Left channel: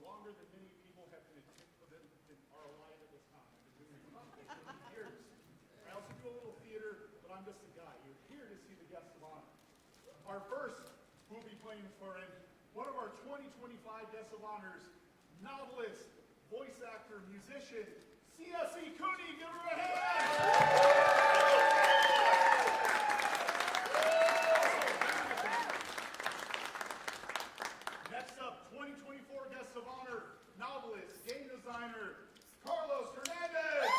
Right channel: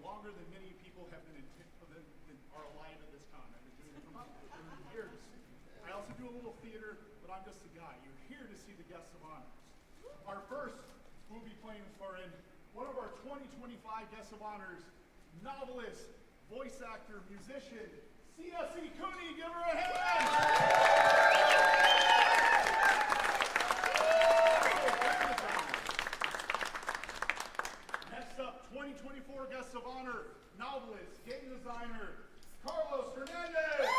longer than many people have been are alive at this con. I've been doing it for years. I also do a little theater, but I'm just a guy. You're here to see the guests of honor. Our first will be playing for one of our 2025 guests of honors, novelist, voice actor, musician, C.S.E. Cooney. Give her a hand! Next up, 2024 guests of honor, novelist, game designer, Hernandez.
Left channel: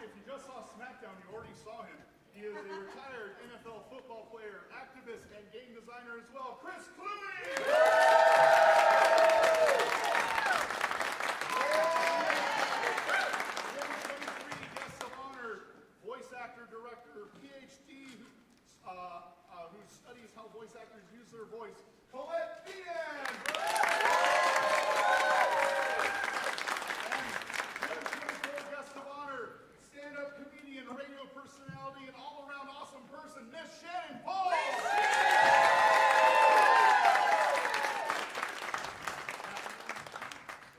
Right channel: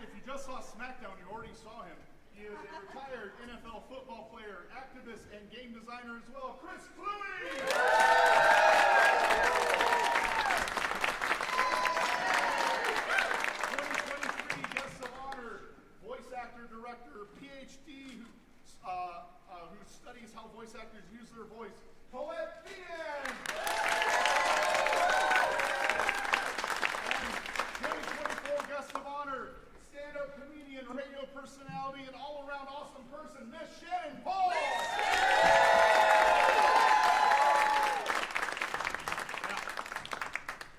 If you just saw SmackDown, you already saw him. He is a retired NFL football player, activist, and game designer as well, Kluwe. 2023 guests of honor, voice actor, director, PhD, who studies how voice actors use their voice, Colette, Feehan. And 2024 guest of honor, stand-up comedian, radio personality, and all-around awesome person, Miss Shannan. Now,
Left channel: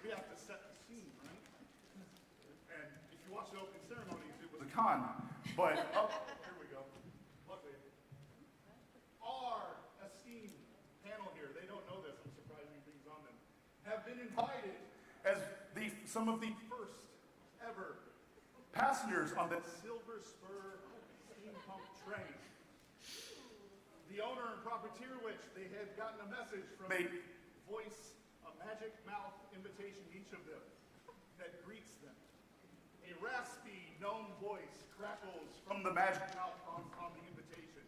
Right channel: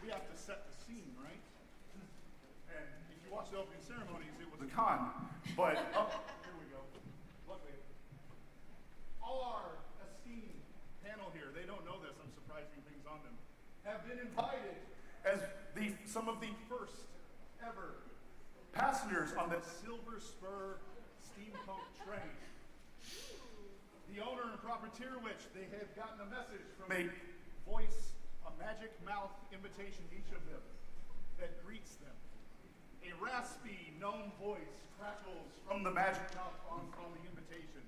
we have to set the scene, right? And if you watch the opening ceremonies, it was a con. But here we go. Luckily, our esteemed panel here, they don't know this, I'm surprising things on them, have been invited as some of the first ever passengers on the Silver Spur steampunk train. The owner and profiteer, which they had gotten a message from a voice, a magic mouth invitation, each of them, that greets them. A raspy, gnome voice crackles from the magic mouth on the invitation.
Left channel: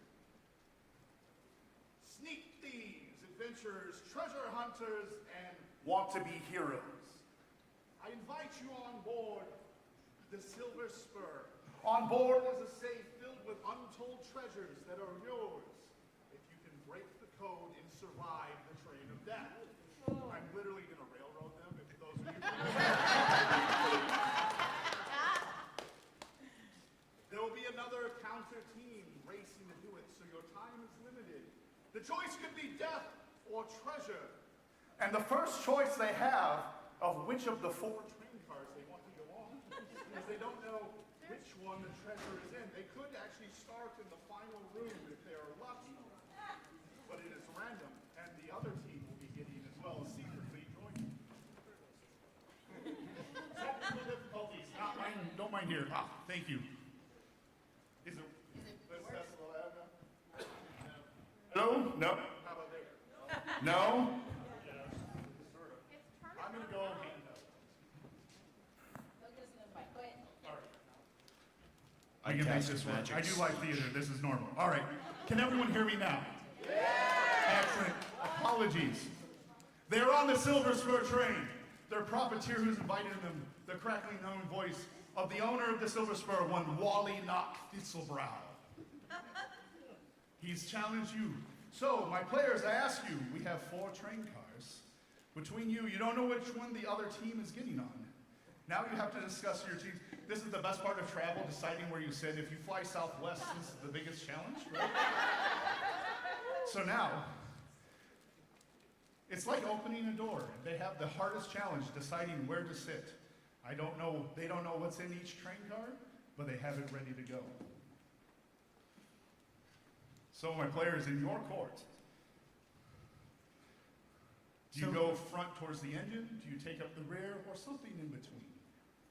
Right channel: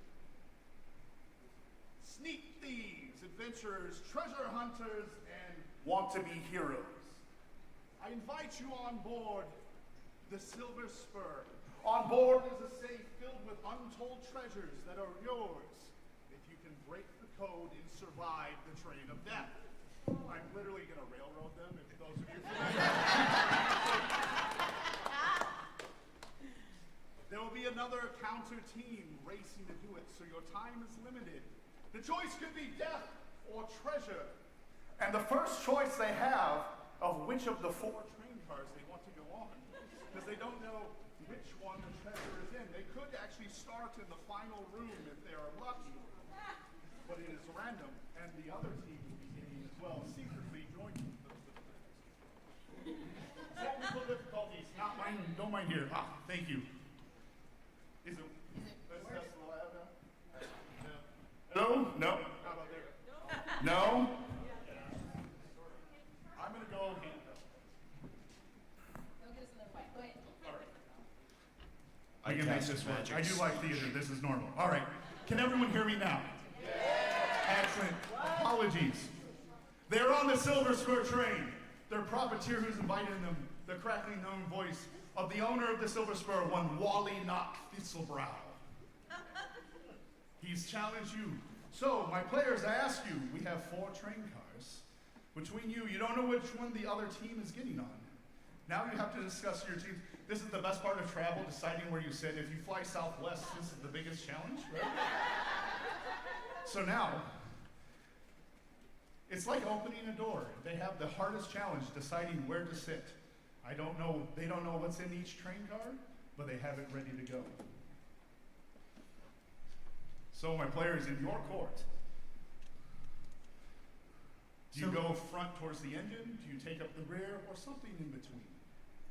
Sneak thieves, adventurers, treasure hunters, and want-to-be heroes. I invite you on board the Silver Spur. On board is a safe filled with untold treasures that are yours if you can break the code and survive the train of death. I'm literally going to railroad them, if those of you There will be another counter team racing to do it, so your time is limited. The choice could be death or treasure. And the first choice they have of which of the 4 train cars they want to go on, because they don't know which one the treasure is in. They could actually start in the final room if they are lucky, but it is random, and the other team will be getting as well, secretly joining. Technical difficulties, not mine, don't mind here. Thank you. Is it let's test the lab now? Hello? No? How about there? No? I'm going to go handheld. All right. I can make this work. I do like theater. This is normal. All right. Can everyone hear me now? Yeah. Excellent. Apologies. They're on the Silver Spur train. Their profiteer who's invited them, the crackling known voice of the owner of the Silver Spur, one Wally Knock Thistlebrau. He's challenged you. So, my players, I ask you, we have 4 train cars. Between you, you don't know which one the other team is getting on. Now you have to discuss your teams. This is the best part of travel, deciding where you sit. If you fly Southwest, this is the biggest challenge, right? So now, it's like opening a door. They have the hardest challenge, deciding where to sit. They don't know what's in each train car, but they have it ready to go. So my players, in your court, do you go front towards the engine? Do you take up the rear, or something in between?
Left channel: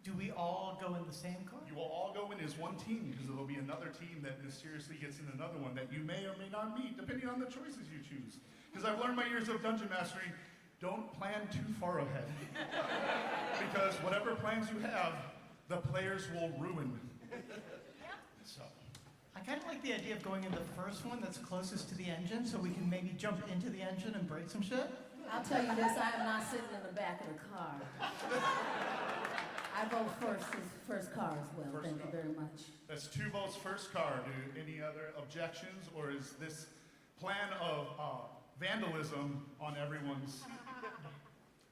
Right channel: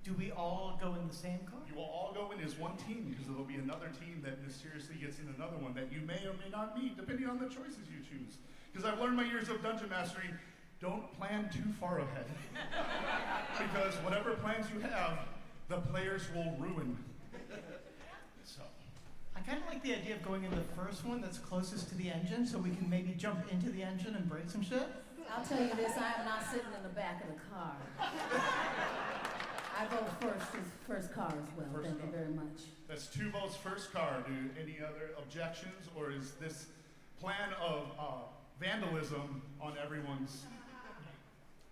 Do we all go in the same car? You will all go in as one team, because there will be another team that mysteriously gets in another one that you may or may not meet, depending on the choices you choose. Because I've learned my years of dungeon mastering, don't plan too far ahead. Because whatever plans you have, the players will ruin. So. I kind of like the idea of going in the first one that's closest to the engine, so we can maybe jump into the engine and break some shit. I'll tell you this, I am not sitting in the back of the car. I vote first car as well. Thank you very much. That's 2 votes first car. Do any other objections, or is this plan of vandalism on everyone's?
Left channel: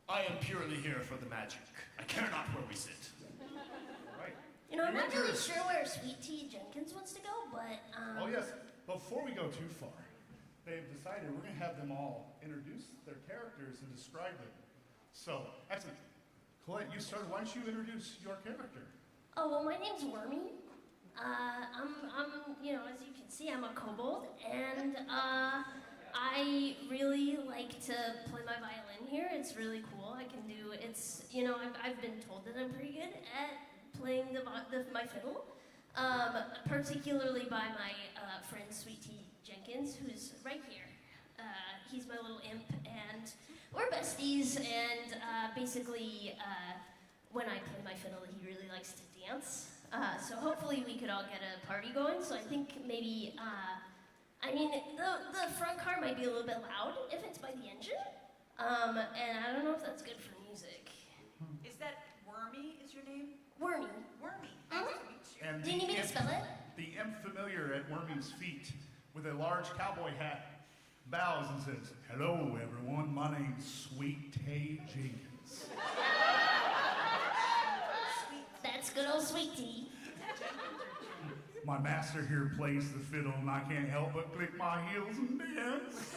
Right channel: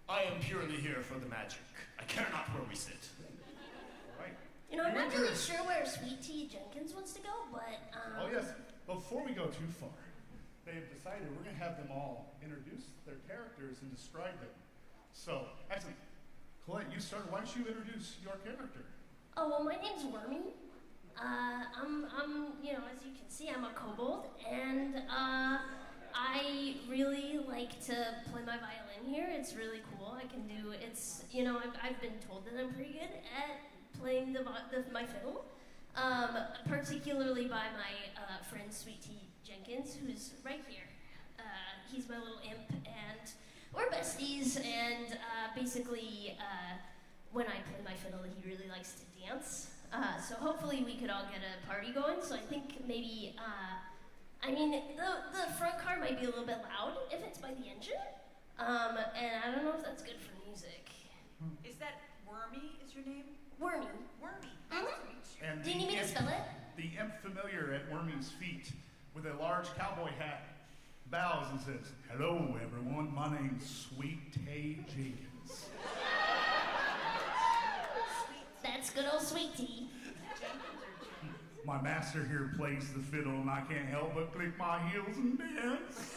I am purely here for the magic. I care not where we sit. All right. You know, I'm not really sure where Sweet Tea Jenkins wants to go, but Oh yes, before we go too far, they have decided we're going to have them all introduce their characters and describe them. So, actually, Colette, you started. Why don't you introduce your character? Oh, well, my name's Wormy. As you can see, I'm a kobold, and I really like to play my violin here. It's really cool. I've been told that I'm pretty good at playing my fiddle, particularly by my friend Sweet Tea Jenkins, who's right here. He's my little imp, and we're besties, and basically, when I play my fiddle, he really likes to dance. So hopefully we could all get a party going. So I think maybe, the front car might be a little bit loud if it's by the engine. And I don't know if that's good for music. Is that Wormy is your name? Wormy. Wormy. Nice to meet you. And Do you need me to spell it? The imp familiar at Wormy's feet, with a large cowboy hat, bows and says, "Hello, everyone. My name's Sweet Tea Jenkins." That's good old Sweet Tea. My master here plays the fiddle, and I can't help but click my heels and dance.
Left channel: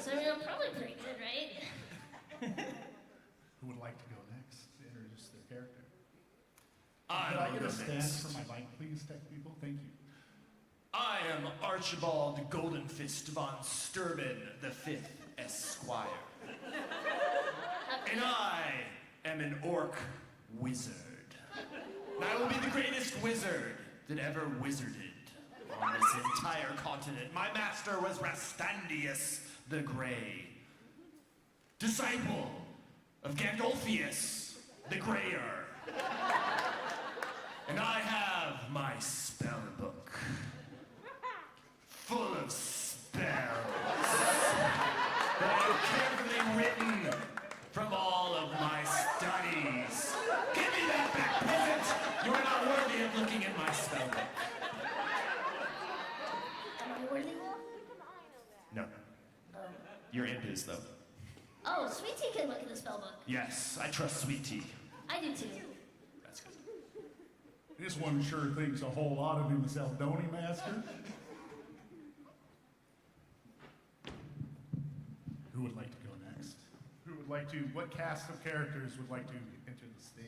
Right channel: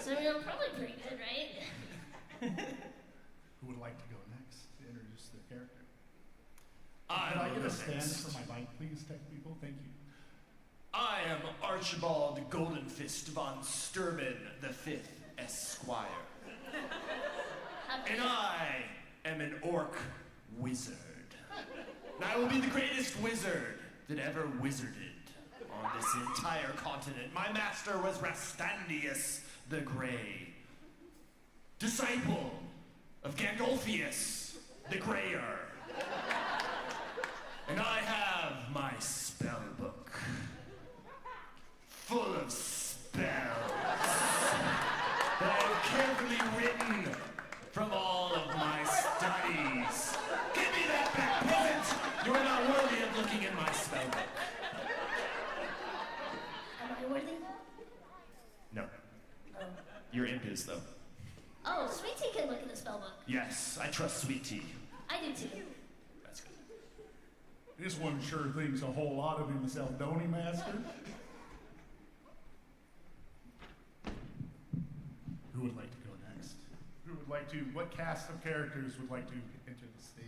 So I'm probably pretty good, right? Who would like to go next to introduce their character? I Could I will get go a stand next. for my bike, please, tech people? Thank you. I am Archibald Goldenfist von Sturban the Fifth Esquire. And I am an orc wizard. And I will be the greatest wizard that ever wizarded on this entire continent. My master was Rastandius the Grey, disciple of Gandolfius the Greyer. And I have my spell book full of spells that I have carefully written from all of my studies. Give me that back, peasant! You are not worthy of looking in my spell book. Am I worthy? No. Oh. Your imp is, though. Oh, Sweet Tea can look at the spell book. Yes, I trust Sweet Tea. I do too. That's good. This one sure thinks a whole lot of himself, don't he, Master? Who would like to go next? What cast of characters would like to enter the stage?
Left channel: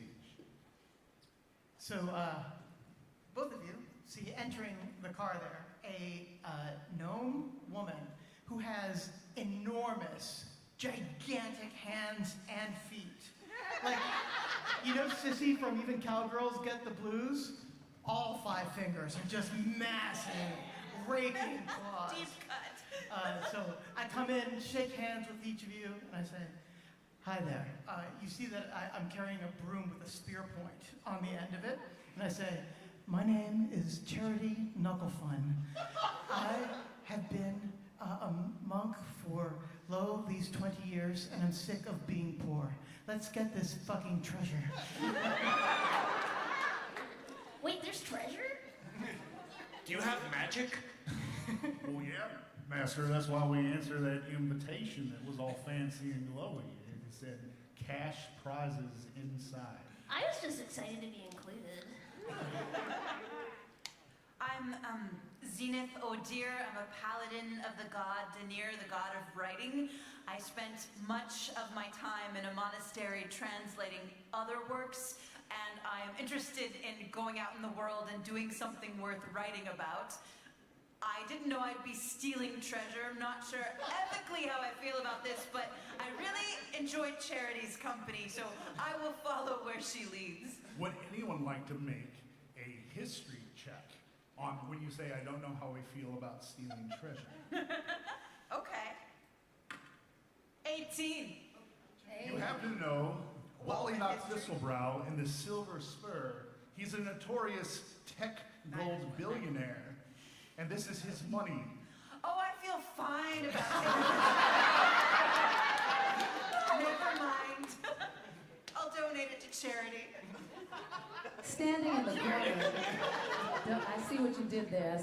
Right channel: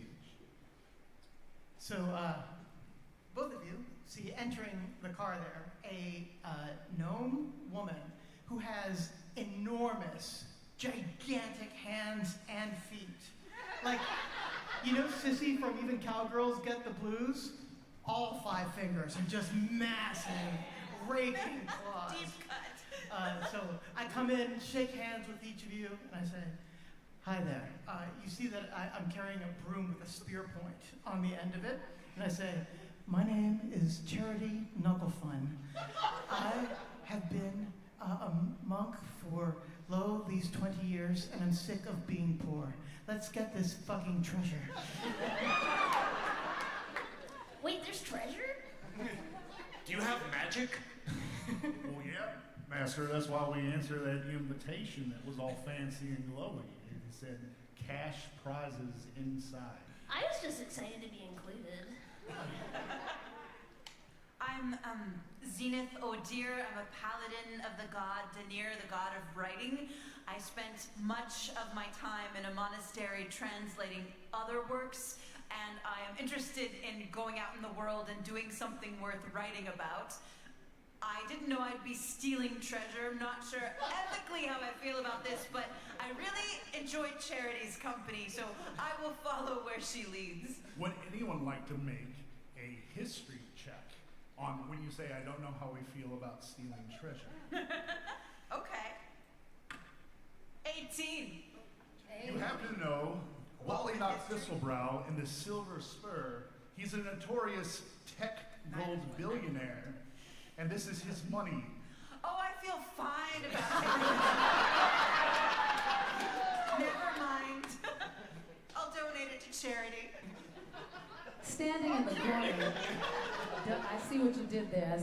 So, both of you see entering the car there a gnome woman who has enormous, gigantic hands and feet. Like, you know Sissy from Even Cowgirls Get the Blues? All 5 fingers are just massive, raking claws. Deep cut. So I come in, shake hands with each of you, and I say, "Hi there. You see that I'm carrying a broom with a spear point on the end of it, and I say, my name is Charity Knucklefun. I have been a monk for, these 20 years, and I'm sick of being poor. Let's get this fucking treasure." Wait, there's treasure? Do you have magic? Well, yeah, Master, that's why we answered that invitation that was all fancy and glowy. It said, cash prizes inside. I was just excited to be included. I'm Zenith O'Dear. I'm a paladin of the god Denir, the god of writing. I spent much of my time in a monastery translating other works, and I am interested in going out in the world and doing something worth writing about. I didn't know I'd be stealing treasure. I'm not sure ethically how I feel about this, but I really enjoyed Charity's company, so I will follow where she leads. Would anyone like to make a history check on when you say, I don't know how we feel about stealing treasure? Okay. 18. You happen to know Wally Knox Thistlebrrow in the Silver Spur. He's a notorious tech gold billionaire, and this is his money. Oh, I feel fine about it. Never mind. I'll donate it to charity. Standing in the corner, I see what you did there.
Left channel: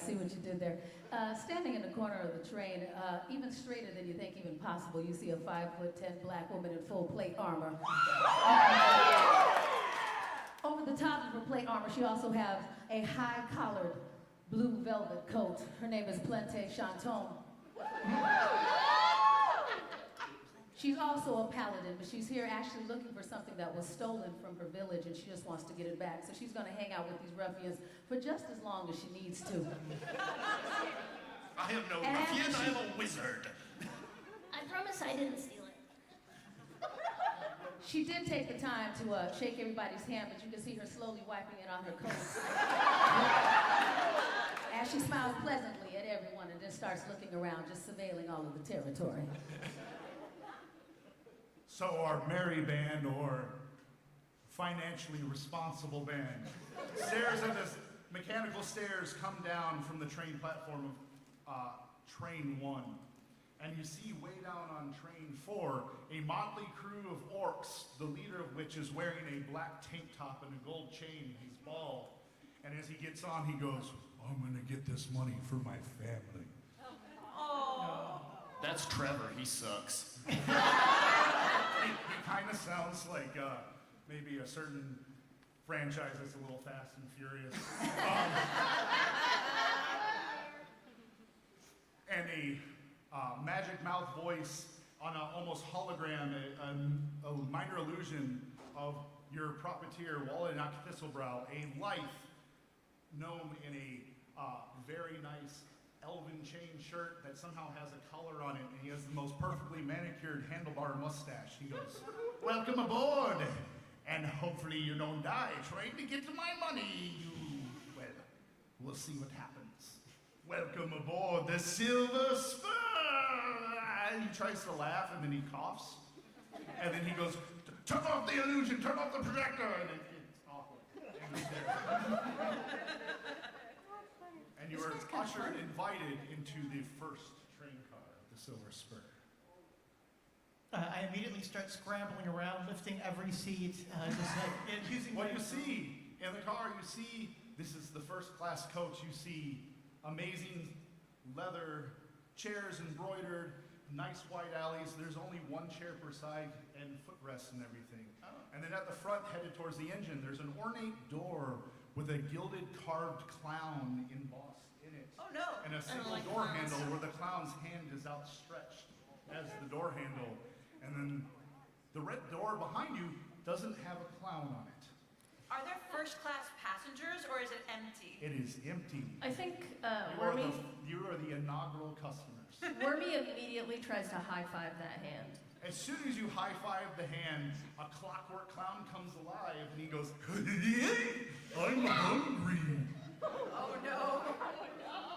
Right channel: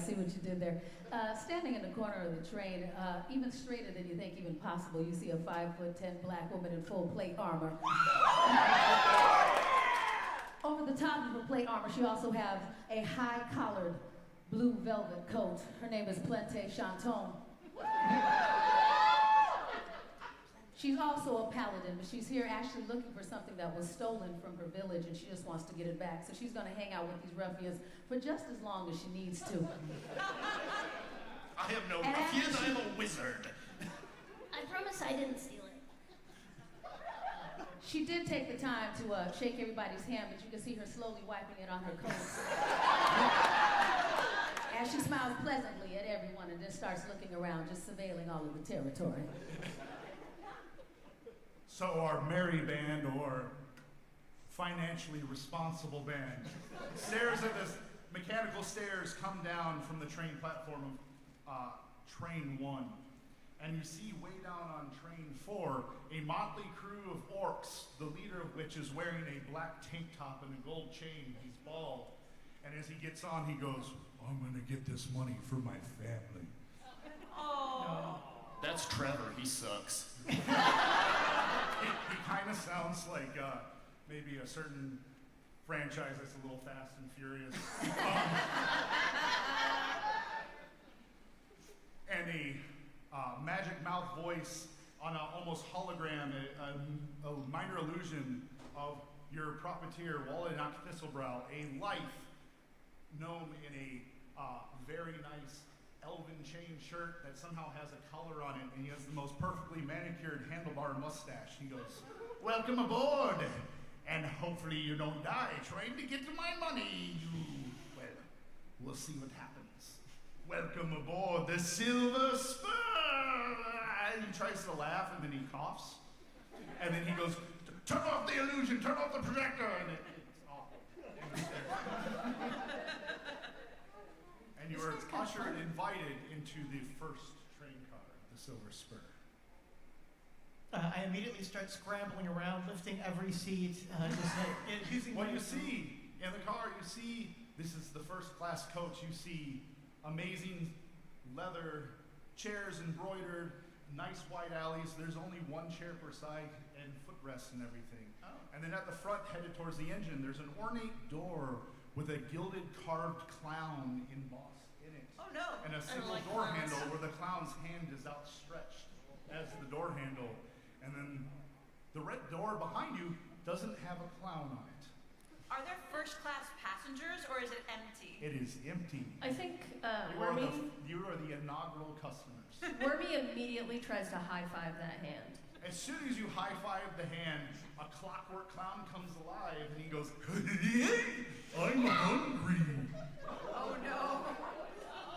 Standing in the corner of the train, even straighter than you think even possible, you see a 5'10" black woman in full plate armor. Over the top of her plate armor, she also has a high-collared blue velvet coat. Her name is Plante Chanton. She's also a paladin, but she's here actually looking for something that was stolen from her village, and she just wants to get it back. So she's going to hang out with these ruffians for just as long as she needs to. I am no And ruffian, after I am a wizard. I promise I didn't steal it. She did take the time to shake everybody's hand, but you can see her slowly wiping it on her coat. As she smiles pleasantly at everyone and then starts looking around, just surveilling all of the territory. So our merry band, or financially responsible band, stairs of this mechanical stairs come down from the train platform of train 1. And you see way down on train 4, a motley crew of orcs, the leader of which is wearing a black tank top and a gold chain. He's bald. And as he gets on, he goes, I'm gonna get this money for my family. Oh. That's Trevor, he sucks. He kind of sounds like maybe a certain franchise that's a little Fast and Furious. And a magic mouth voice on an almost hologram, a minor illusion of your proppeteer, Wallenach Thistlebrow, a lithe gnome in a very nice elven chain shirt that somehow has a collar on it, and he has the most perfectly manicured handlebar mustache. He goes, welcome aboard, and hopefully you don't die trying to get to my money. Well, we'll see what happens. Welcome aboard the Silver Spur. And he tries to laugh, and then he coughs, and then he goes, turn off the illusion, turn off the projector, and it's awful. And the stairs. And you are ushered, invited into the first train car, the Silver Spur. I immediately start scrambling around, lifting every seat, just like using. What you see in the car, you see, this is the first class coach. You see amazing leather chairs embroidered, nice white alleys. There's only one chair per side and footrests and everything. Oh. And then at the front, headed towards the engine, there's an ornate door with a gilded carved clown embossed in it. Oh no. And a single like door clowns. handle where the clown's hand is outstretched as the door handle. And then the red door behind you doesn't have a clown on it. Are there first class passengers or is it empty? It is empty. I think You are the inaugural customers. Wormy immediately tries to high-five that hand. As soon as you high-five the hand, a clockwork clown comes alive and he goes, I'm hungry. Oh no.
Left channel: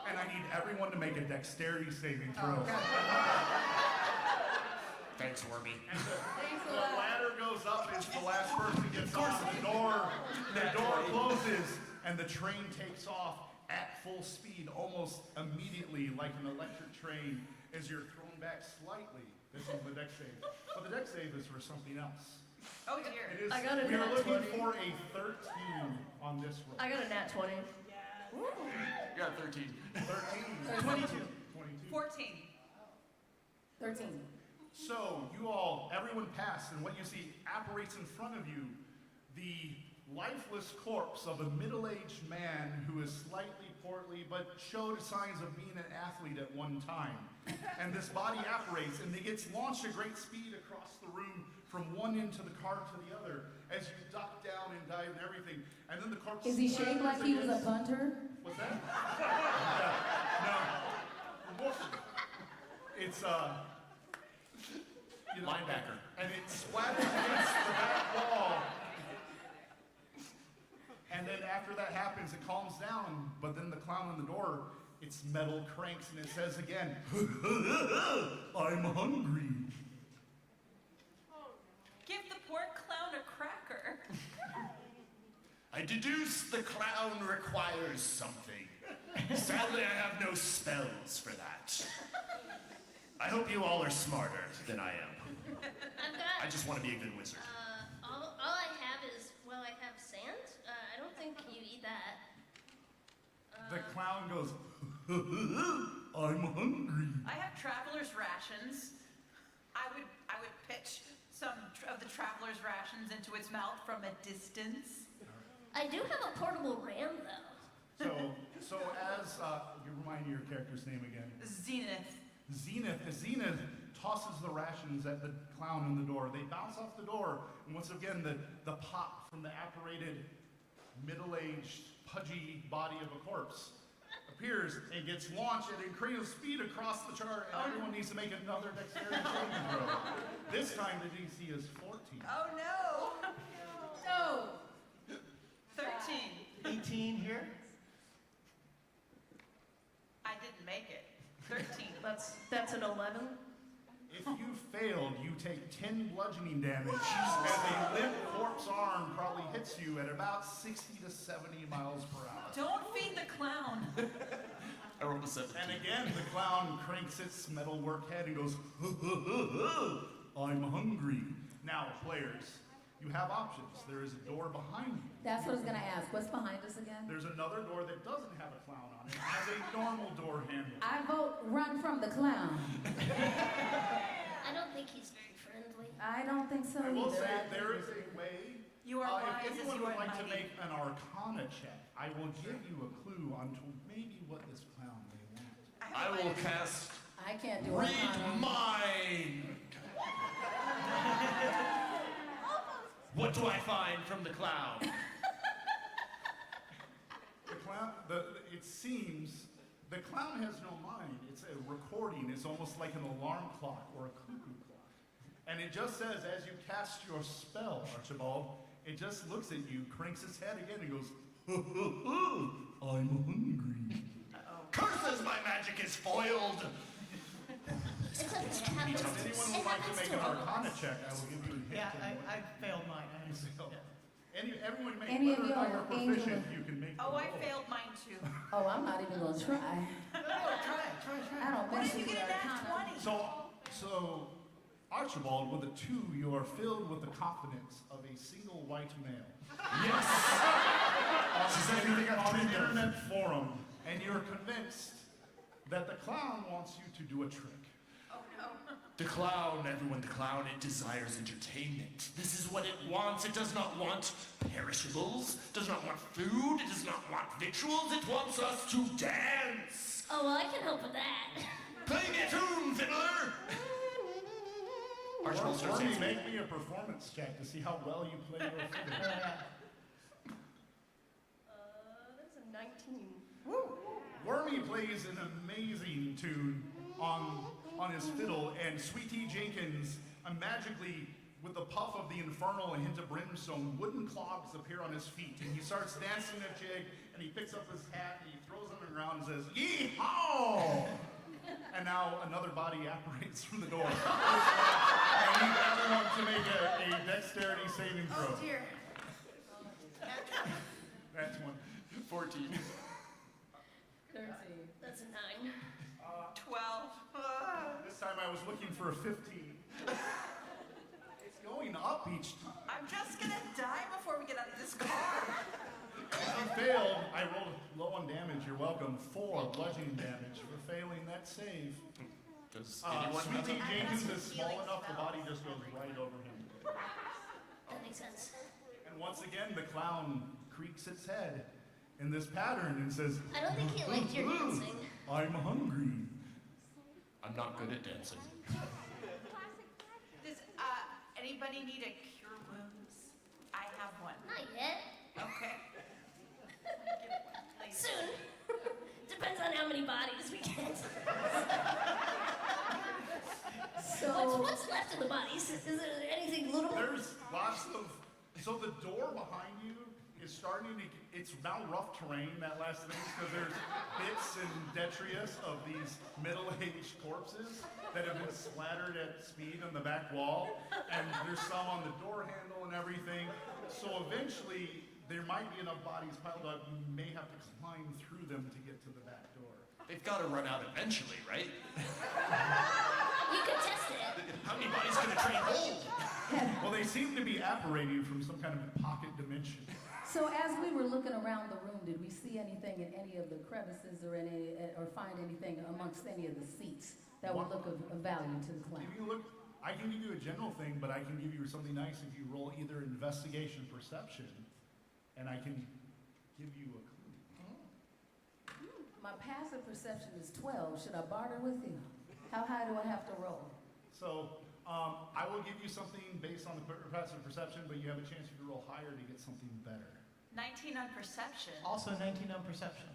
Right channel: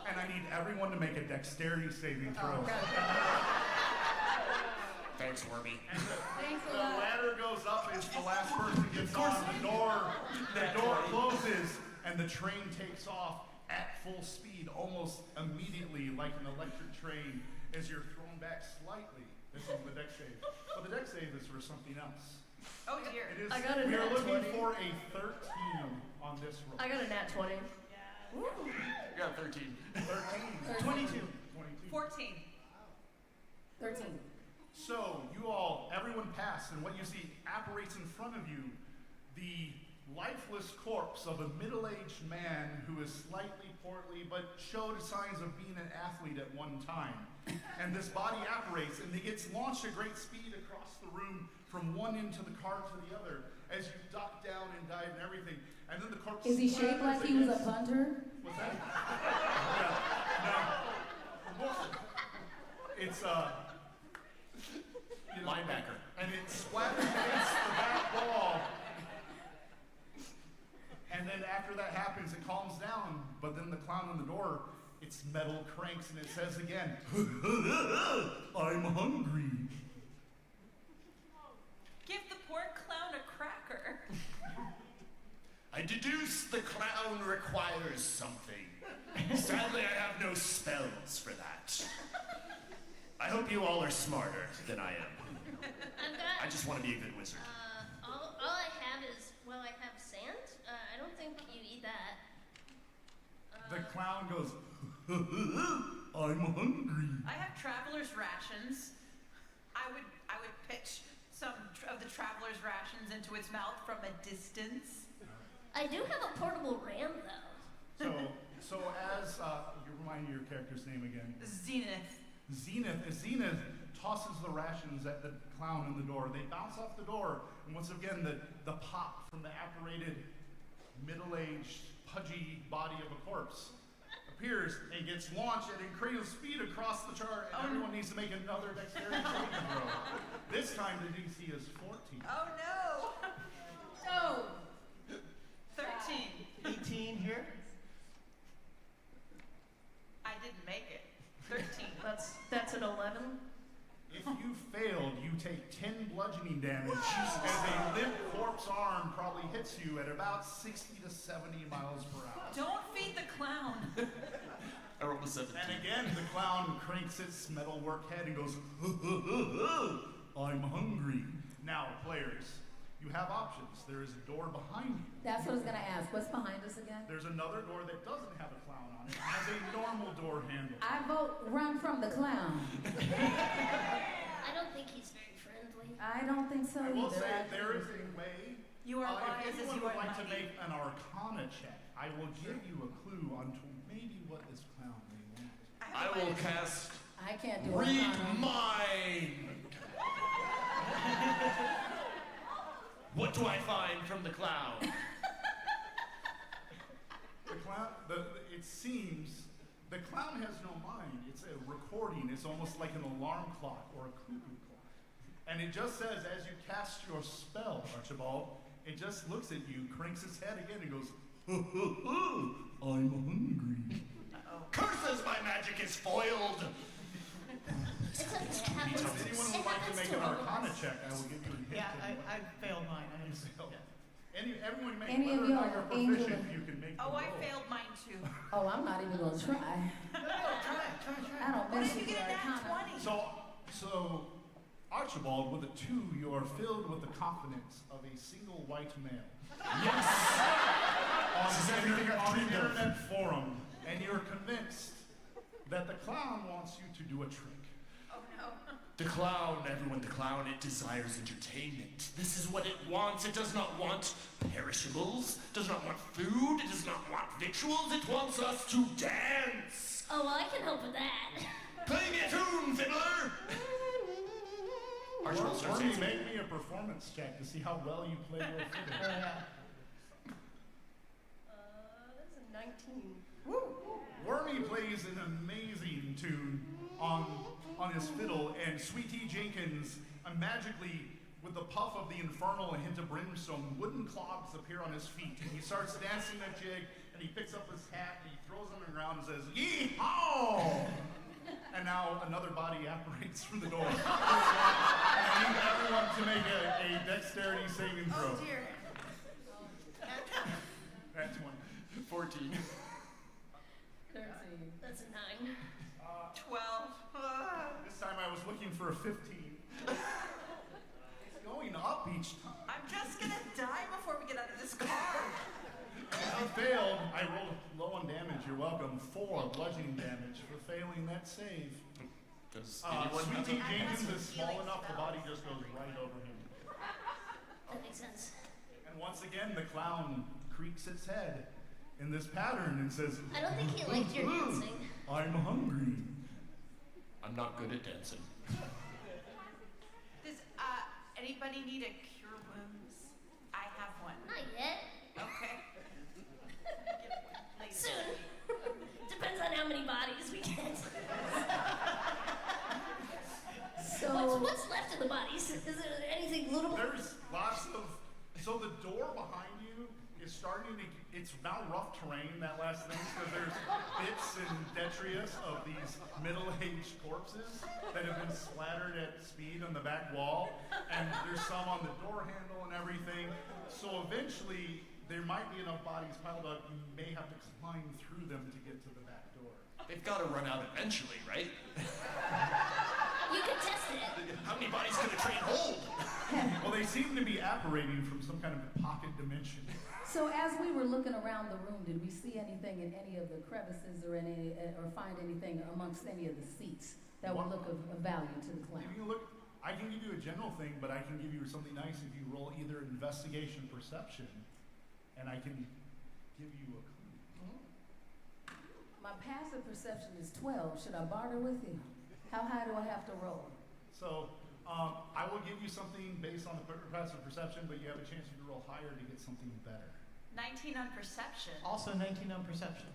And I need everyone to make a dexterity saving throw. Oh, God. Thanks, Wormy. Thanks a The lot. ladder goes up as the last person gets on. The door closes and the train takes off at full speed, almost immediately, like an electric train, as you're thrown back slightly. This is the deck save. But the deck save is for something else. Oh dear. It is, I got a we are nat looking 20. for a 13 on this roll. I got a nat 20. You got 13. 13. 22. 22. 14. 13. So everyone passed, and what you see apparates in front of you, the lifeless corpse of a middle-aged man who is slightly portly but showed signs of being an athlete at one time. And this body apparates, and it gets launched at great speed across the room from one end to the car to the other as you duck down and dive and everything. And then the corpse Is he shaped splatters like he was a against- punter? What's that? Yeah, no. It's Linebacker. and it splatters against the back wall. And then after that happens, it calms down. But then the clown on the door, its metal cranks and it says again, I'm hungry. Give the poor clown a cracker. I deduce the clown requires something. Sadly, I have no spells for that. I hope you all are smarter than I am. I've got. I just want to be a good wizard. All I have is, well, I have sand. I don't think you eat that. The clown goes, I'm hungry. I have traveler's rations. I would pitch some of the traveler's rations into its mouth from a distance. I do have a portable ram, though. So So as, you remind me your character's name again. Zenith. Zenith tosses the rations at the clown in the door. They bounce off the door, and once again, the pop from the apparated, middle-aged, pudgy body of a corpse appears and gets launched at incredible speed across the chart, and everyone needs to make another dexterity saving throw. This time the DC is 14. Oh no! No! 13. 18 here. I didn't make it. 13. That's an 11. If you failed, you take 10 bludgeoning damage as a limp corpse arm probably hits you at about 60 to 70 miles per hour. Don't feed the clown. I rolled a 17. And again, the clown cranks its metalwork head and goes, I'm hungry. Now, players, you have options. There is a door behind you. That's what I was going to ask. What's behind us again? There's another door that doesn't have a clown on it. It has a normal door handle. I vote run from the clown. I don't think he's very friendly. I don't think so I will either. say there is a way. You are wise if as anyone you would are like to mighty. make an Arcana check, I will give you a clue onto maybe what this clown may want. I will cast I can't do Read Arcana. Mind. What do I find from the clown? The clown, it seems, the clown has no mind. It's a recording. It's almost like an alarm clock or a cuckoo clock. And it just says, as you cast your spell, Archibald, it just looks at you, cranks its head again, and goes, I'm hungry. Curses, my magic is foiled. It's okay. It happens. If anyone would like to make an Arcana check, I will give you a hint. Yeah, in what I failed mine. you failed. Everyone make Any of whether or not y'all you're angel proficient, of- you can make Oh, the I roll. failed mine too. Oh, I'm not even going to try. No, try. I don't What mess if you with get the a nat Arcana. 20? So Archibald, with a 2, you are filled with the confidence of a single white male. Yes. This is everything I've on an dreamed of. internet forum, and you're convinced that the clown wants you to do a trick. Oh no. The clown, everyone, the clown, it desires entertainment. This is what it wants. It does not want perishables, does not want food, it does not want victuals, it wants us to dance. Oh, well, I can help with that. Play me a tune, fiddler! Archibald starts Wormy, dancing. make me a performance check to see how well you play your fiddle. That's a 19. Wormy plays an amazing tune on his fiddle, and Sweet Tea Jenkins magically, with the puff of the infernal and hint of brimstone, wooden clogs appear on his feet, and he starts dancing a jig, and he picks up his hat, and he throws it on the ground and says, "Yee-haw!" And now another body apparates from the door. And I need everyone to make a dexterity saving throw. Oh dear. That's one. 14. 13. That's a 9. 12. This time I was looking for a 15. It's going up each time. I'm just gonna die before we get out of this car. If you failed, I rolled low on damage. You're welcome. 4 bludgeoning damage for failing that save. Does anyone Sweet have Tea a... Jenkins some is small healing enough, the spells. body just goes right over him. That makes sense. And once again, the clown creaks its head in this pattern and says, I don't think he liked your dancing. I'm hungry. I'm not good at dancing. Does anybody need a cure wounds? I have one. Not yet. Okay. Get one later. Soon. Depends on how many bodies we get. So, What's left of the bodies? Is there anything lootable? There's lots of. So the door behind you is starting to. It's now rough terrain, that last thing, because there's bits and detritus of these middle-aged corpses that have been splattered at speed on the back wall, and there's some on the door handle and everything. So eventually, there might be enough bodies piled up, you may have to climb through them to get to the back door. They've got to run out eventually, right? You can test it. How many bodies can a train hold? Well, they seem to be apparating from some kind of pocket dimension. so as we were looking around the room, did we see anything in any of the crevices or find anything amongst any of the seats that would look of value to the clown? If you look, I can give you a general thing, but I can give you something nice if you roll either investigation, perception, and I can give you a clue. My passive perception is 12. Should I barter with you? How high do I have to roll? So I will give you something based on the passive perception, but you have a chance to roll higher to get something better. 19 on perception. Also 19 on perception.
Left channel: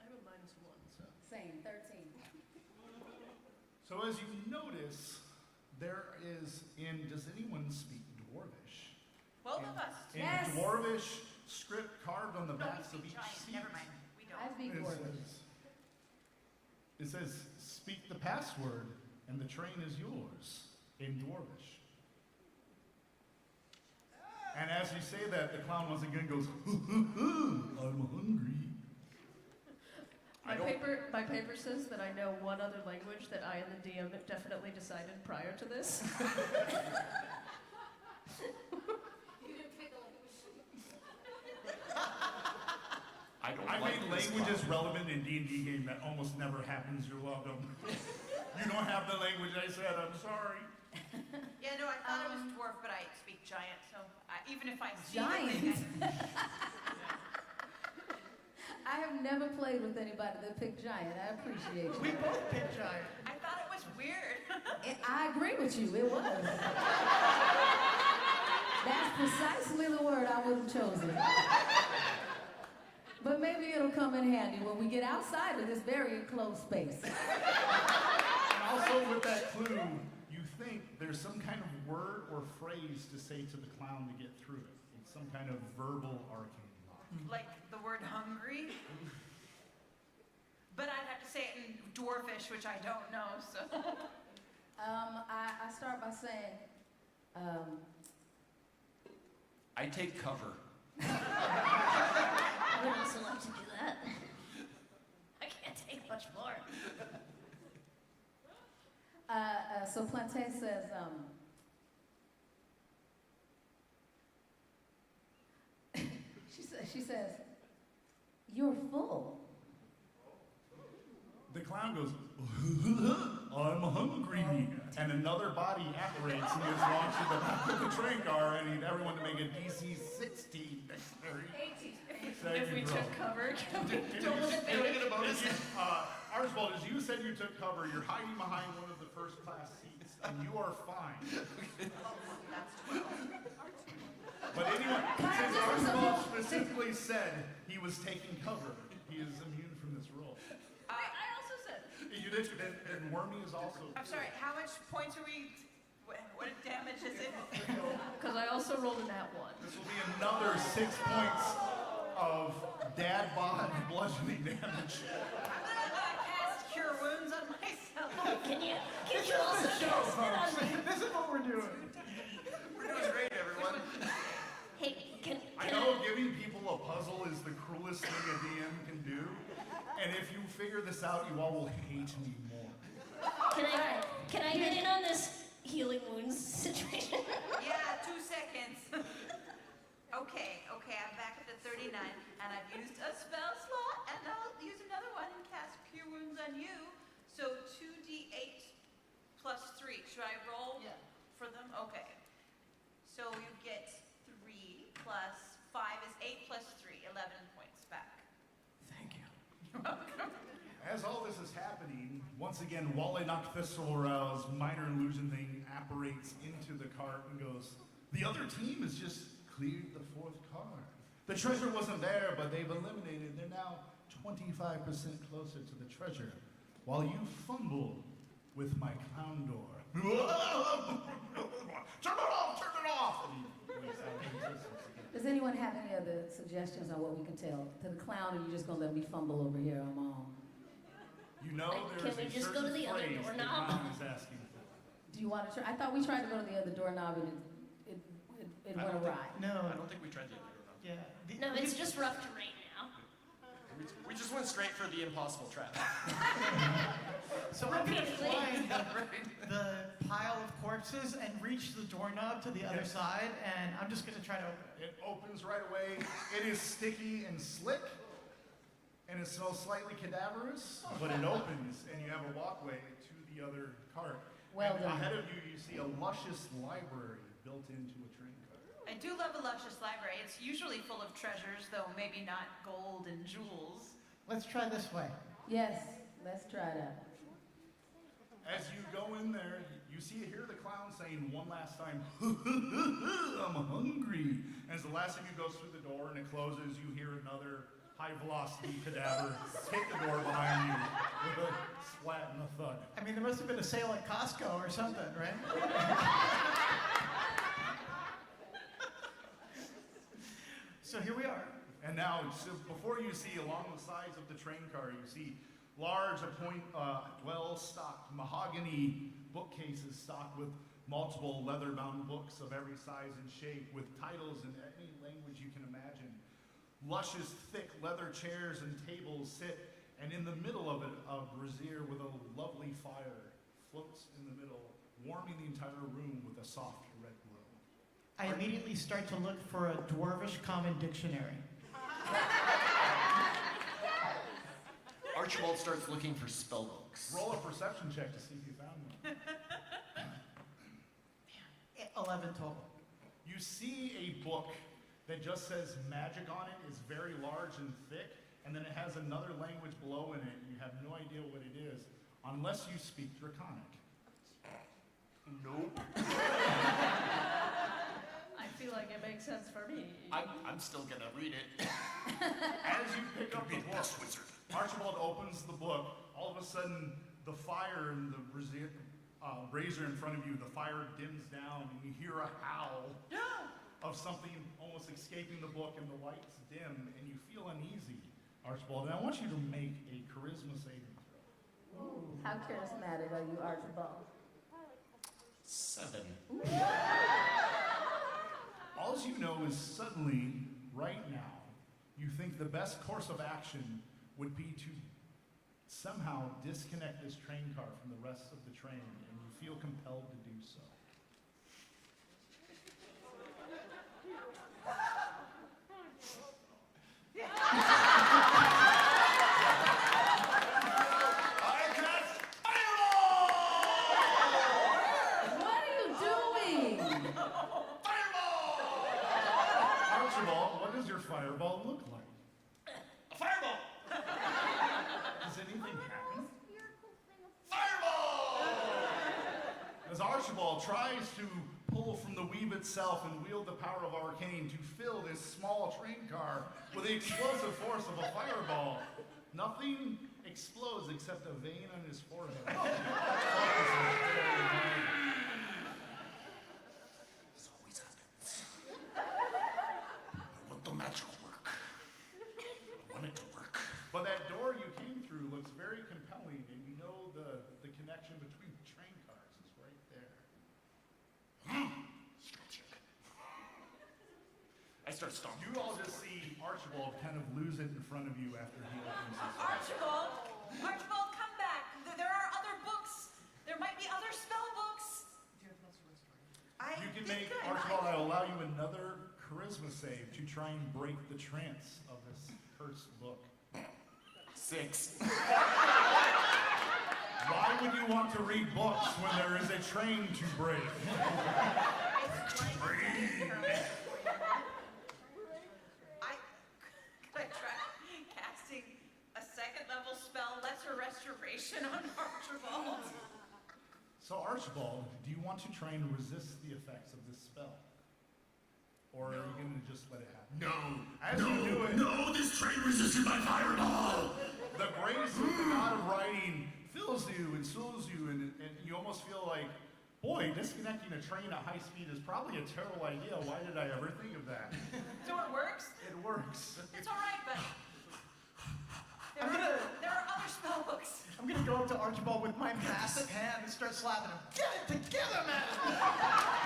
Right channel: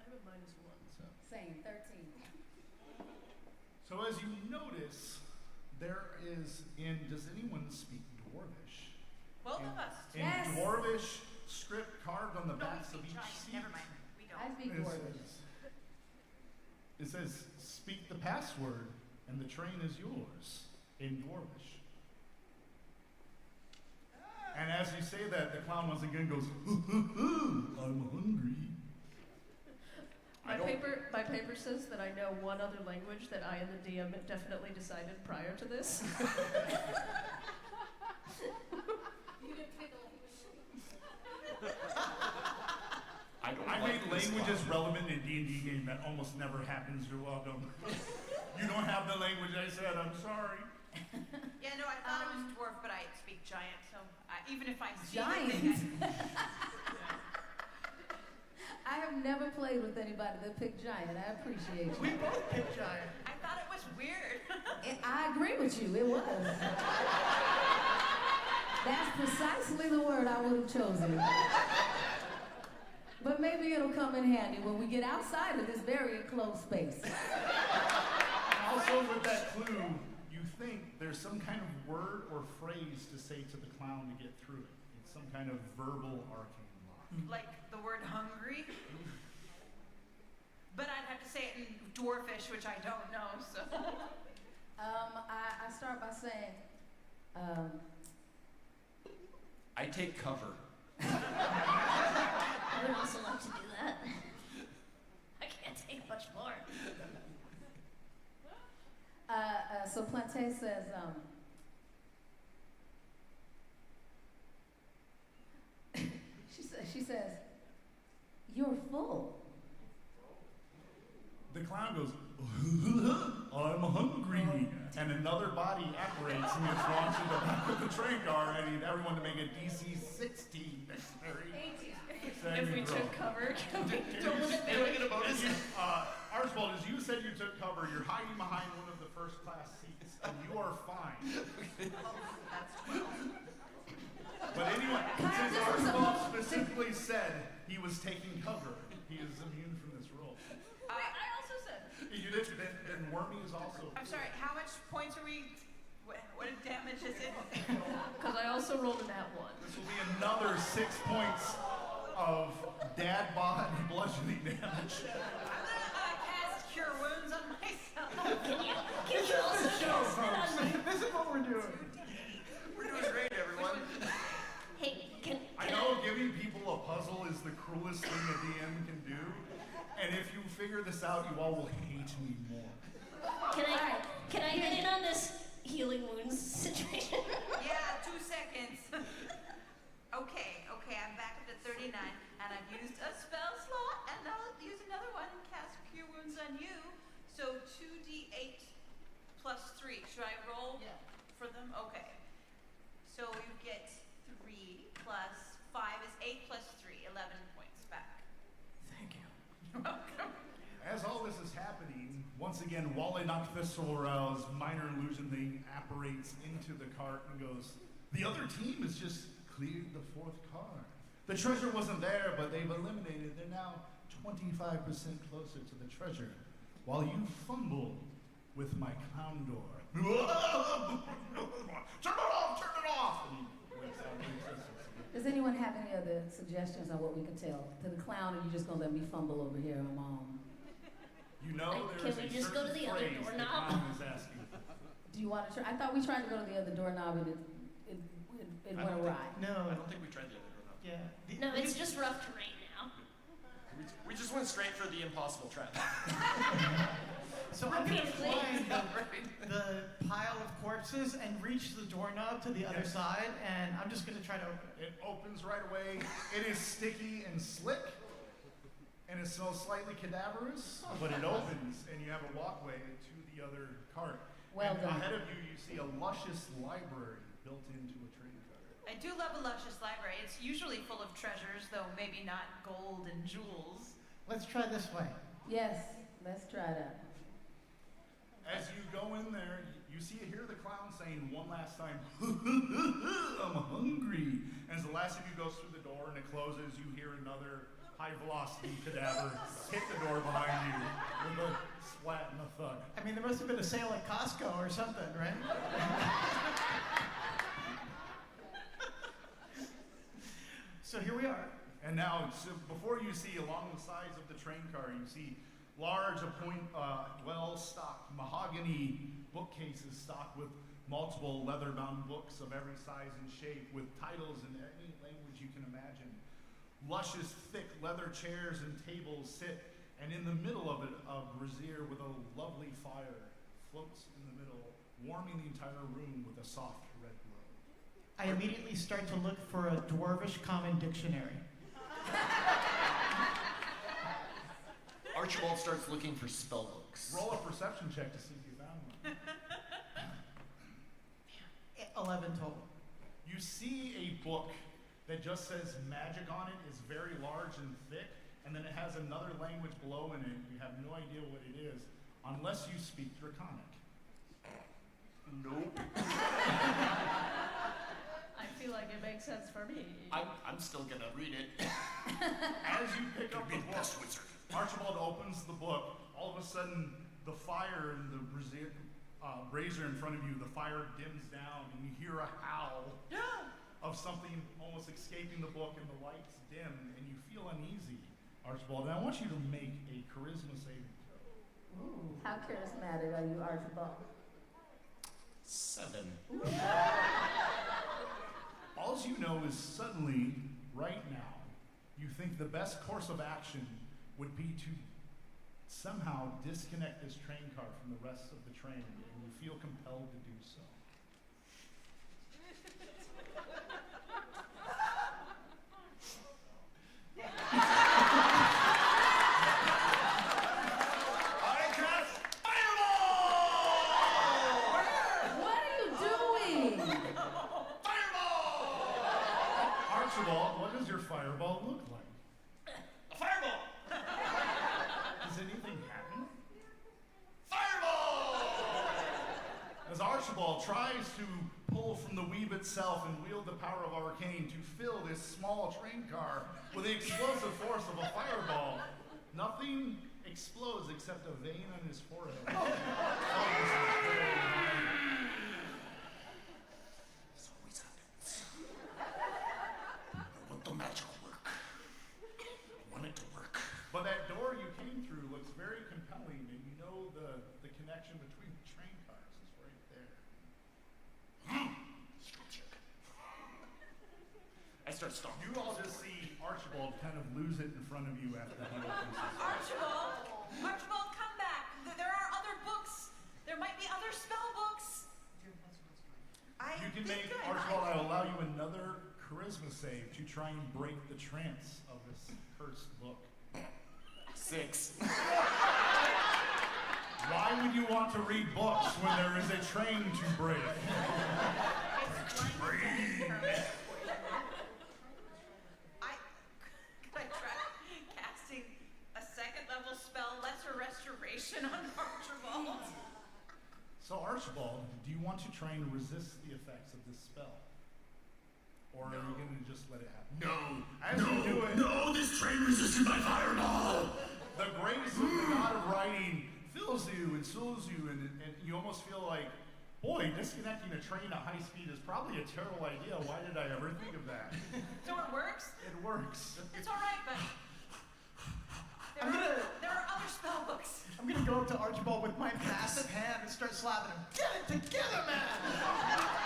I have a -1, so. Same, 13. So as you notice, there is does anyone speak Dwarvish? Both of us. In Yes. Dwarvish script carved on the No, we backs of speak each giant. seat. Never mind. We don't. I speak It Dwarvish. it says, speak the password and the train is yours in Dwarvish. And as you say that, the clown once again goes, I'm hungry. My paper says that I know one other language that I and the DM definitely decided prior to this. You didn't pick a language. I made languages relevant in D&D game that almost never happens. You're welcome. You don't have the language I said. I'm sorry. Yeah, no, I thought it was dwarf, but I speak giant, so even if I see Giant? the thing, I have never played with anybody that picked giant. I appreciate you. We both picked giant. I thought it was weird. I agree with you. It was. That's precisely the word I would have chosen. But maybe it'll come in handy when we get outside of this very enclosed space. Also, with that clue, you think there's some kind of word or phrase to say to the clown to get through it. It's some kind of verbal arcane lock. Like the word hungry. But I'd have to say it in dwarfish, which I don't know, so. I start by saying, I take cover. I would also like to do that. I can't take much more. so Planté says, she says, you're full. The clown goes, I'm hungry. And another body apparates and gets launched in the back of the train car, and need everyone to make a DC 16 dexterity. 18. If we took cover, can we roll with Can we advantage? get a bonus? Archibald, as you said you took cover, you're hiding behind one of the first class seats, and you are fine. That's 12. But anyway, Kyle, since this is Archibald supposed- specifically said he was taking cover, he is immune from this roll. I also said. You did, then Wormy is also. I'm sorry, how much points are we, what damage is it? Because I also rolled a nat 1. This will be another 6 points of dad bod bludgeoning damage. I'm gonna cast Cure Wounds on myself. Can you also cast it on me? This is what we're doing. We're doing great, everyone. Hey, I know giving people a puzzle is the cruelest thing a DM can do, and if you figure this out, you all will hate me more. Can I get in on this healing wounds situation? Yeah, 2 seconds. Okay, I'm back up to 39, and I've used a spell slot, and I'll use another one and cast Cure Wounds on you. So 2d8 plus 3. Should I roll for them? Okay. So you get 3 plus 5 is 8 plus 3, 11 points back. Thank you. You're welcome. As all this is happening, once again, Wale Nocthistoral's minor illusion thing apparates into the cart and goes, the other team has just cleared the 4th car. The treasure wasn't there, but they've eliminated. They're now 25% closer to the treasure, while you fumble with my clown door. Turn it off! Turn it off! And he blinks out of existence again. Does anyone have any other suggestions on what we can tell to the clown, or you just gonna let me fumble over here on my own? You know Like, there's can we a just go to certain the other phrase the doorknob? clown is asking for. Do you want to try? I thought we tried to go to the other doorknob and it went awry. No. I don't think we tried the other doorknob. Yeah. No, it's just rough terrain now. We just went straight for the impossible trap. So I'm gonna Repeatedly. find the pile of corpses and reach the doorknob to the other Yes. side, and I'm just gonna try to open it. It opens right away. It is sticky and slick, and it smells slightly cadaverous, but it opens, and you have a walkway to the other cart. Well and done. ahead of you see a luscious library built into a train car. I do love a luscious library. It's usually full of treasures, though maybe not gold and jewels. Let's try this way. Yes, let's try that. As you go in there, you hear the clown saying one last time, I'm hungry. And as the last of you goes through the door and it closes, you hear another high-velocity cadaver hit the door behind you with a splat and a thud. I mean, there must have been a sale at Costco or something, right? So here we are. And now, so before you see along the sides of the train car, you see large, well-stocked mahogany bookcases stocked with multiple leather-bound books of every size and shape with titles in any language you can imagine. Luscious, thick leather chairs and tables sit, and in the middle of it, a brazier with a lovely fire floats in the middle, warming the entire room with a soft red glow. I immediately start to look for a Dwarvish Common Dictionary. Archibald starts looking for spell books. Roll a perception check to see if you found one. 11 total. You see a book that just says magic on it, is very large and thick, and then it has another language below in it. You have no idea what it is, unless you speak Draconic. Nope. I feel like it makes sense for me. I'm still gonna read it. As you pick up Be the the book, best wizard. Archibald opens the book. All of a sudden, the fire in the brazier in front of you, the fire dims down, and you hear a howl of something almost escaping the book, and the lights dim, and you feel uneasy, Archibald. And I want you to make a charisma saving throw. Ooh, how charismatic are you, Archibald? 7. All you know is suddenly, right now, you think the best course of action would be to somehow disconnect this train car from the rest of the train, and you feel compelled to do so. I cast Fireball! What are you doing? Fireball! Archibald, what does your fireball look like? A fireball! Does anything happen? Fireball! As Archibald tries to pull from the weave itself and wield the power of arcane to fill this small train car with the explosive force of a fireball, nothing explodes except a vein on his forehead. Focuses very hard. This always happens. I want the magic work. I want it to work. But that door you came through looks very compelling, and you know the connection between the train cars is right there. Strength check. I start stomping. You all just see Archibald kind of lose it in front of you after he opens his door. Archibald, come back. There are other books. There might be other spell books. You can make, Archibald, I will allow you another charisma save to try and break the trance of this cursed book. 6. Why would you want to read books when there is a train to break? It's blinded death for me. Could I try casting a second level spell, Lesser Restoration, on Archibald? So Archibald, do you want to try and resist the effects of this spell? Or are you going to just let it happen? No. As you do it, No, this train resisted my fireball. the grace of the god of writing fills you and soothes you, and you almost feel like, boy, disconnecting a train at high speed is probably a terrible idea. Why did I ever think of that? So it works? It works. It's all right, but there are other spell books. I'm gonna go up to Archibald with my massive hand and start slapping him. Get it together, man!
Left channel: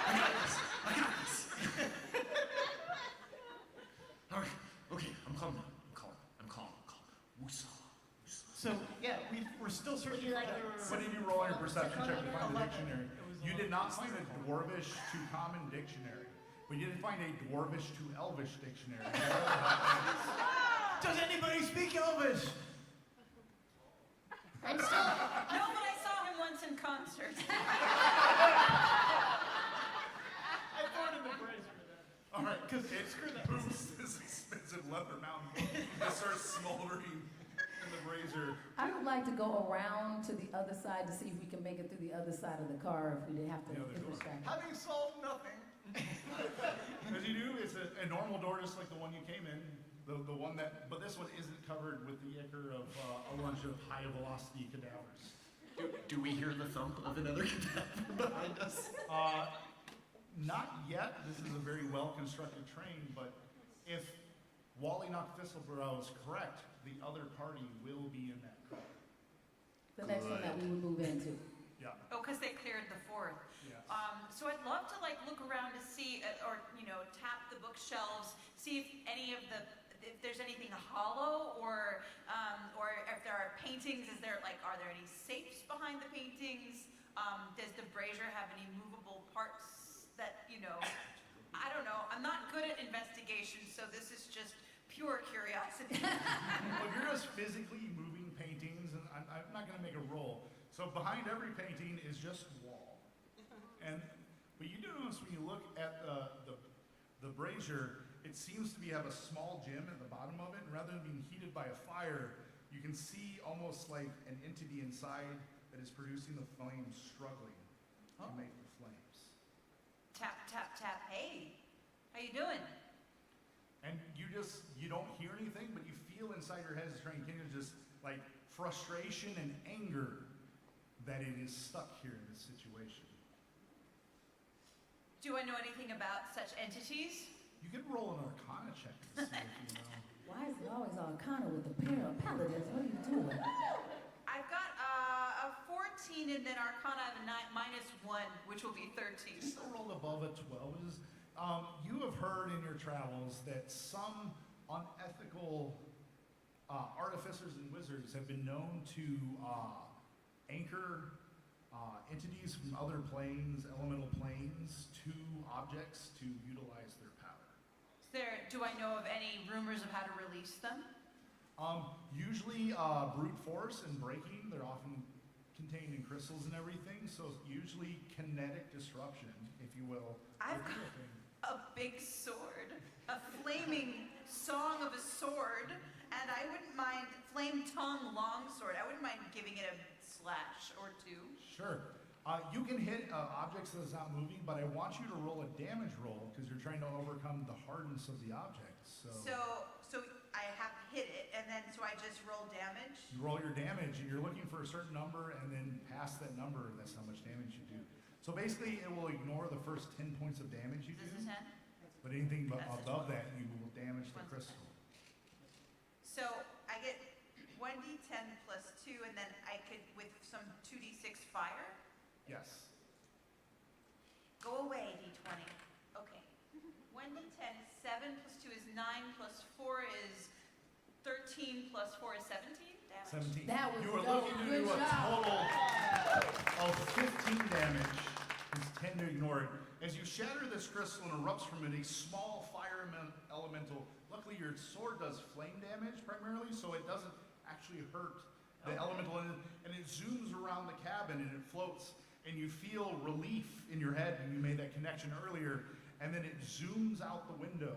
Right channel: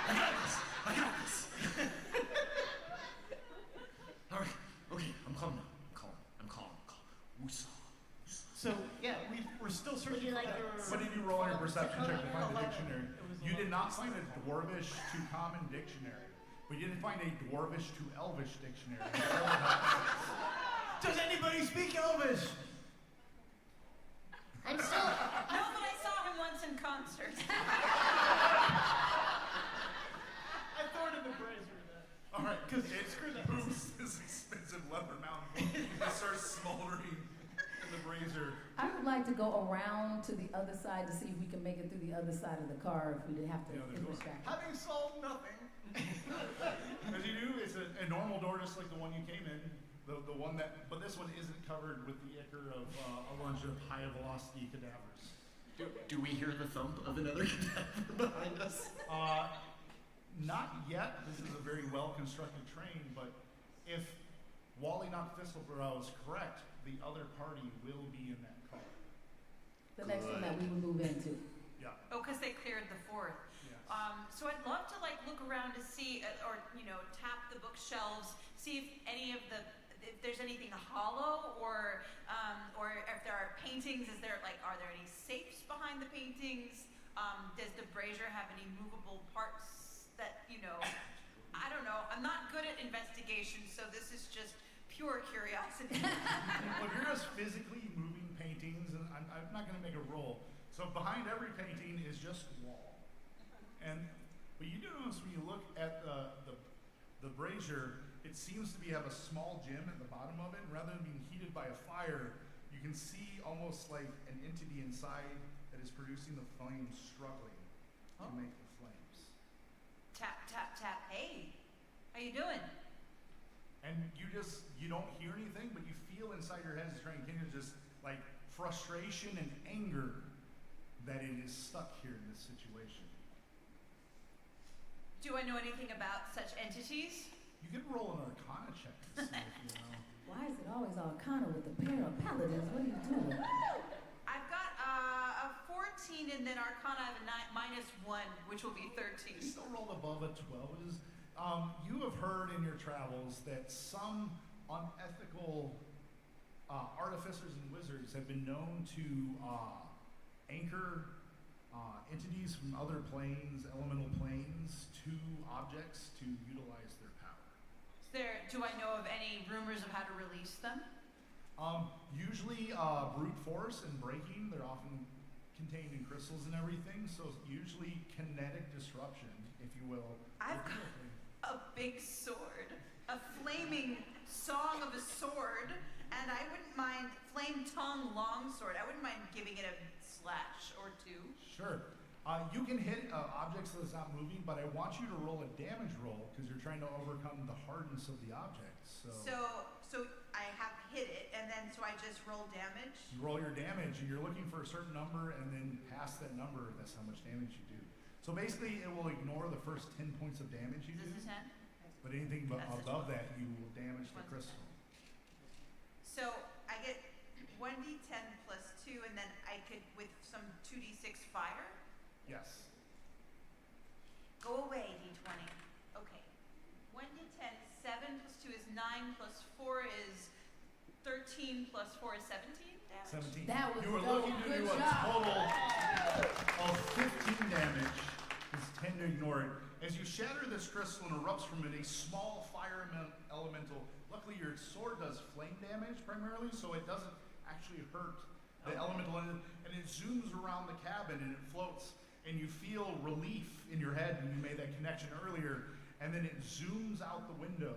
I got this. All right. Okay, I'm calm now. I'm calm. Woosah. So, yeah, we're still searching Would you like for What did you roll on your perception check to find the 11. dictionary? You did not find a Dwarvish to Common dictionary, but you did find a Dwarvish to Elvish dictionary. That really helped. Does anybody speak Elvish? I'm still. No, but I saw him once in concert. I thwarted the brazier then. All right, because it moves this expensive leather mountain book. It starts smoldering. razor. I would like to go around to the other side to see if we can make it through the other side of the car if we didn't have to, The other if we're door. distracted. Having solved nothing. As you do, it's a normal door just like the one you came in. The one that, but this one isn't covered with the ichor of a bunch of high velocity cadavers. Do we hear the thump of another cadaver behind us? Not yet. This is a very well-constructed train, but if Wally Knock Thistlebrow is correct, the other party will be in that car. The next one that we would move into. Yeah. Oh, because they cleared the fourth. Yes. So I'd love to like look around to see, or tap the bookshelves, see if there's anything hollow, or if there are paintings. Are there any safes behind the paintings? Does the brazier have any movable parts that I don't know. I'm not good at investigation, so this is just pure curiosity. Well, if you're just physically moving paintings, and I'm not going to make a roll. So behind every painting is just wall. But you do notice when you look at the brazier, it seems to have a small gem at the bottom of it, and rather than being heated by a fire, you can see almost like an entity inside that is producing the flames struggling to make the flames. Tap, tap, tap. Hey, how you doing? And you don't hear anything, but you feel inside your head as trying to just like frustration and anger that it is stuck here in this situation. Do I know anything about such entities? You could roll an Arcana check to see if you know. Why is it always Arcana with the pair of paladins? What are you doing? I've got a 14, and then Arcana I have a -1, which will be 13. You still rolled above a 12. You have heard in your travels that some unethical artificers and wizards have been known to anchor entities from other planes, elemental planes, to objects to utilize their power. Do I know of any rumors of how to release them? Usually brute force and breaking. They're often contained in crystals and everything, so usually kinetic disruption, if you will. I've would be got a thing. a big sword, a flaming song of a sword, and I wouldn't mind flame tongue longsword. I wouldn't mind giving it a slash or two. Sure. You can hit objects that's not moving, but I want you to roll a damage roll because you're trying to overcome the hardness of the object. So I have hit it, and then so I just roll damage. You roll your damage, and you're looking for a certain number, and then past that number, that's how much damage you do. So basically, it will ignore the first 10 points of damage you Is do, this a 10? but anything That's a above 12. that, you will damage the One's a crystal. So I get 1d10 plus 2, and then I could, with some 2d6 fire. Yes. Go away, d20. Okay. 1d10 is 7 plus 2 is 9 plus 4 is 13 plus 4 is 17 damage? 17. That was You were dope. looking to Good do a job. total of 15 damage. Just tend to ignore it. As you shatter this crystal and erupts from it a small fire elemental. Luckily, your sword does flame damage primarily, so it doesn't actually hurt the elemental in it. And it zooms around the cabin and it floats. And you feel relief in your head, and you made that connection earlier. And then it zooms out the window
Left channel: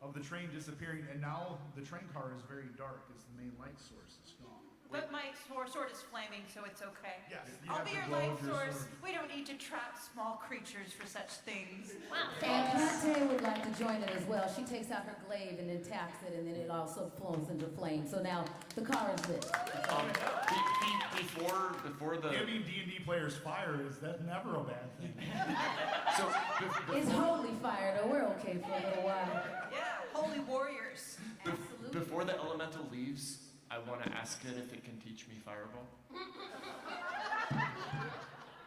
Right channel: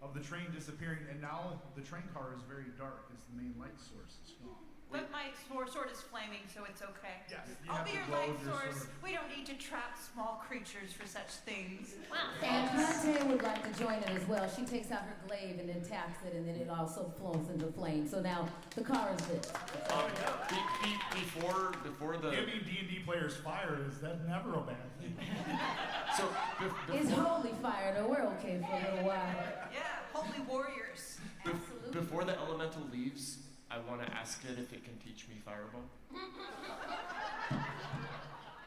of the train disappearing, and now the train car is very dark as the main light source is gone. But my sword is flaming, so it's okay. Yes, you I'll have be the your glow light of your source. sword. We don't need to trap small creatures for such things. Wow, And thanks. Plante would like to join it as well. She takes out her glaive and then taps it, and then it also flows into flame. So now the car is lit. Before the Giving D&D players fire is never a bad thing. so It's before, holy fire, though. We're okay for a little while. Yeah, holy warriors. Absolutely. before the elemental leaves, I want to ask it if it can teach me fireball.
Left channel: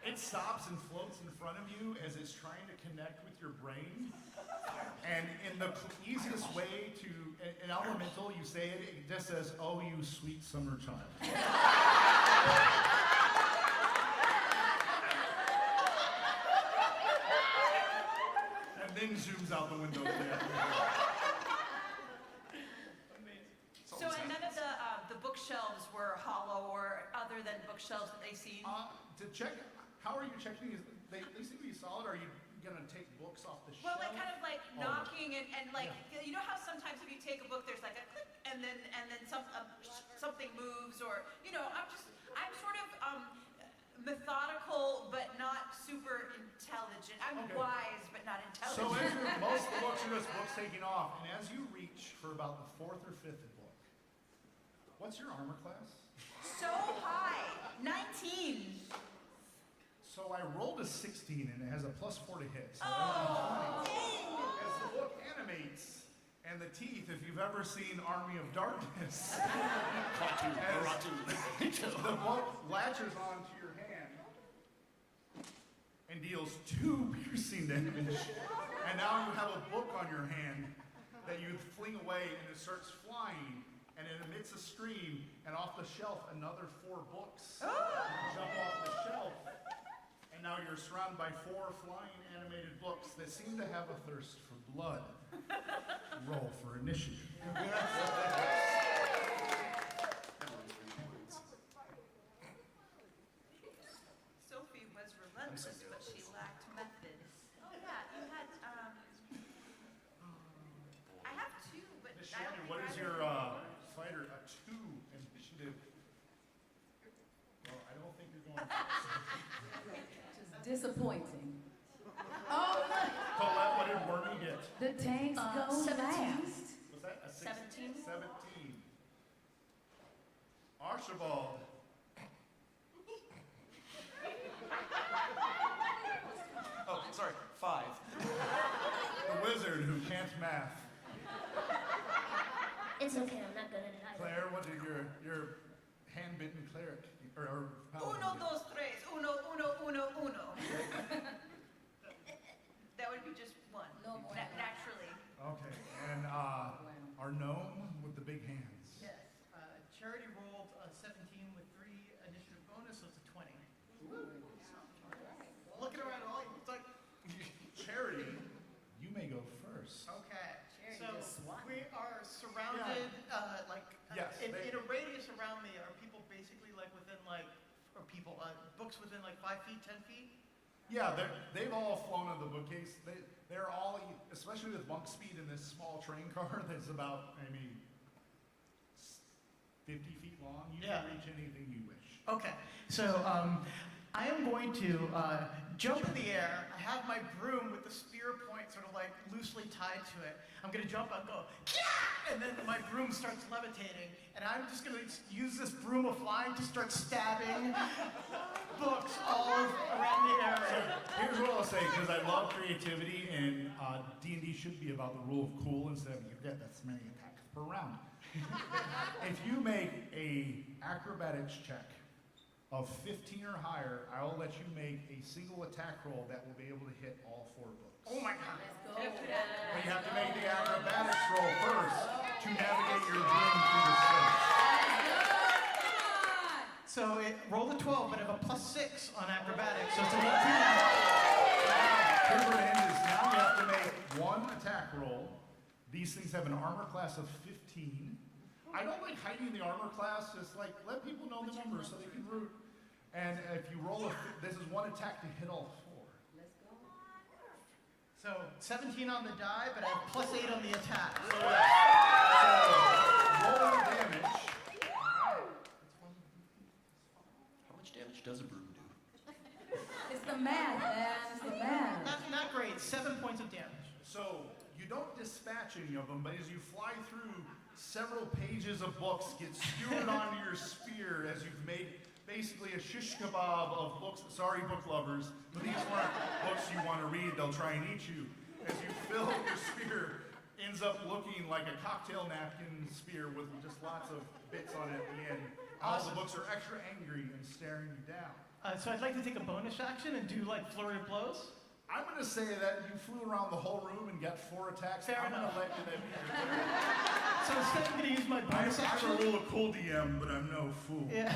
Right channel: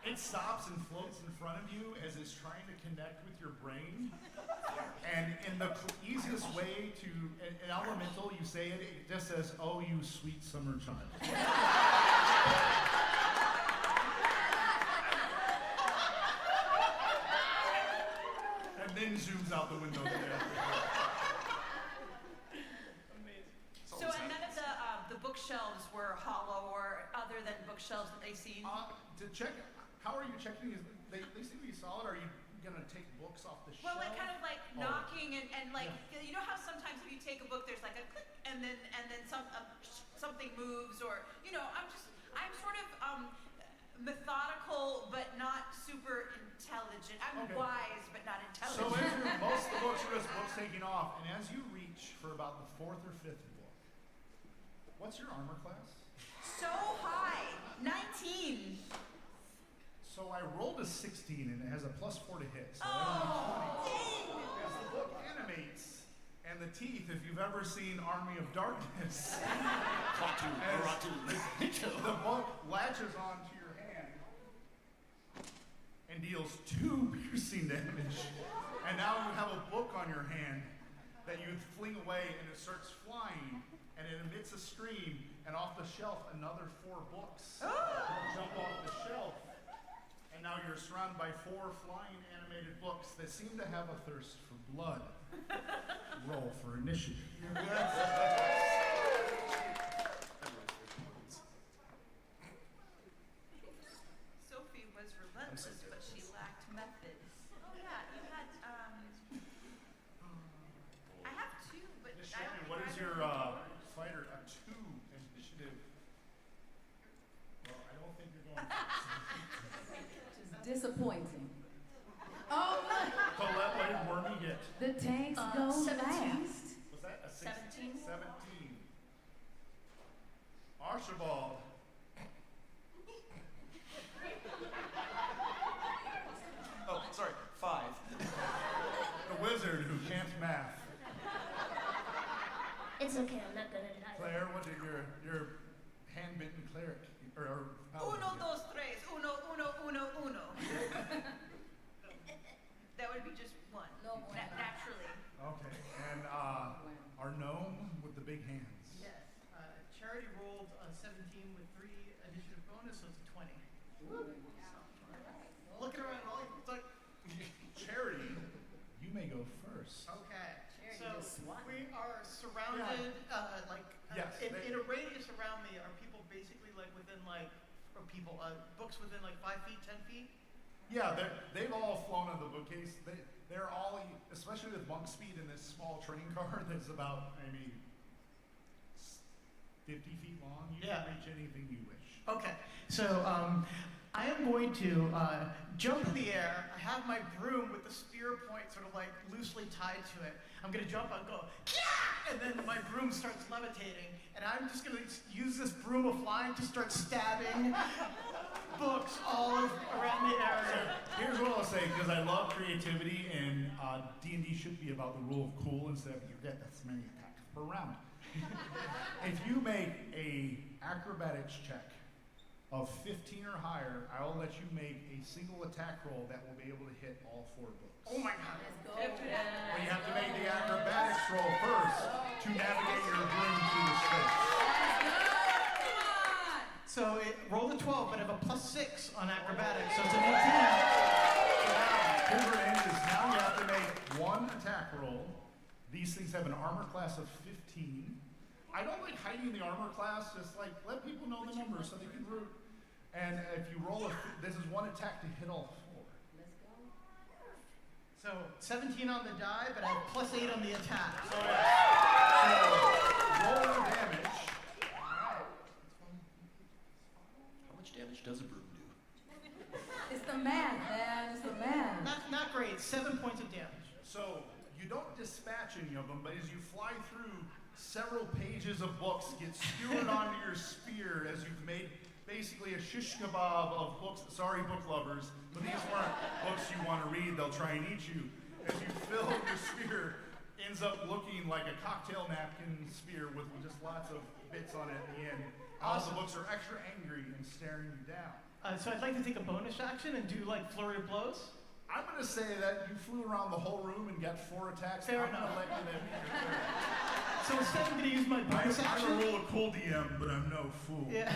It stops and floats in front of you as it's trying to connect with your brain. And in the easiest way to, an elemental, you say it, it just says, "Oh, you sweet summer child." And then zooms out the window. So and none of the bookshelves were hollow or other than bookshelves that they've seen? To check, how are you checking? They seem to be solid. Are you gonna take books off the Well, shelf? like kind of like Oh. knocking and like you know how sometimes if you take a book, there's like a click and then something moves, or you know, I'm sort of methodical but not super intelligent. I'm Okay. wise but not So intelligent. most of the books are just books taking off, and as you reach for about the 4th or 5th book, what's your armor class? So high, 19. So I rolled a 16, and it has a +4 to hit. So Oh, that would be 20. dang! As the book animates, and the teeth, if you've ever seen Army of Darkness, Klaatu, As- Baratu. the book latches onto your hand and deals 2 piercing damage. And now you have a book on your hand that you fling away, and it starts flying, and it emits a scream, and off the shelf, another 4 books jump off the shelf. And now you're surrounded by 4 flying animated books that seem to have a thirst for blood. Roll for initiative. Sophie was relentless, but she lacked method. Oh yeah, you had I have 2, but Miss I don't Shannan, think what is either your of them work. fighter? A 2 initiative. Well, I don't think you're going first. Which is disappointing. Oh, look. Colette, what did Wormy get? The tanks go 17. fast. Was that a 17? 17. Archibald. Oh, sorry, 5. The wizard who can't math. It's okay, I'm not good at it either. Claire, what did your hand-bitten cleric or paladin Uno, get? dos, tres. Uno, uno, uno, uno. That would be just 1. No bueno. Naturally. Okay, and our gnome with the big hands. Yes. Charity rolled a 17 with 3 initiative bonus, so it's a 20. Looking around, all it's like, Charity, you may go first. okay. Charity So just swatting. we are surrounded, Yes, in a radius around me are people basically like within like, or people, books within like 5 feet, 10 feet? Yeah, they've all flown on the bookcase. They're all, especially with monk speed in this small train car that's about, 50 feet long. You Yeah. can reach anything you wish. Okay, so I am going to jump in the air. I have my broom with the spear point sort of like loosely tied to it. I'm going to jump out and go, yeah! And then my broom starts levitating. And I'm just going to use this broom of flying to start stabbing books all around the area. Here's what I'll say, because I love creativity, and D&D should be about the rule of cool instead of you get this many attacks per round. If you make a acrobatics check of 15 or higher, I will let you make a single attack roll that will be able to hit all 4 books. Oh my god. Let's go. But you have to make the acrobatics roll first to navigate your broom through the space. Let's go. Come on. So it rolled a 12, but I have a +6 on acrobatics, so it's an 18. Here's where it ends. Now you have to make 1 attack roll. These things have an armor class of 15. I don't like hiding the armor class, just like let people know the numbers so they can root. And if you roll this is 1 attack to hit all 4. Let's go. So 17 on the die, but I have +8 on the attack. So roll your damage. How much damage does a broom do? It's the math, man. It's the math. Not great. 7 points of damage. So you don't dispatch any of them, but as you fly through, several pages of books get skewered onto your spear as you've made basically a shish kebab of books. Sorry, book lovers, but these weren't books you want to read. They'll try and eat you. As you fill your spear, ends up looking like a cocktail napkin spear with just lots of bits on it at the end. All the books are extra angry and staring you down. So I'd like to take a bonus action and do like flurry of blows. I'm going to say that you flew around the whole room and got 4 attacks. Fair I'm going enough. to let you that be your turn. So instead, I'm going to use my bonus action. I'm a real cool DM, but I'm no fool. Yeah.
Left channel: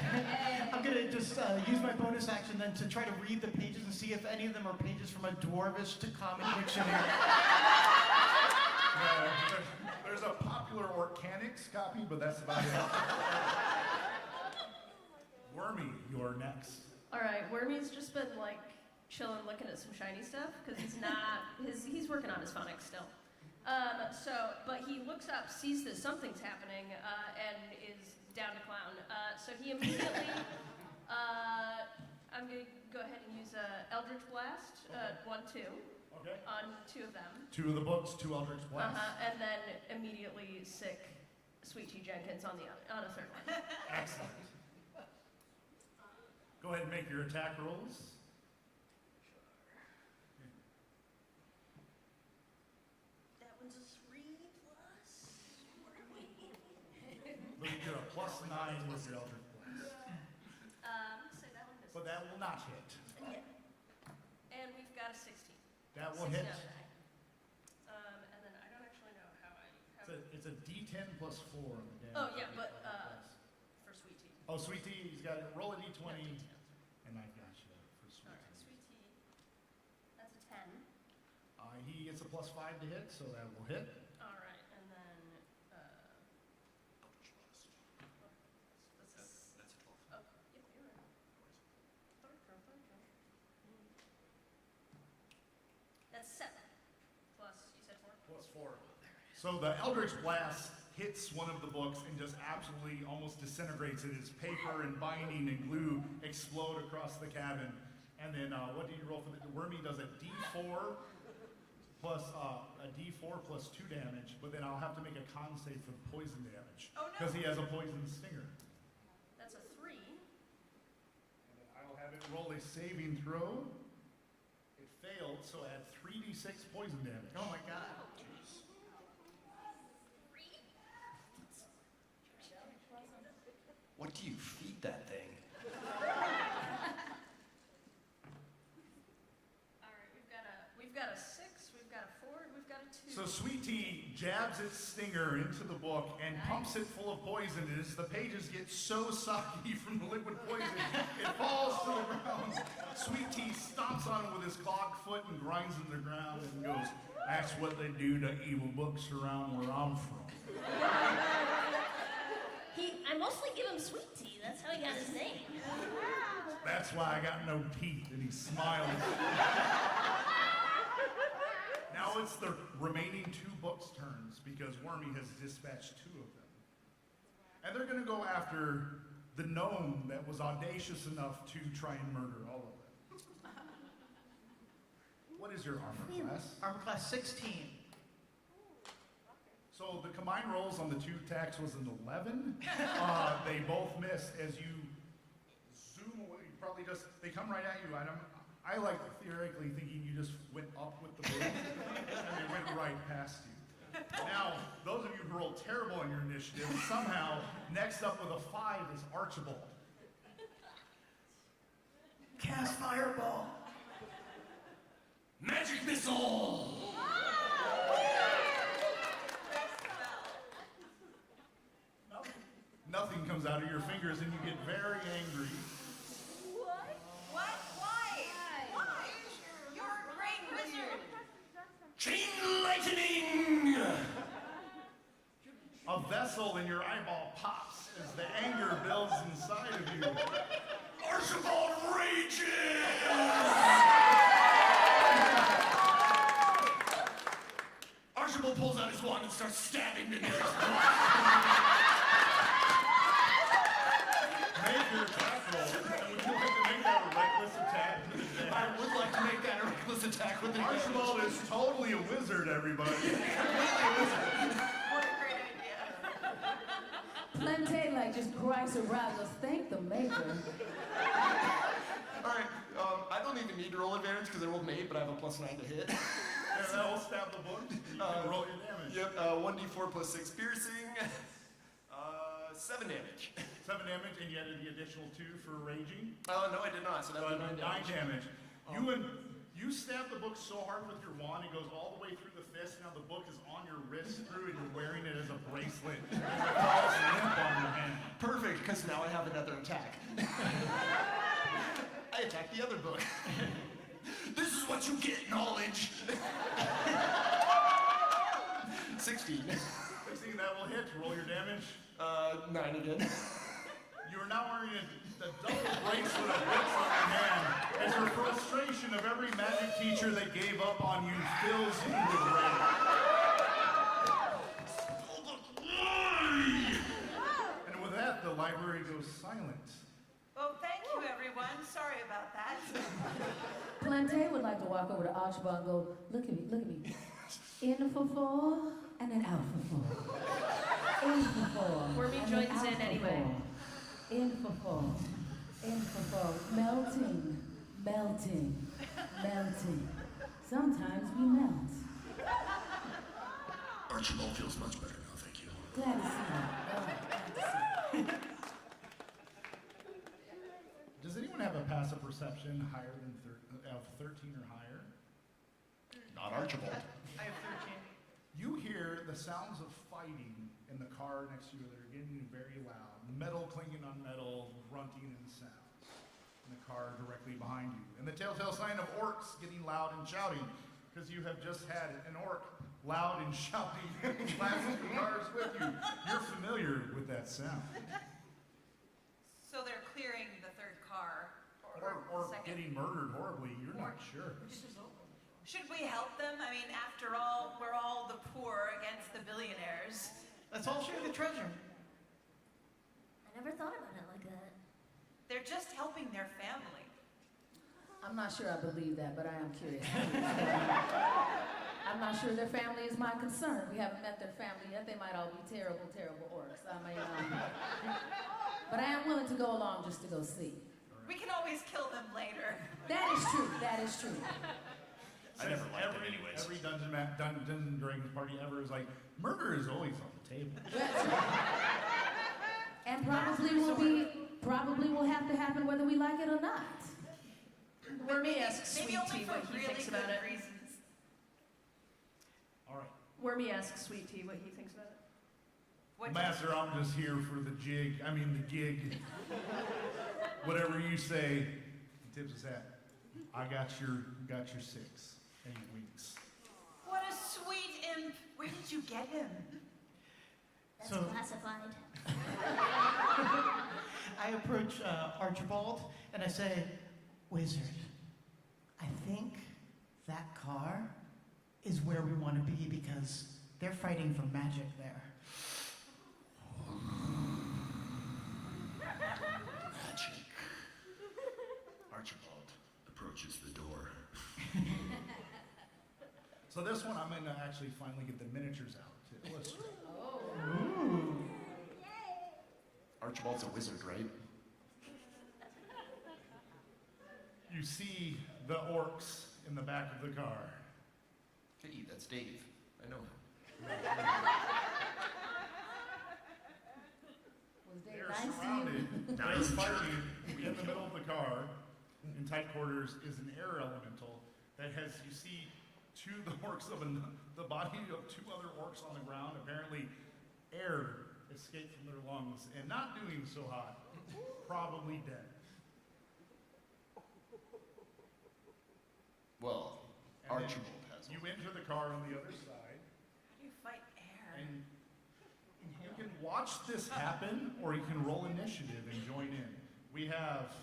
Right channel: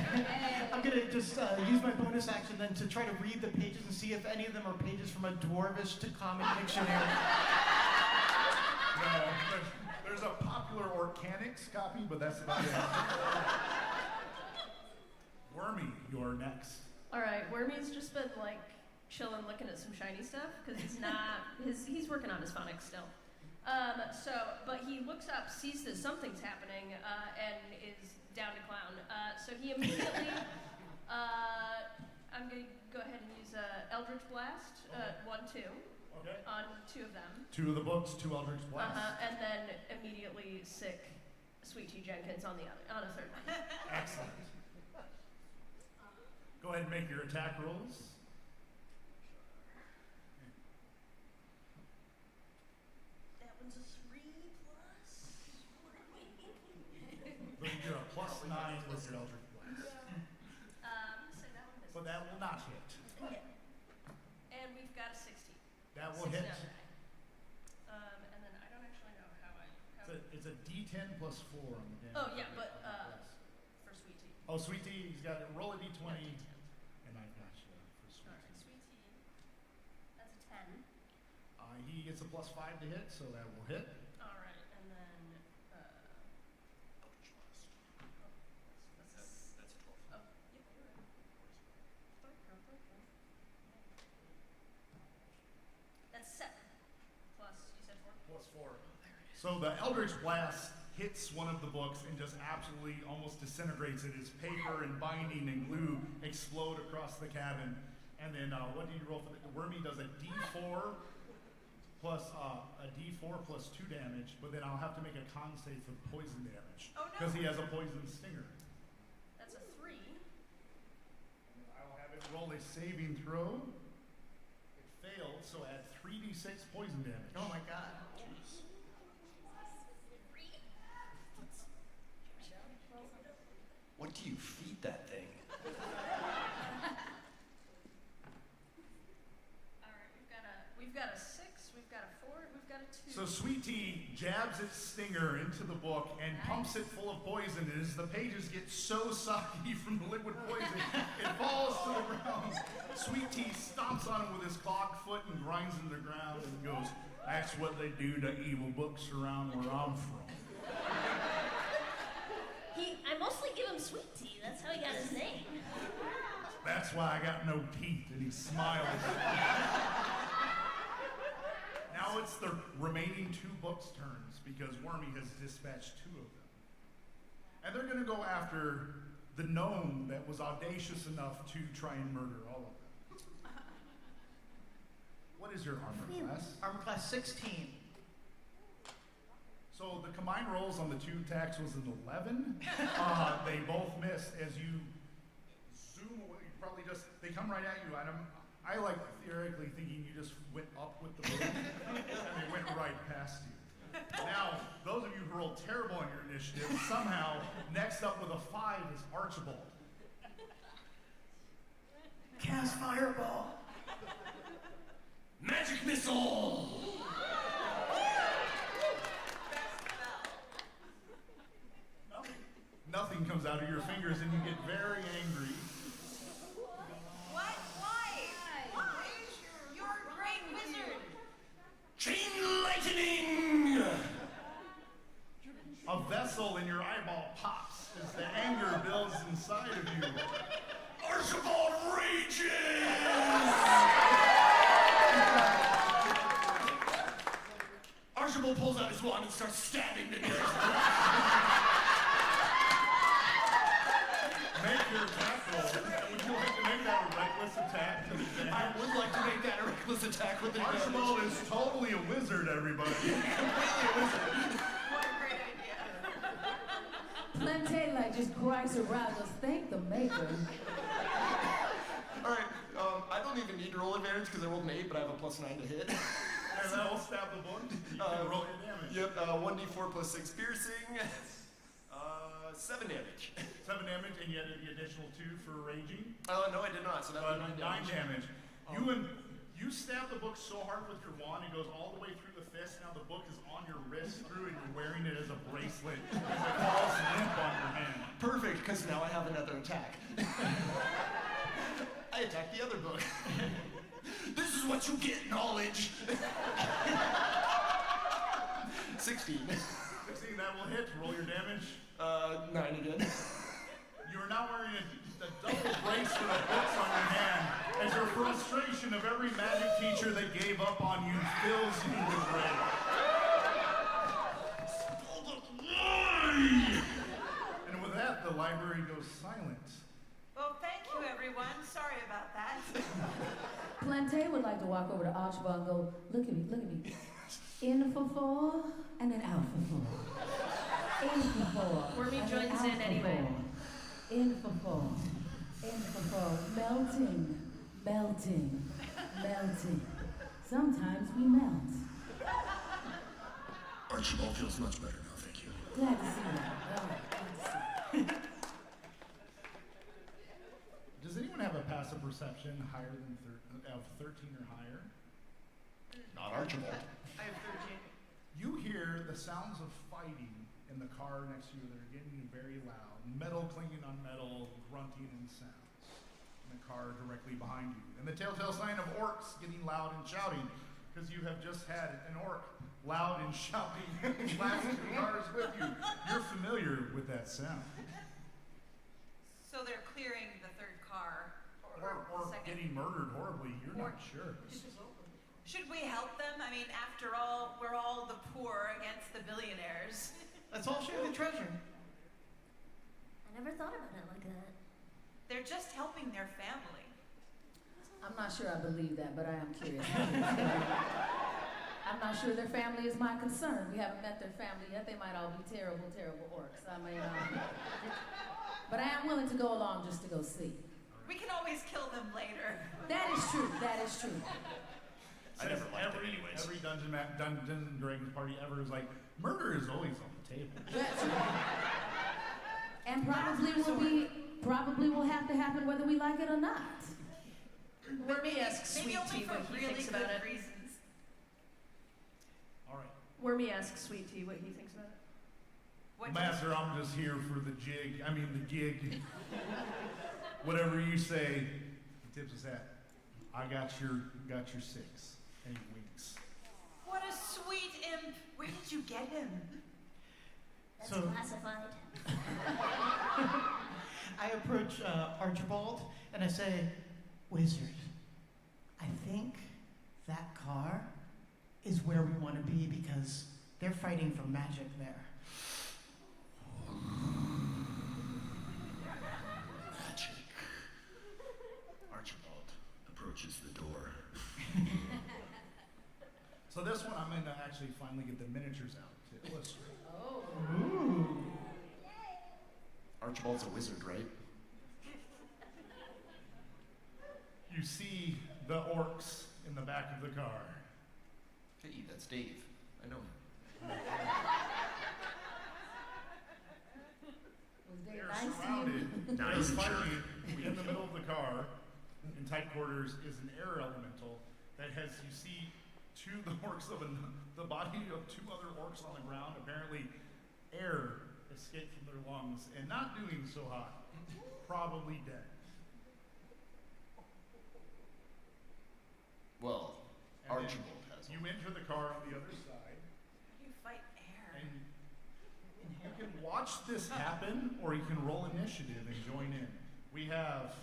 I'm going to just use my bonus action then to try to read the pages and see if any of them are pages from a Dwarvish to Common dictionary. No, there's a popular Organics copy, but that's about it. Wormy, you're next. All right, Wormy's just been like chilling, looking at some shiny stuff because he's working on his phonics still. But he looks up, sees that something's happening, and is down to clown. So he immediately, I'm gonna go ahead and use Eldritch Blast, 1, 2. Okay. On 2 of them. 2 of the books, 2 Eldritch Blasts. And then immediately sick Sweet Tea Jenkins on a third one. Excellent. Go ahead and make your attack rolls. That one's a 3 plus. But you're a +9 with your Eldritch Blast. I'm gonna say that one misses. But that will not hit. No. And we've got a 16. That will 6 hit. now today. And then I don't actually know how It's a D10 plus 4 on the damage. Oh yeah, but for Sweet Tea. Oh, Sweet Tea, he's got to roll a D20. No, D10s. And I've got you for Sweet Alright, Tea. Sweet Tea. That's a 10. He gets a +5 to hit, so that will hit. Alright, and then Eldritch Blast. that's a 12. Oh, yep, you're right. Third girl. That's 7. Plus, you said 4? +4. So the Eldritch Blast hits one of the books and just absolutely almost disintegrates it as paper and binding and glue explode across the cabin. And then what do you roll for the Wormy does a D4 plus a D4 plus 2 damage, but then I'll have to make a con save for the poison damage. Oh, no. Because he has a poison stinger. That's a 3. And then I will have it roll a saving throw. It failed, so add 3d6 poison damage. Oh my god. Jeez. 3? What do you feed that thing? Alright, we've got a 6, we've got a 4, and we've got a 2. So Sweet Tea jabs its stinger into the book and pumps it full of poison. And as the pages get so soggy from the liquid poison, it falls to the ground. Sweet Tea stomps on it with his clogged foot and grinds into the ground and goes, "That's what they do to evil books around where I'm from." I mostly give him Sweet Tea, that's how he got his name. That's why I got no teeth. And he smiles. Now it's the remaining 2 books' turns because Wormy has dispatched 2 of them. And they're going to go after the gnome that was audacious enough to try and murder all of them. What is your armor class? Armor class 16. So the combined rolls on the 2 attacks was an 11. They both miss as you zoom away. You probably they come right at you. And I like theoretically thinking you just went up with the boom and they went right past you. Now, those of you who rolled terrible on your initiative, somehow next up with a 5 is Archibald. Cast Fireball. Magic Missile! Nothing comes out of your fingers and you get very angry. What? Why? You're a great wizard. Chain Lightning! A vessel in your eyeball pops as the anger builds inside of you. Archibald rages! Archibald pulls out his wand and starts stabbing the nearest Make your attack roll. Would you like to make that a reckless attack? I would like to make that a reckless attack with the Archibald is totally a wizard, everybody. completely a wizard. What a great idea. Plante like just cries around, goes, thank the maker. All right, I don't even need to roll advantage because I rolled an 8, but I have a +9 to hit. And that will stab the book. You can roll your damage. Yep, 1d4 plus 6 piercing, 7 damage. 7 damage, and you added the additional 2 for raging. No, I did not, so that would be 9 9 damage. damage. You stab the book so hard with your wand, it goes all the way through the fist. Now the book is on your wrist through, and you're wearing it as a bracelet as it falls limp on your hand. Perfect, because now I have another attack. I attack the other book. This is what you get, knowledge. 16. 16, that will hit. Roll your damage. 9 again. You are now wearing a a double bracelet of books on your hand as your frustration of every magic teacher that gave up on you fills you with rage. And with that, the library goes silent. Well, thank you, everyone. Sorry about that. Plante would like to walk over to Archibald and go, look at me, look at me. In for 4 and then out for 4. In for 4. Wormy and then joins out in for anyway. 4. In for 4. In for 4. Melting, melting, melting. Sometimes we melt. Archibald feels much better now, thank you. Glad to see that. All right, glad to see that. Does anyone have a passive perception higher than of 13 or higher? Not Archibald. I have 13. You hear the sounds of fighting in the car next to you. They're getting very loud. Metal clanging on metal, grunting and sounds in the car directly behind you. And the telltale sign of orcs getting loud and shouting, because you have just had an orc loud and shouting in the last 2 cars with you. You're familiar with that sound. So they're clearing the third car. Or second. getting murdered horribly. You're Or- not sure. Should we help them? I mean, after all, we're all the poor against the billionaires. Let's all share the treasure. I never thought about it like that. They're just helping their family. I'm not sure I believe that, but I am curious. I'm not sure their family is my concern. We haven't met their family yet. They might all be terrible, terrible orcs. I mean, but I am willing to go along just to go see. We can always kill them later. That is true. That is true. I never liked them anyways. Every Dungeons and Dragons party ever is like, murder is always on the table. That's true. And probably will have to happen whether we like it or not. Wormy asks Maybe Sweet only Tea for what he really thinks good about it. reasons. All right. Wormy asks Sweet Tea what he thinks about it. What Master, I'm just here for the gig. Gig. Whatever you say. He tips his hat. I got your 6. And he winks. What a sweet imp. Where did you get him? That's So- classified. I approach Archibald and I say, Wizard, I think that car is where we want to be because they're fighting for magic there. Magic. Archibald approaches the door. So this one, I'm going to actually finally get the miniatures out to illustrate. Oh. Ooh. Archibald's a wizard, right? You see the orcs in the back of the car. Hey, that's Dave. I know him. Was Dave They're nice to you? surrounded. They're Nice jerk. fighting in the middle of the car. In tight quarters is an air elemental that has, you see, the body of 2 other orcs on the ground. Apparently, air escaped from their lungs and not doing so hot. Probably dead. Well, And then Archibald has You him. enter the car on the other side, How do you fight air? and you can watch this happen, or you can roll initiative and join in. We have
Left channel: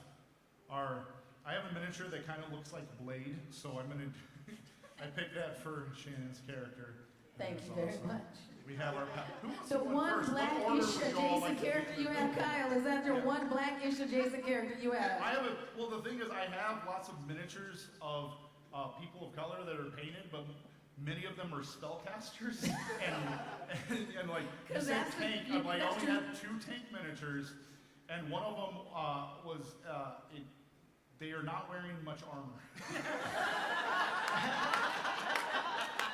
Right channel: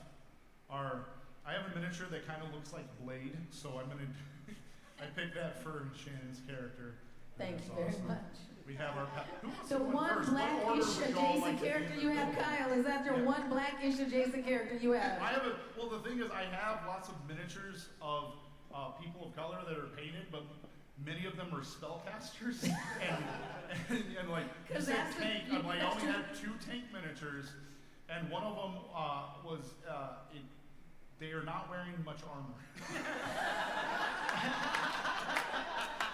I have a miniature that kind of looks like Blade, so I'm gonna, I picked that for Shannon's character. Thank That's you very awesome. much. We have our, who wants The to go in one first? What order blackish would you all adjacent like to character do you the have, thing? Kyle. Is that your Yeah. one blackish adjacent character you have? Well, the thing is, I have lots of miniatures of people of color that are painted, but many of them are spellcasters. and like, you 'Cause said that's the- tank, I'm like, I that's only true. had 2 tank miniatures, and one of them they are not wearing much armor.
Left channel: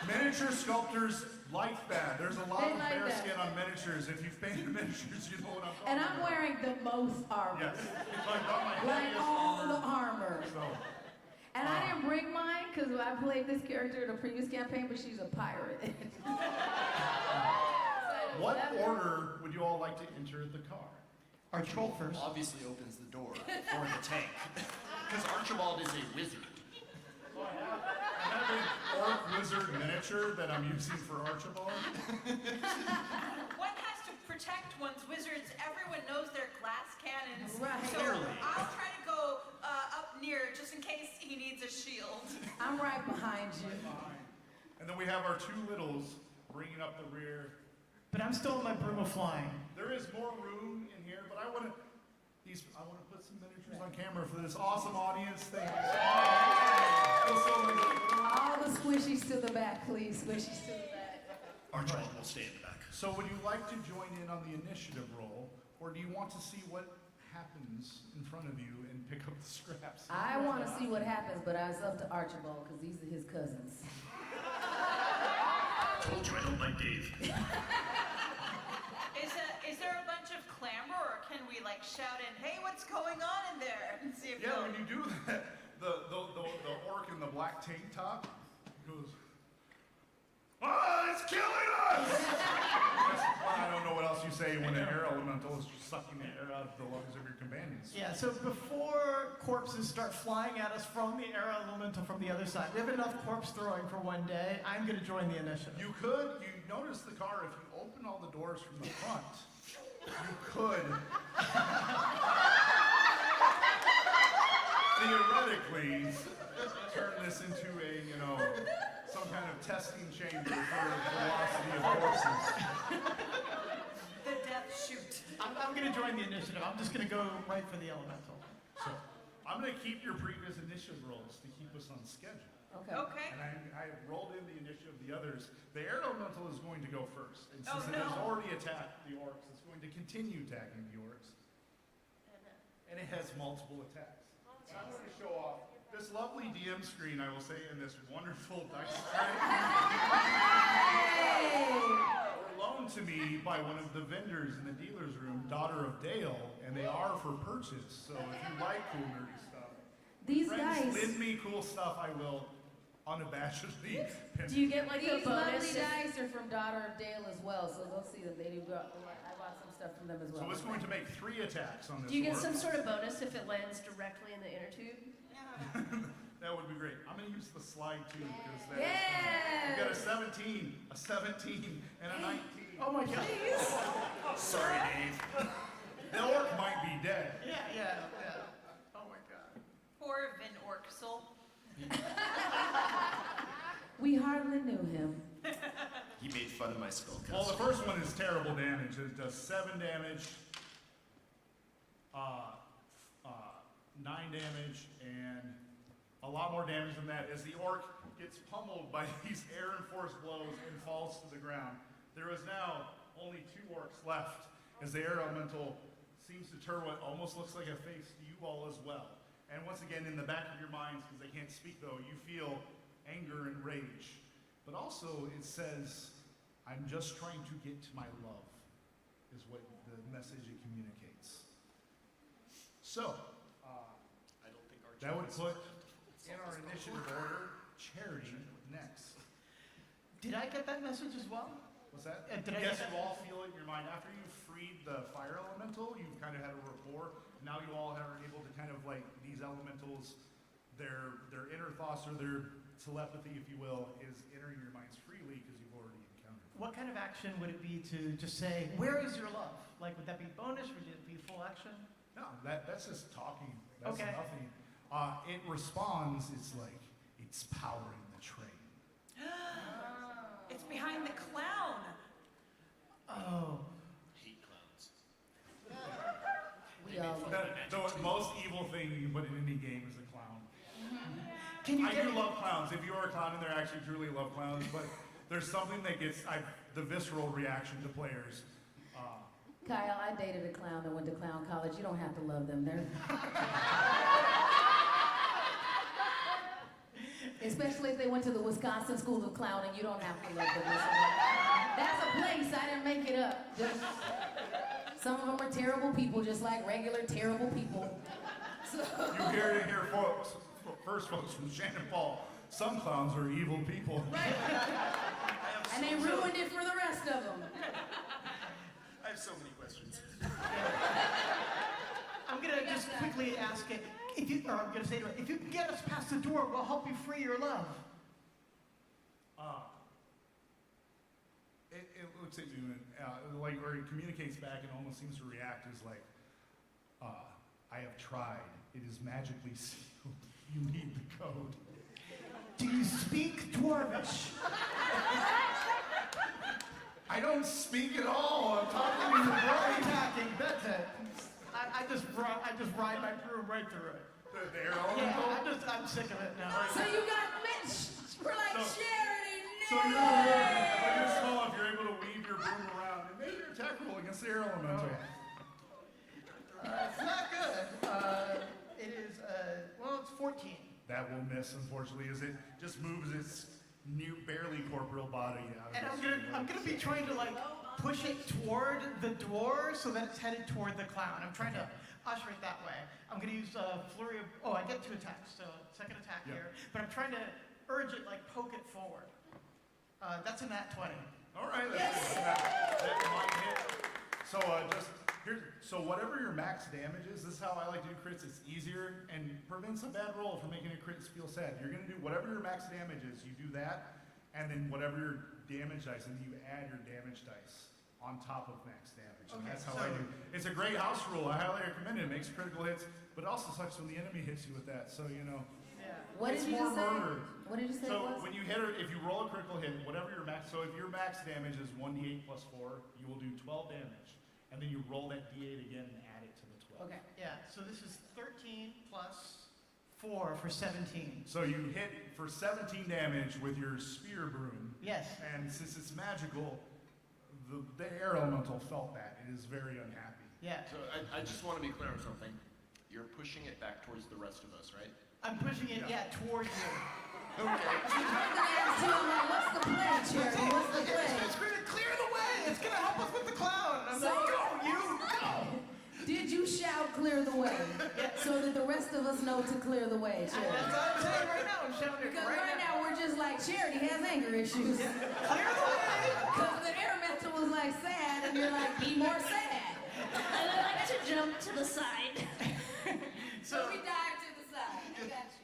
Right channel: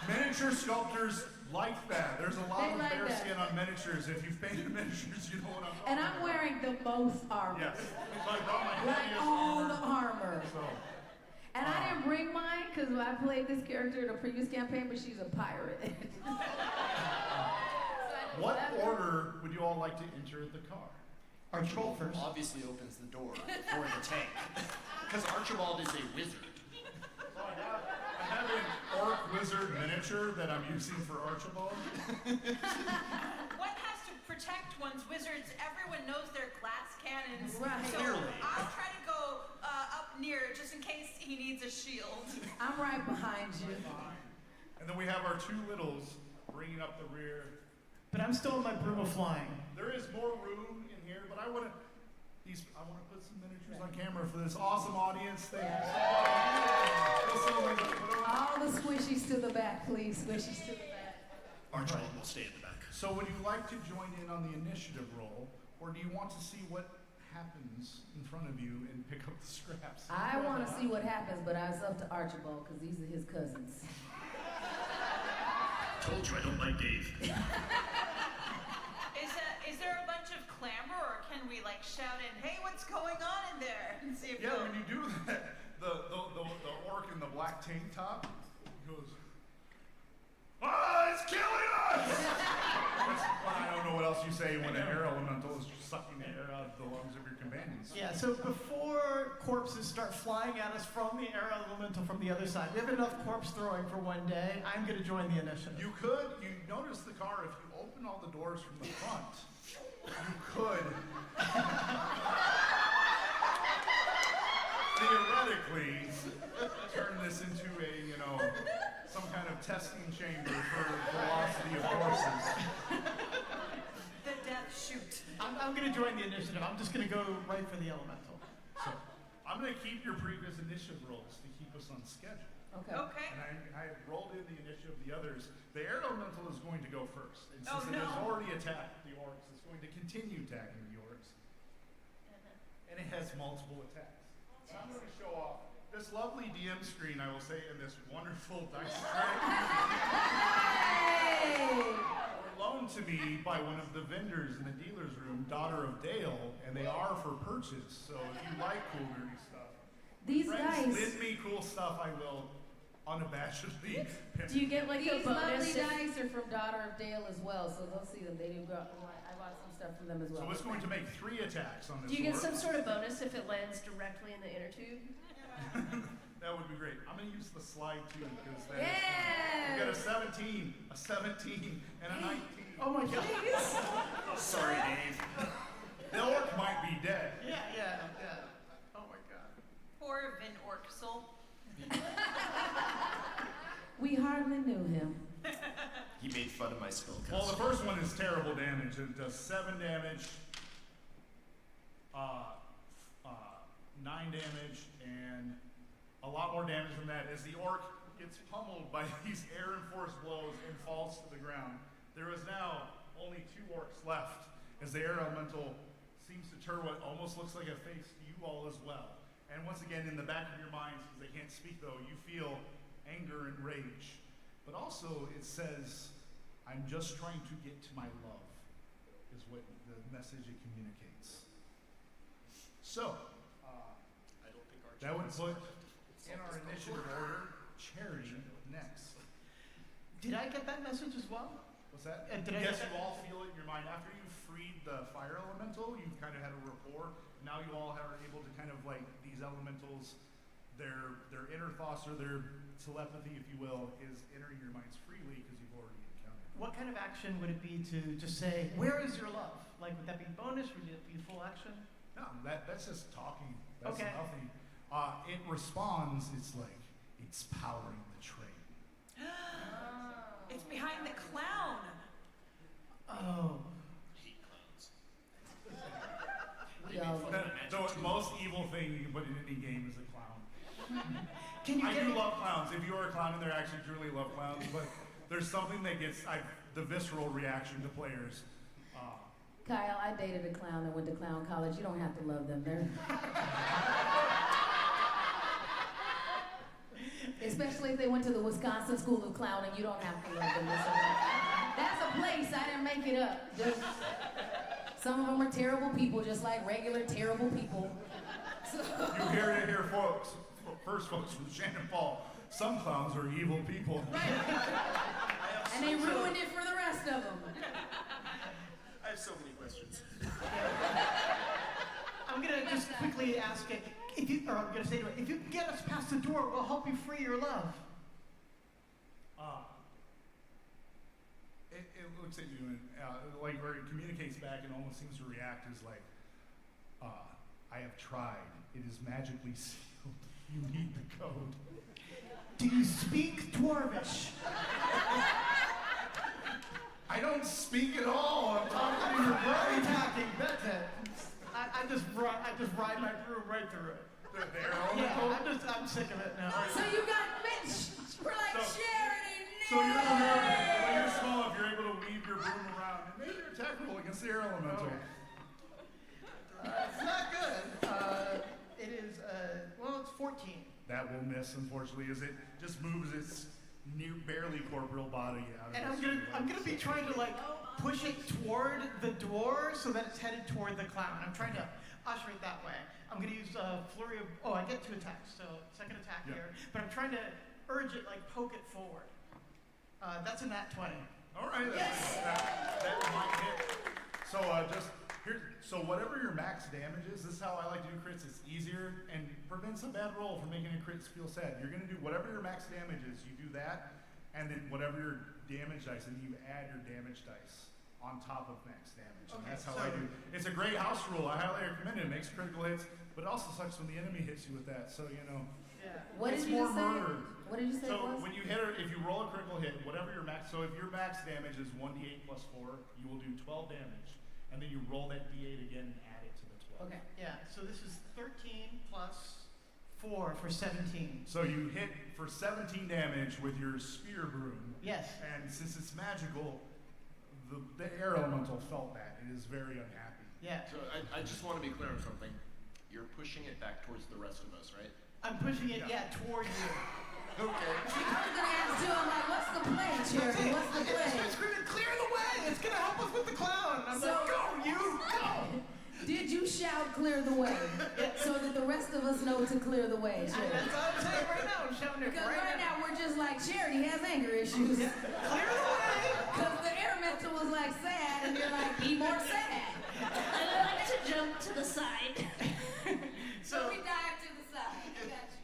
Miniature sculptors like that. There's a lot They of like bear that. skin on miniatures. If you've painted miniatures, you know what I'm talking And about. I'm wearing the most armor. Yes. So I brought my Like heaviest all armor. the armor. So, And I didn't bring mine because I played this character in a previous campaign, but she's a pirate. what order would you all like to enter the car? Archibald first. Obviously opens the door for the tank. Because Archibald is a wizard. So I have an orc wizard miniature that I'm using for Archibald. One has to protect one's wizards. Everyone knows their glass cannon cannons. Right. So Clearly. I'll try to go up near just in case he needs a shield. I'm right behind you. And then we have our two littles bringing up the rear. But I'm still in my broom of flying. There is more room in here, but I want to put some miniatures on camera for this awesome audience. Thank you so much. Feel so like All the squishies to the back, please. Squishies to the back. Archibald will stay in the back. So would you like to join in on the initiative roll, or do you want to see what happens in front of you and pick up the scraps? I want to see what happens, but I was up to Archibald because these are his cousins. Told you I don't like Dave. Is there a bunch of clamor, or can we like shout in, "Hey, what's going on in there?" and see if Yeah, they'll- when you do that, the orc in the black tank top goes, it's killing us! I don't know what else you say when an air elemental is sucking the air out of the lungs of your companions. Yeah, so before corpses start flying at us from the air elemental from the other side, we have enough corpse throwing for one day. I'm going to join the initiative. You notice the car, if you open all the doors from the front, you could theoretically turn this into some kind of testing chamber for velocity of horses. the death shoot. I'm going to join the initiative. I'm just going to go right for the elemental. So I'm going to keep your previous initiative rolls to keep us on schedule. Okay. Okay. And I rolled in the initiative of the others. The air elemental is going to go first. And Oh, since it has no. already attacked the orcs, it's going to continue attacking the orcs. And it has multiple attacks. So I'm going to show off this lovely DM screen, I will say, and this wonderful dice tray. Were loaned to me by one of the vendors in the dealer's room, Daughter of Dale, and they are for purchase. So if you like cool nerdy stuff, These friends dice. lend me cool stuff, I will unabashedly pimp. Do you get like a These bonus? lovely if- dice are from Daughter of Dale as well, so they'll see them. They do go. I bought some stuff from them as well. So it's going to make 3 attacks on this Do you get orc. some sort of bonus if it lands directly in the inner tube? That would be great. I'm going to use the slide too, because that is Yeah. fun. We got a 17, a 17, and a 19. Oh my god. Sorry, Dave. The orc might be dead. Yeah. Oh my god. Poor Vin Orksel. We hardly knew him. He made fun of my spellcast. Well, the first one is terrible damage. It does 7 damage, 9 damage, and a lot more damage than that as the orc gets pummeled by these air and force blows and falls to the ground. There is now only 2 orcs left as the air elemental seems to turn what almost looks like a face to you all as well. And once again, in the back of your minds, because they can't speak though, you feel anger and rage. But also it says, I'm just trying to get to my love, is what the message it communicates. So, I don't think our that would put in solve our this initiative order, Charity next. Did I get that message as well? What's that? Did I Yes, get you all feel it in your mind. After you've freed the fire elemental, you've kind of had a rapport. Now you all are able to kind of like, these elementals, their inner thoughts or their telepathy, if you will, is entering your minds freely because you've already encountered. What kind of action would it be to just say, where is your love? Like, would that be bonus? Would it be full action? No, that's just talking. That's Okay. nothing. It responds, it's like, it's powering the train. It's behind the clown. Oh. hate clowns. We all. The most evil thing you can put in any game is a clown. Can you I get do love clowns. If you are a clown, and they actually truly love clowns, but there's something that gets the visceral reaction to players. Kyle, I dated a clown that went to clown college. You don't have to love them. They're especially if they went to the Wisconsin School of Clowning. You don't have to love them. That's a place. I didn't make it up. Just some of them are terrible people, just like regular terrible people. So, You hear it here, folks. First, folks, from Shannan Paul. Some clowns are evil people. and they ruined it for the rest of them. I have so many questions. I'm gonna just quickly ask it. I'm gonna say to it, if you can get us past the door, we'll help you free your love. It looks at you and or it communicates back and almost seems to react as like, I have tried. It is magically sealed. You need the code. Do you speak Dwarvish? I don't speak at all. I'm talking to your brain. Attacking, that's it. I just ride my broom right through it. The air elemental? Yeah, I'm sick of it now. So you got Mitch. We're like charity. So when you're small, if you're able to weave your broom around, and maybe your attack roll against the air elemental. Okay. It's not good. It is, it's 14. That will miss, unfortunately, as it just moves its new, barely corporeal body out of And its I'm gonna be trying to like push it toward the door so that it's headed toward the clown. I'm trying to usher it that way. I'm gonna use flurry of. Oh, I get 2 attacks, so second attack Yep. here. But I'm trying to urge it, like poke it forward. That's a nat 20. All right, that might hit. So so whatever your max damage is, this is how I like to do crits. It's easier and prevents a bad roll from making a crit feel sad. You're gonna do whatever your max damage is, you do that, and then whatever your damage dice, and you add your damage dice on top of max damage. And Okay, that's how I do. It's a great house rule. I highly recommend it. It makes critical hits, but it also sucks when the enemy hits you with that. So Yeah. What it's did you more just say? murder. What did you say it So was? when you hit her, if you roll a critical hit, whatever your max, so if your max damage is 1d8 plus 4, you will do 12 damage, and then you roll that d8 again and add it to the 12. Okay. Yeah. So this is 13 plus 4 for 17. So you hit for 17 damage with your spear broom, Yes. and since it's magical, the air elemental felt that. It is very unhappy. Yeah. So I just want to be clear on something. You're pushing it back towards the rest of us, right? I'm pushing it, toward you. Okay. I was gonna ask too. I'm like, what's the play, Charity? What's the It's play? just screaming, clear the way! It's gonna help us with the clown! And I'm like, go, you, go! Did you shout clear the way so that the rest of us know to clear the way, Charity? That's what I'm saying right now. I'm shouting it Because right now. we're just like, Charity has anger issues. Yeah. Clear the way! Because the air mental was like sad, and you're like, be more sad. And I like to jump to the side. So we dive to the side. I got you.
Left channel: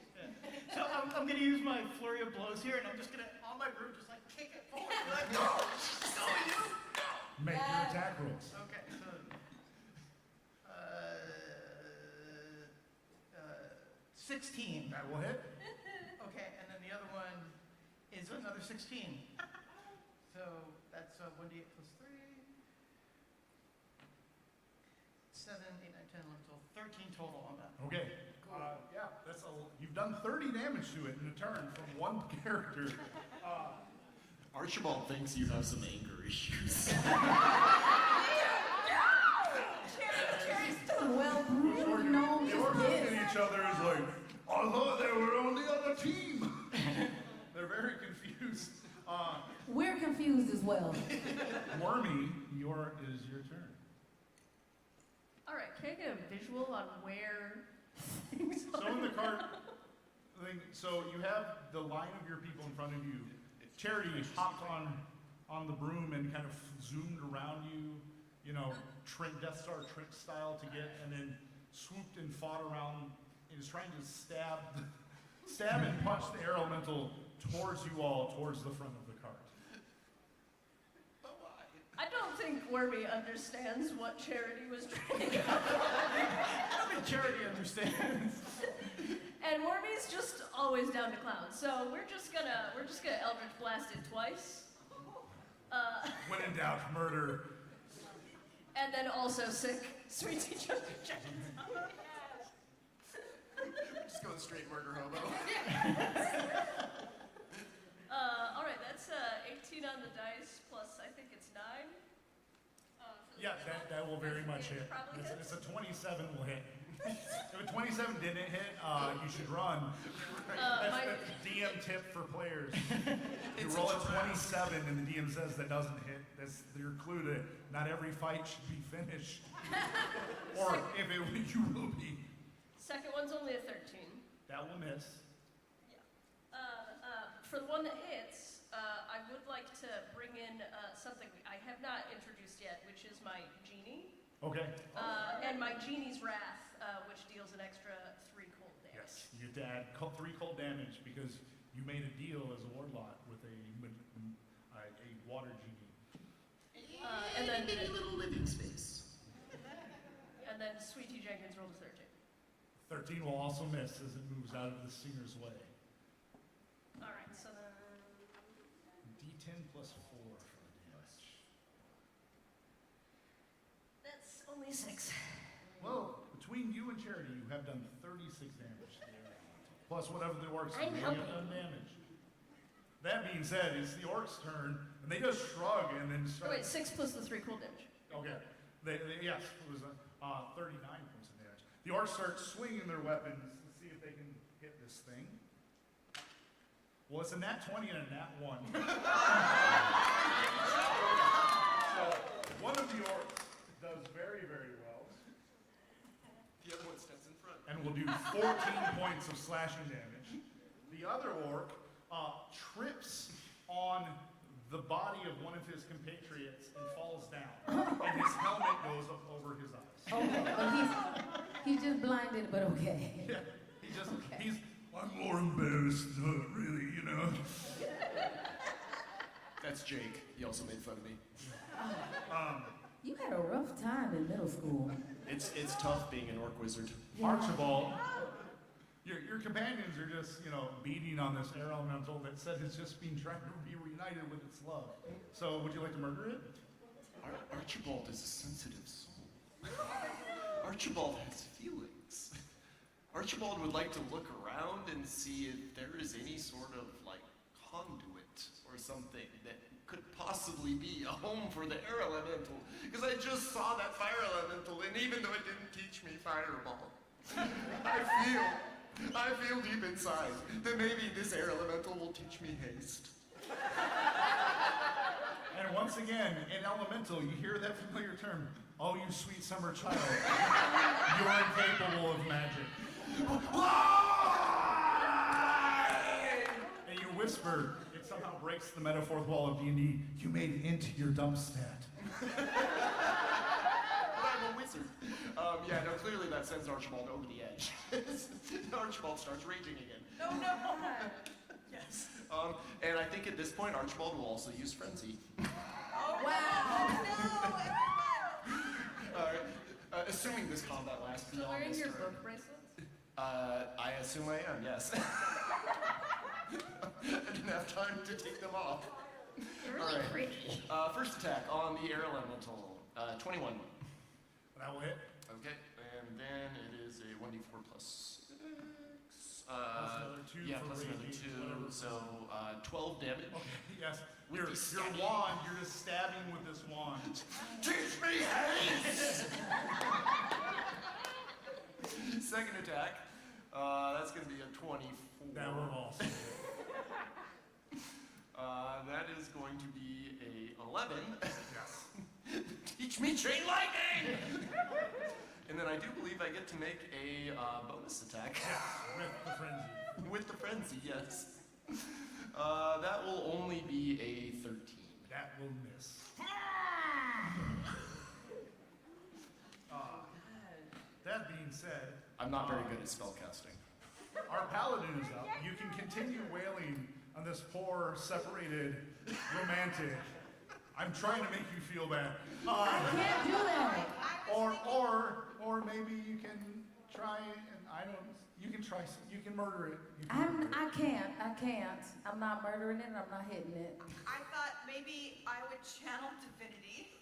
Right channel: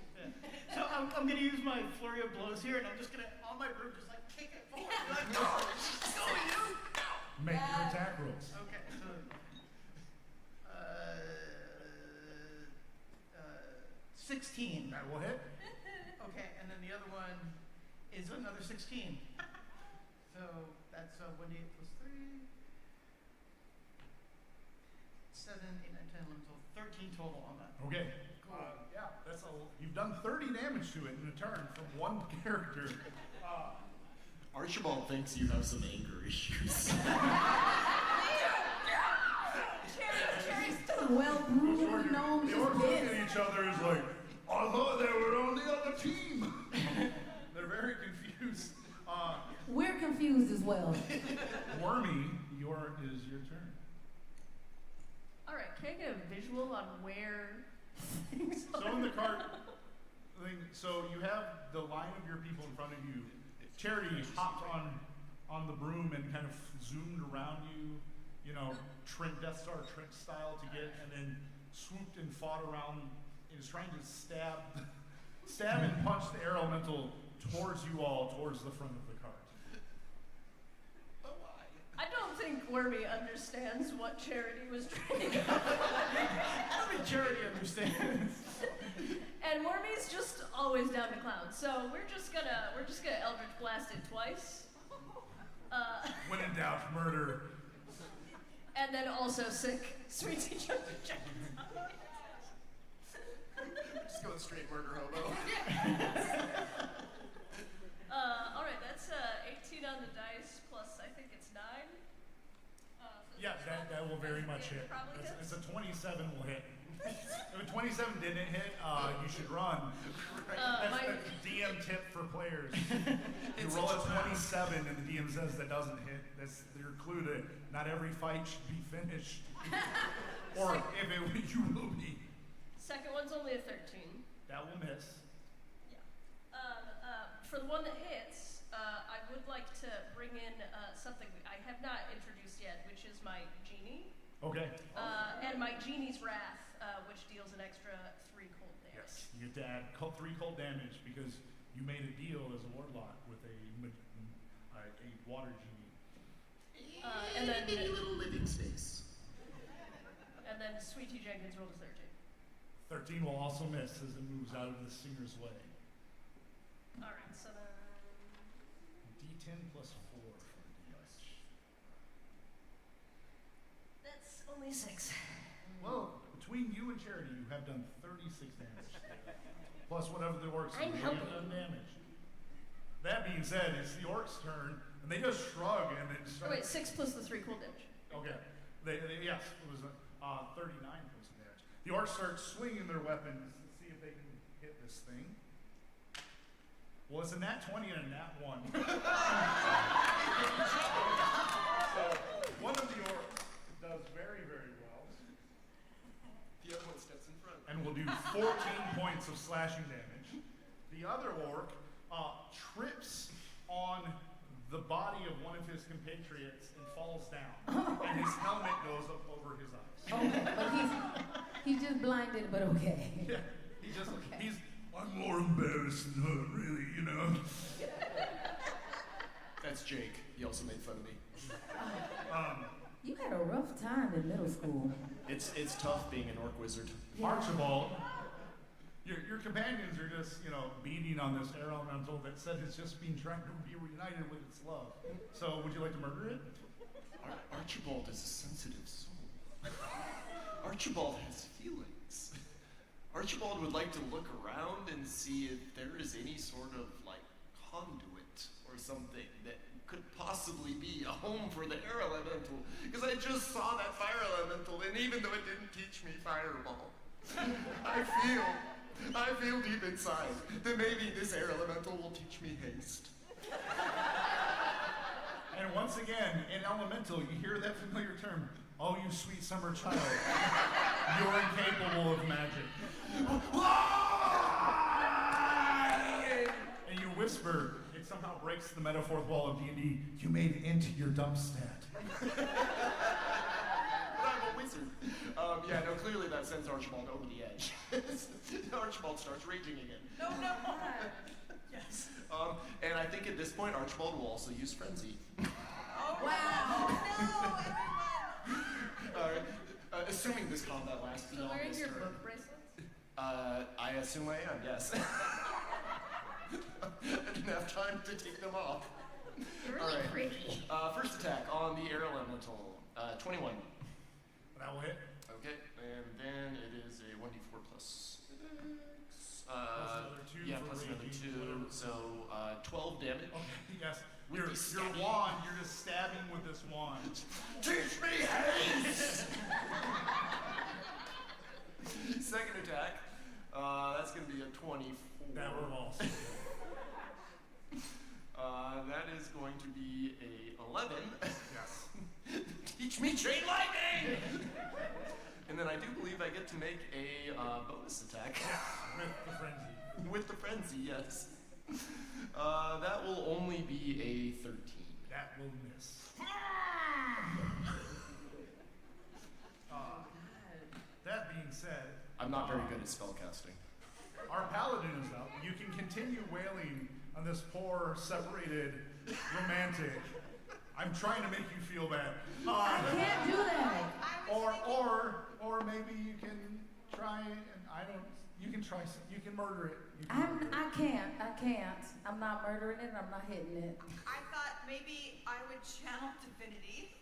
So I'm gonna use my flurry of blows here, and I'm just gonna, on my broom, just like kick it forward. Be like, go! Go, you! Go! Make your attack rolls. Okay, so 16. That will hit. Okay, and then the other one is another 16. So that's 1d8 plus 3. 7, 8, 9, 10, 11, 12, 13 total on that. Okay. You've done 30 damage to it in a turn from one character. Archibald thinks you have some anger issues. Well, brewed gnomes The orcs just look at pissed. each other as like, I thought they were on the other team. They're very confused. We're confused as well. Wormy, is your turn. All right, can I get a visual on where things are? So in the cart thing, so you have the line of your people in front of you. Charity hopped on the broom and kind of zoomed around you, Death Star Trent style to get, and then swooped and fought around and is trying to stab and punch the air elemental towards you all, towards the front of the cart. But why? I don't think Wormy understands what Charity was trying to go. I don't think Charity understands. And Wormy's just always down to clowns, so we're just gonna Eldritch Blast it twice. When in doubt, murder. And then also sick Sweet Tea Jungle Jackets. We're just going straight murder hobo. All right, that's 18 on the dice plus I think it's 9. For the Yeah, first one. that will very much hit. Probably It's hits. a 27 will hit. If a 27 didn't hit, you should run. That's My- the DM tip for players. You It's roll a a 27 and the DM says that doesn't hit. That's your clue to not every fight should be finished. Or if it you will be. Second one's only a 13. That will miss. Yeah. For the one that hits, I would like to bring in something I have not introduced yet, which is my genie. Okay. And my genie's wrath, which deals an extra 3 cold damage. Yes. You get to add 3 cold damage because you made a deal as a warlock with a water genie. And then maybe a little living space. And then Sweet Tea Jenkins rolled a 13. 13 will also miss as it moves out of the singer's way. All right, so then D10 plus 4 for the damage. that's only 6. Well, between you and Charity, you have done 36 damage there. Plus whatever the orcs I'm may helping. have done damage. That being said, it's the orcs' turn, and they just shrug and then Oh, start. wait, 6 plus the 3 cold damage. Okay. Yes, it was 39 points of damage. The orcs start swinging their weapons to see if they can hit this thing. Well, it's a nat 20 and a nat 1. So one of the orcs does very, very well. The other one steps in front. And will do 14 points of slashing damage. The other orc trips on the body of one of his compatriots and falls down. And his helmet goes up over his eyes. Okay, but he's just blinded, but okay. Yeah, I'm more embarrassed than her, really, you know. That's Jake. He also made fun of me. You had a rough time in middle school. It's tough being an orc wizard. Yeah. Archibald, your companions are just, beating on this air elemental that said it's just been trying to be reunited with its love. So, would you like to murder it? Archibald is a sensitive soul. Archibald has feelings. Archibald would like to look around and see if there is any sort of, conduit or something that could possibly be a home for the air elemental. Because I just saw that fire elemental, and even though it didn't teach me fireball, I feel deep inside that maybe this air elemental will teach me haste. And once again, in elemental, you hear that familiar term, "Oh, you sweet summer child, you're incapable of magic." And you whisper, it somehow breaks the meta fourth wall of D&D, "You made it into your dump stat." But I'm a wizard. Clearly that sends Archibald over the edge. Archibald starts raging again. No, no. Yes. And I think at this point, Archibald will also use Frenzy. Oh, wow. No, everyone. All right. Assuming this combat lasts So beyond wearing this your turn. book bracelets? I assume I am, yes. I didn't have time to take them off. They're really All right. pretty. First attack on the air elemental. 21. That will hit. Okay, and then it is a 1d4 plus 6. Plus another 2 yeah, for plus another raging, 2. whatever. So 12 damage. Okay, yes. With Your the stabby. wand, you're just stabbing with this wand. Teach me haste! Second attack. That's going to be a 24. That will also hit. That is going to be a 11. Yes. Teach me chain lightning! And then I do believe I get to make a bonus attack. With the frenzy. With the frenzy, yes. That will only be a 13. That will miss. That being said, I'm not very good at spellcasting. our paladin is up. You can continue wailing on this poor, separated romantic. I'm trying to make you feel bad. I can't do that. Or maybe you can try and you can try some, you can murder it. You can murder it. I can't. I'm not murdering it and I'm not hitting it. I thought maybe I would channel divinity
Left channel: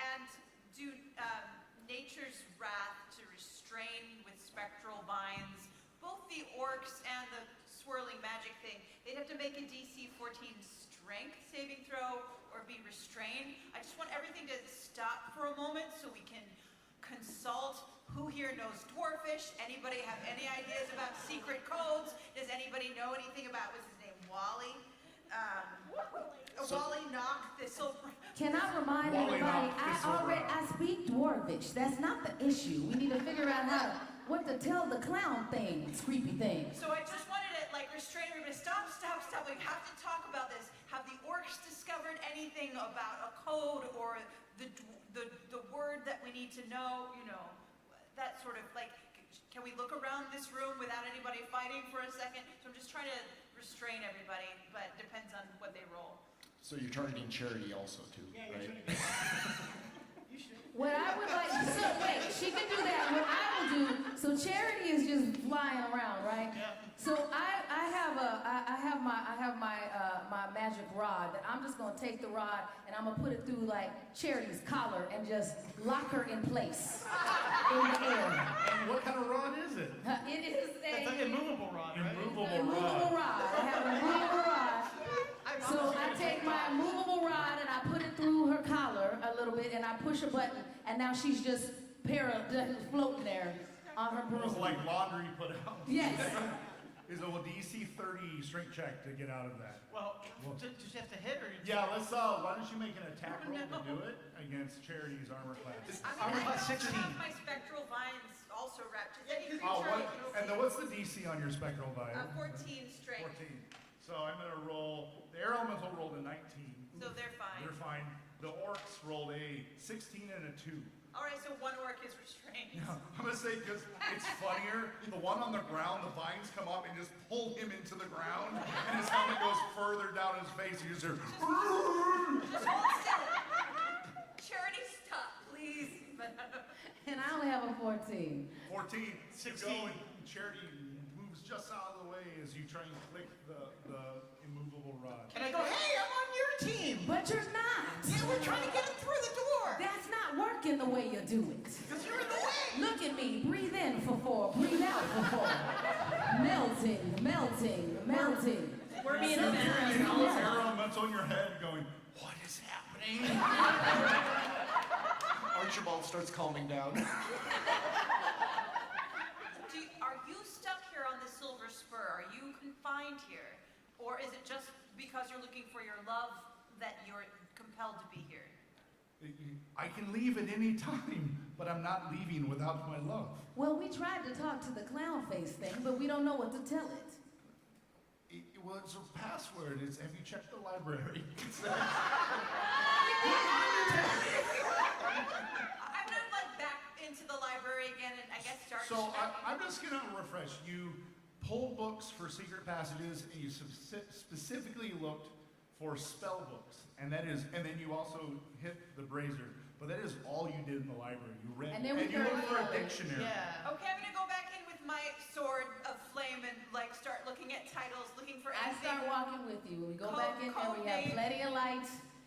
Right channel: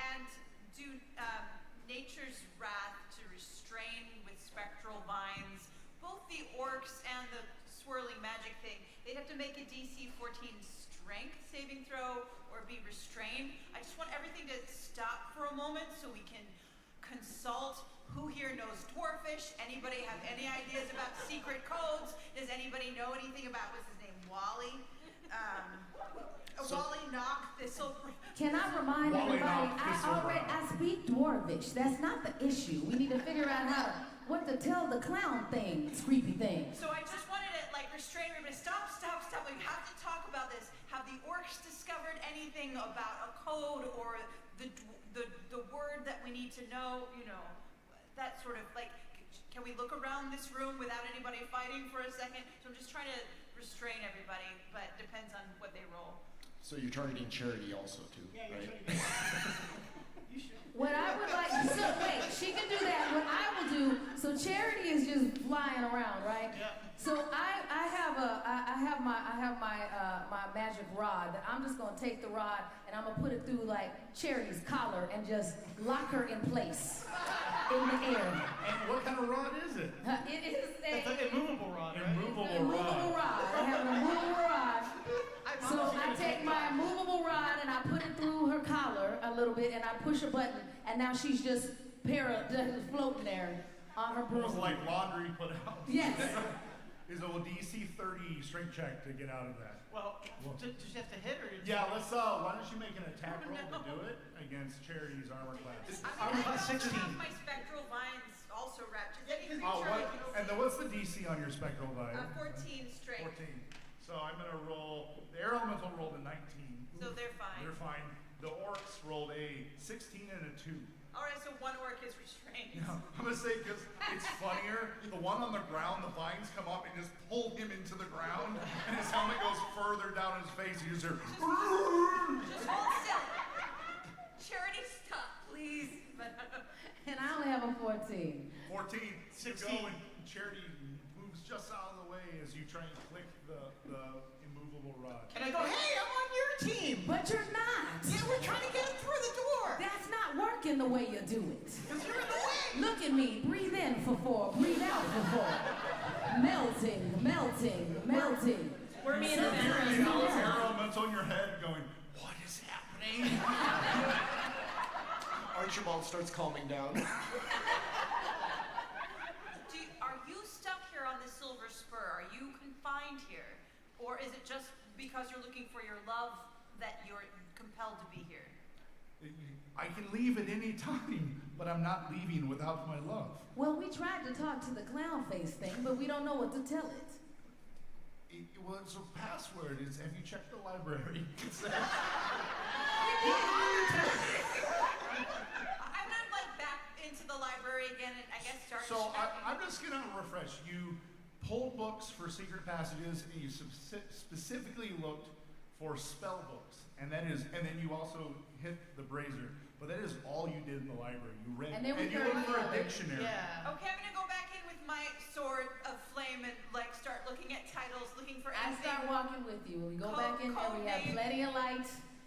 and do nature's wrath to restrain with spectral vines both the orcs and the swirling magic thing. They'd have to make a DC 14 strength saving throw or be restrained. I just want everything to stop for a moment so we can consult. Who here knows dwarfish? Anybody have any ideas about secret codes? Does anybody know anything about, what's his name, Wally? Wally Knock Thistle. Can I remind Wally everybody, Knock I speak Dwarvish. That's not the issue. We need to figure out what to tell the clown things, creepy things. So I just wanted to restrain everybody. Stop. We have to talk about this. Have the orcs discovered anything about a code or the word that we need to know? That sort of can we look around this room without anybody fighting for a second? So I'm just trying to restrain everybody, but depends on what they roll. So you're targeting charity also too, right? You should. What I would like, so wait, she can do that. What I will do, so Charity is just flying around, right? Yeah. So I have my magic rod that I'm just gonna take the rod and I'm gonna put it through like Charity's collar and just lock her in place in the air. And what kind of rod is it? It is That's an immovable rod, right? immovable rod. I have an immovable rod. So I take my immovable rod and I put it through her collar a little bit and I push a button and now she's just floating there on her broom. Almost like laundry put out. Yes. Is a DC 30 strength check to get out of that. Well, does she have to hit or? Yeah, let's. Why don't you make an attack roll to do it against Charity's armor class? Armor class I 16. also have my spectral vines also wrapped. Does any creature Oh, what? I can And see? then what's the DC on your spectral vibe? 14 strength. 14. So I'm gonna roll. The air elemental rolled a 19. So they're fine. They're fine. The orcs rolled a 16 and a 2. All right, so one orc is restrained. Yeah, I'm gonna say because it's funnier. The one on the ground, the vines come up and just pull him into the ground, and his helmet goes further down his face. And you just hear. Just hold still. Charity, stop, please. And I only have a 14. 14. 16. You go and Charity moves just out of the way as you try and click the immovable rod. And I go, hey, I'm on your team. But you're not. Yeah, we're trying to get it through the door. That's not working the way you do it. Because you're in the way. Look at me. Breathe in for 4. Breathe out for 4. Melting, melting, melting. Wormy in the You background. have Yeah. this air elemental in your head going, what is happening? Archibald starts calming down. Are you stuck here on the Silver Spur? Are you confined here? Or is it just because you're looking for your love that you're compelled to be here? I can leave at any time, but I'm not leaving without my love. Well, we tried to talk to the clown face thing, but we don't know what to tell it. Well, it's a password. It's, have you checked the library? It says- I'm gonna like back into the library again and I guess start. So checking. I'm just gonna refresh. You pulled books for secret passages, and you specifically looked for spell books, and then you also hit the brazier. But that is all you did in the library. You read And then we you heard looked for a the other. dictionary. Yeah. Okay, I'm gonna go back in with my sword of flame and like start looking at titles, looking for I anything. start walking with you. We go Code- back in there, we have code name. plenty of light,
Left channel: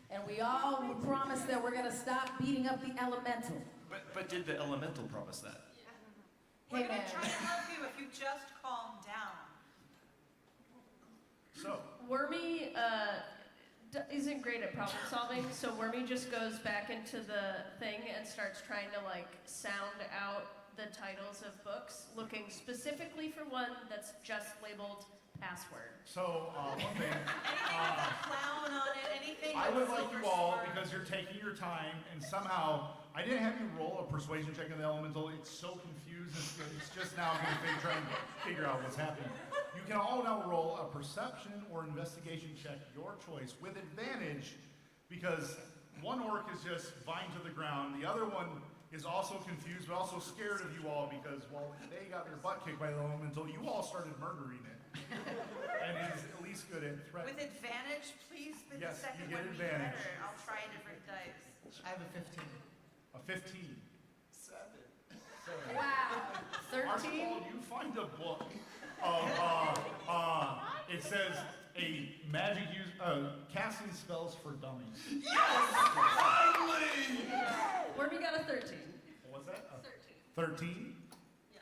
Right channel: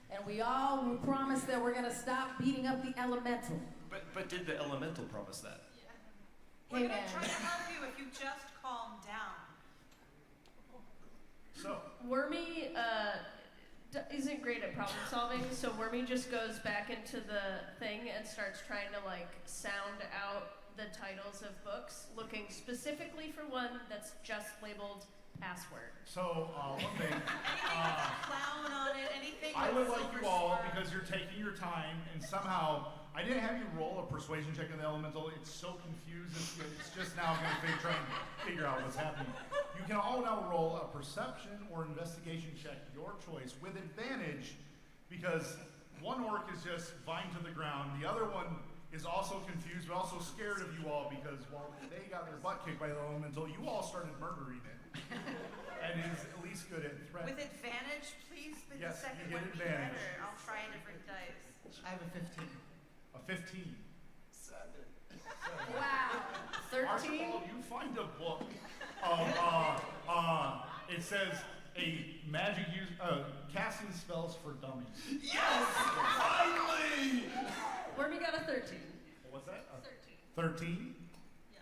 and we all promise that we're gonna stop beating up the elemental. But did the elemental promise that? Hey, We're gonna man. try to help you if you just calm down. So Wormy isn't great at problem solving, so Wormy just goes back into the thing and starts trying to like sound out the titles of books, looking specifically for one that's just labeled password. one thing. Anything with a clown on it, anything I with would like silver you all, spur. because you're taking your time, and somehow I didn't have you roll a persuasion check on the elemental. It's so confused. It's just now going to try and figure out what's happening. You can all now roll a perception or investigation check, your choice, with advantage, because one orc is just vine to the ground. The other one is also confused, but also scared of you all, because while they got their butt kicked by the elemental, you all started murdering it. And is at least good at threat. With advantage, please. But Yes, the second you get one advantage. be better. I'll try a different dice. I have a 15. A 15. 7. Wow. 13? Archibald, you find a book of, it says a magic casting spells for dummies. Yes! Finally! Wormy got a 13. What's that? 13. 13? Yeah.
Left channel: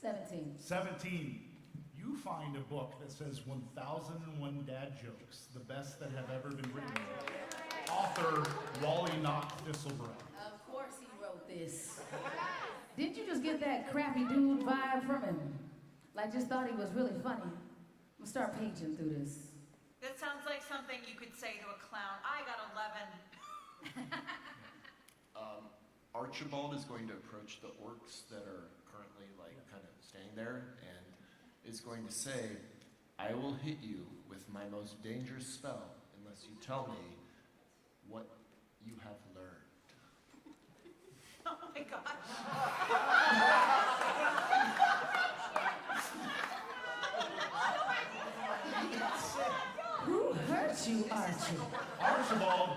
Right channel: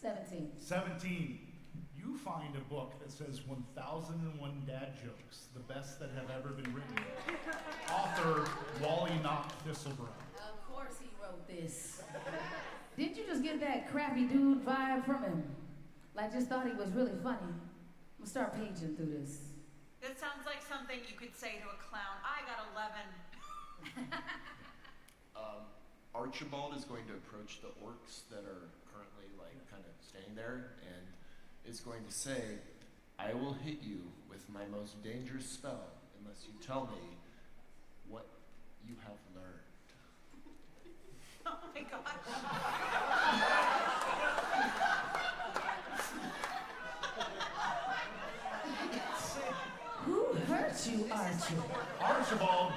17. 17. You find a book that says 1001 Dad Jokes, the best that have ever been written. Author Wally Knock Thistlebrow. Of course he wrote this. Didn't you just get that crappy dude vibe from him? Like just thought he was really funny. I'm gonna start paging through this. That sounds like something you could say to a clown. I got 11. Archibald is going to approach the orcs that are currently like kind of standing there and is going to say, I will hit you with my most dangerous spell unless you tell me what you have learned. Oh my gosh. Who Who hurt you, Archie? Archibald,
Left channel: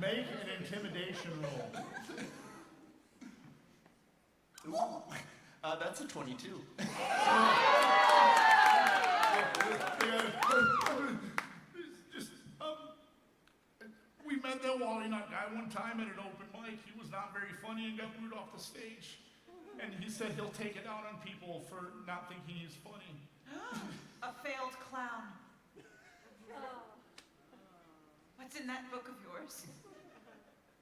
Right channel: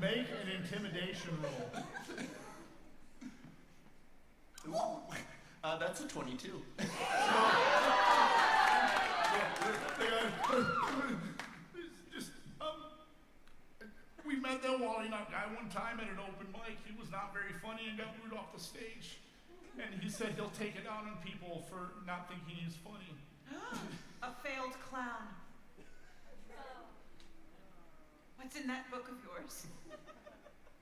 make an intimidation roll. Ooh, that's a 22. We met that Wally Nut guy one time at an open mic. He was not very funny and got booed off the stage. And he said he'll take it out on people for not thinking he's funny. A failed clown. What's in that book of yours?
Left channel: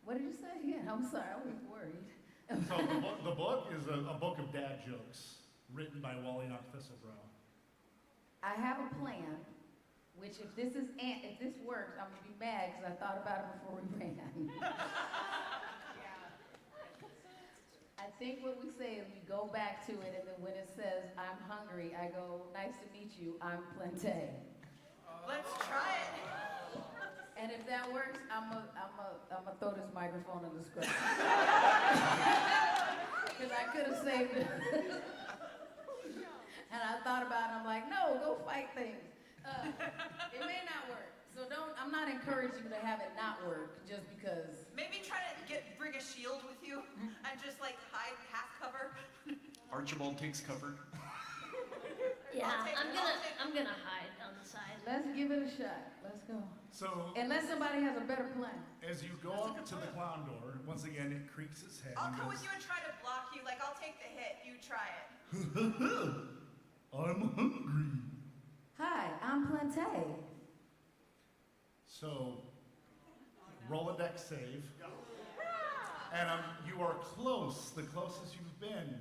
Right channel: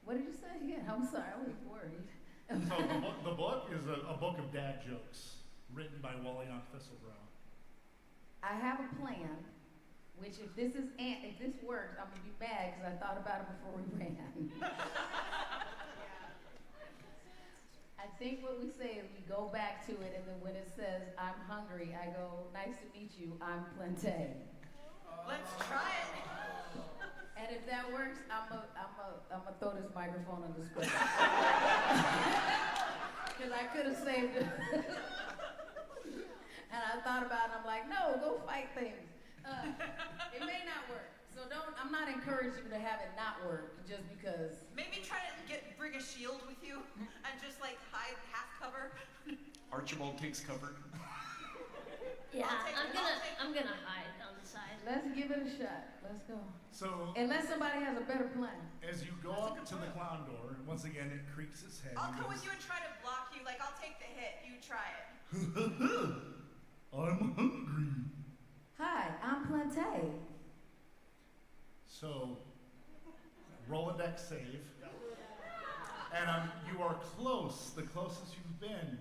What did you say again? I'm sorry, I was worried. So the book is a book of dad jokes written by Wally Knock Thistlebrow. I have a plan, which if this works, I'm gonna be mad because I thought about it before we ran. I think what we say is we go back to it, and then when it says I'm hungry, I go, nice to meet you, I'm Plante. Let's try it. And if that works, I'm throw this microphone in the script. Because I could have saved it. And I thought about it, I'm like, no, go fight things. It may not work. So I'm not encouraging you to have it not work just because. Maybe try to bring a shield with you and just like hide half cover. Archibald takes cover. Yeah, I'm I'm gonna hide on the side. Let's give it a shot. Let's go. So Unless somebody has a better plan. as you go up to the clown door, once again it creaks its head. I'll and come goes, with you and try to block you. Like, I'll take the hit. You try it. I'm hungry. Hi, I'm Plante. So roll a deck save. And you are close, the closest you've been.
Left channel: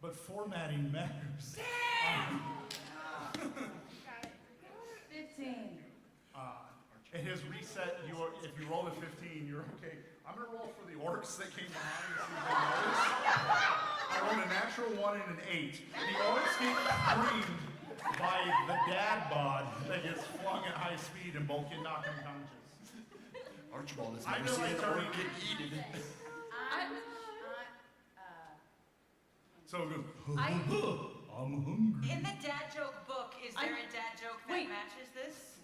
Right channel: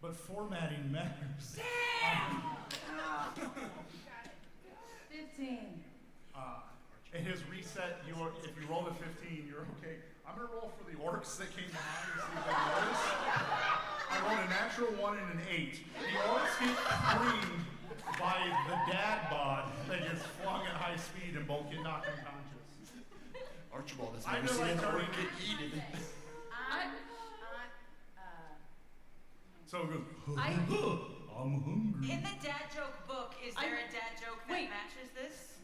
But formatting matters. 15. It has reset if you rolled a 15, you're okay. I'm gonna roll for the orcs that came behind and see if they notice. I rolled a natural 1 and an 8. The orcs get creamed by the dad bod that gets flung at high speed and both get knocked unconscious. Archibald has I never feel seen like an orc turning- get eaten. So it goes, I- I'm hungry. In the dad joke book, is there I- a dad joke that Wait. matches this?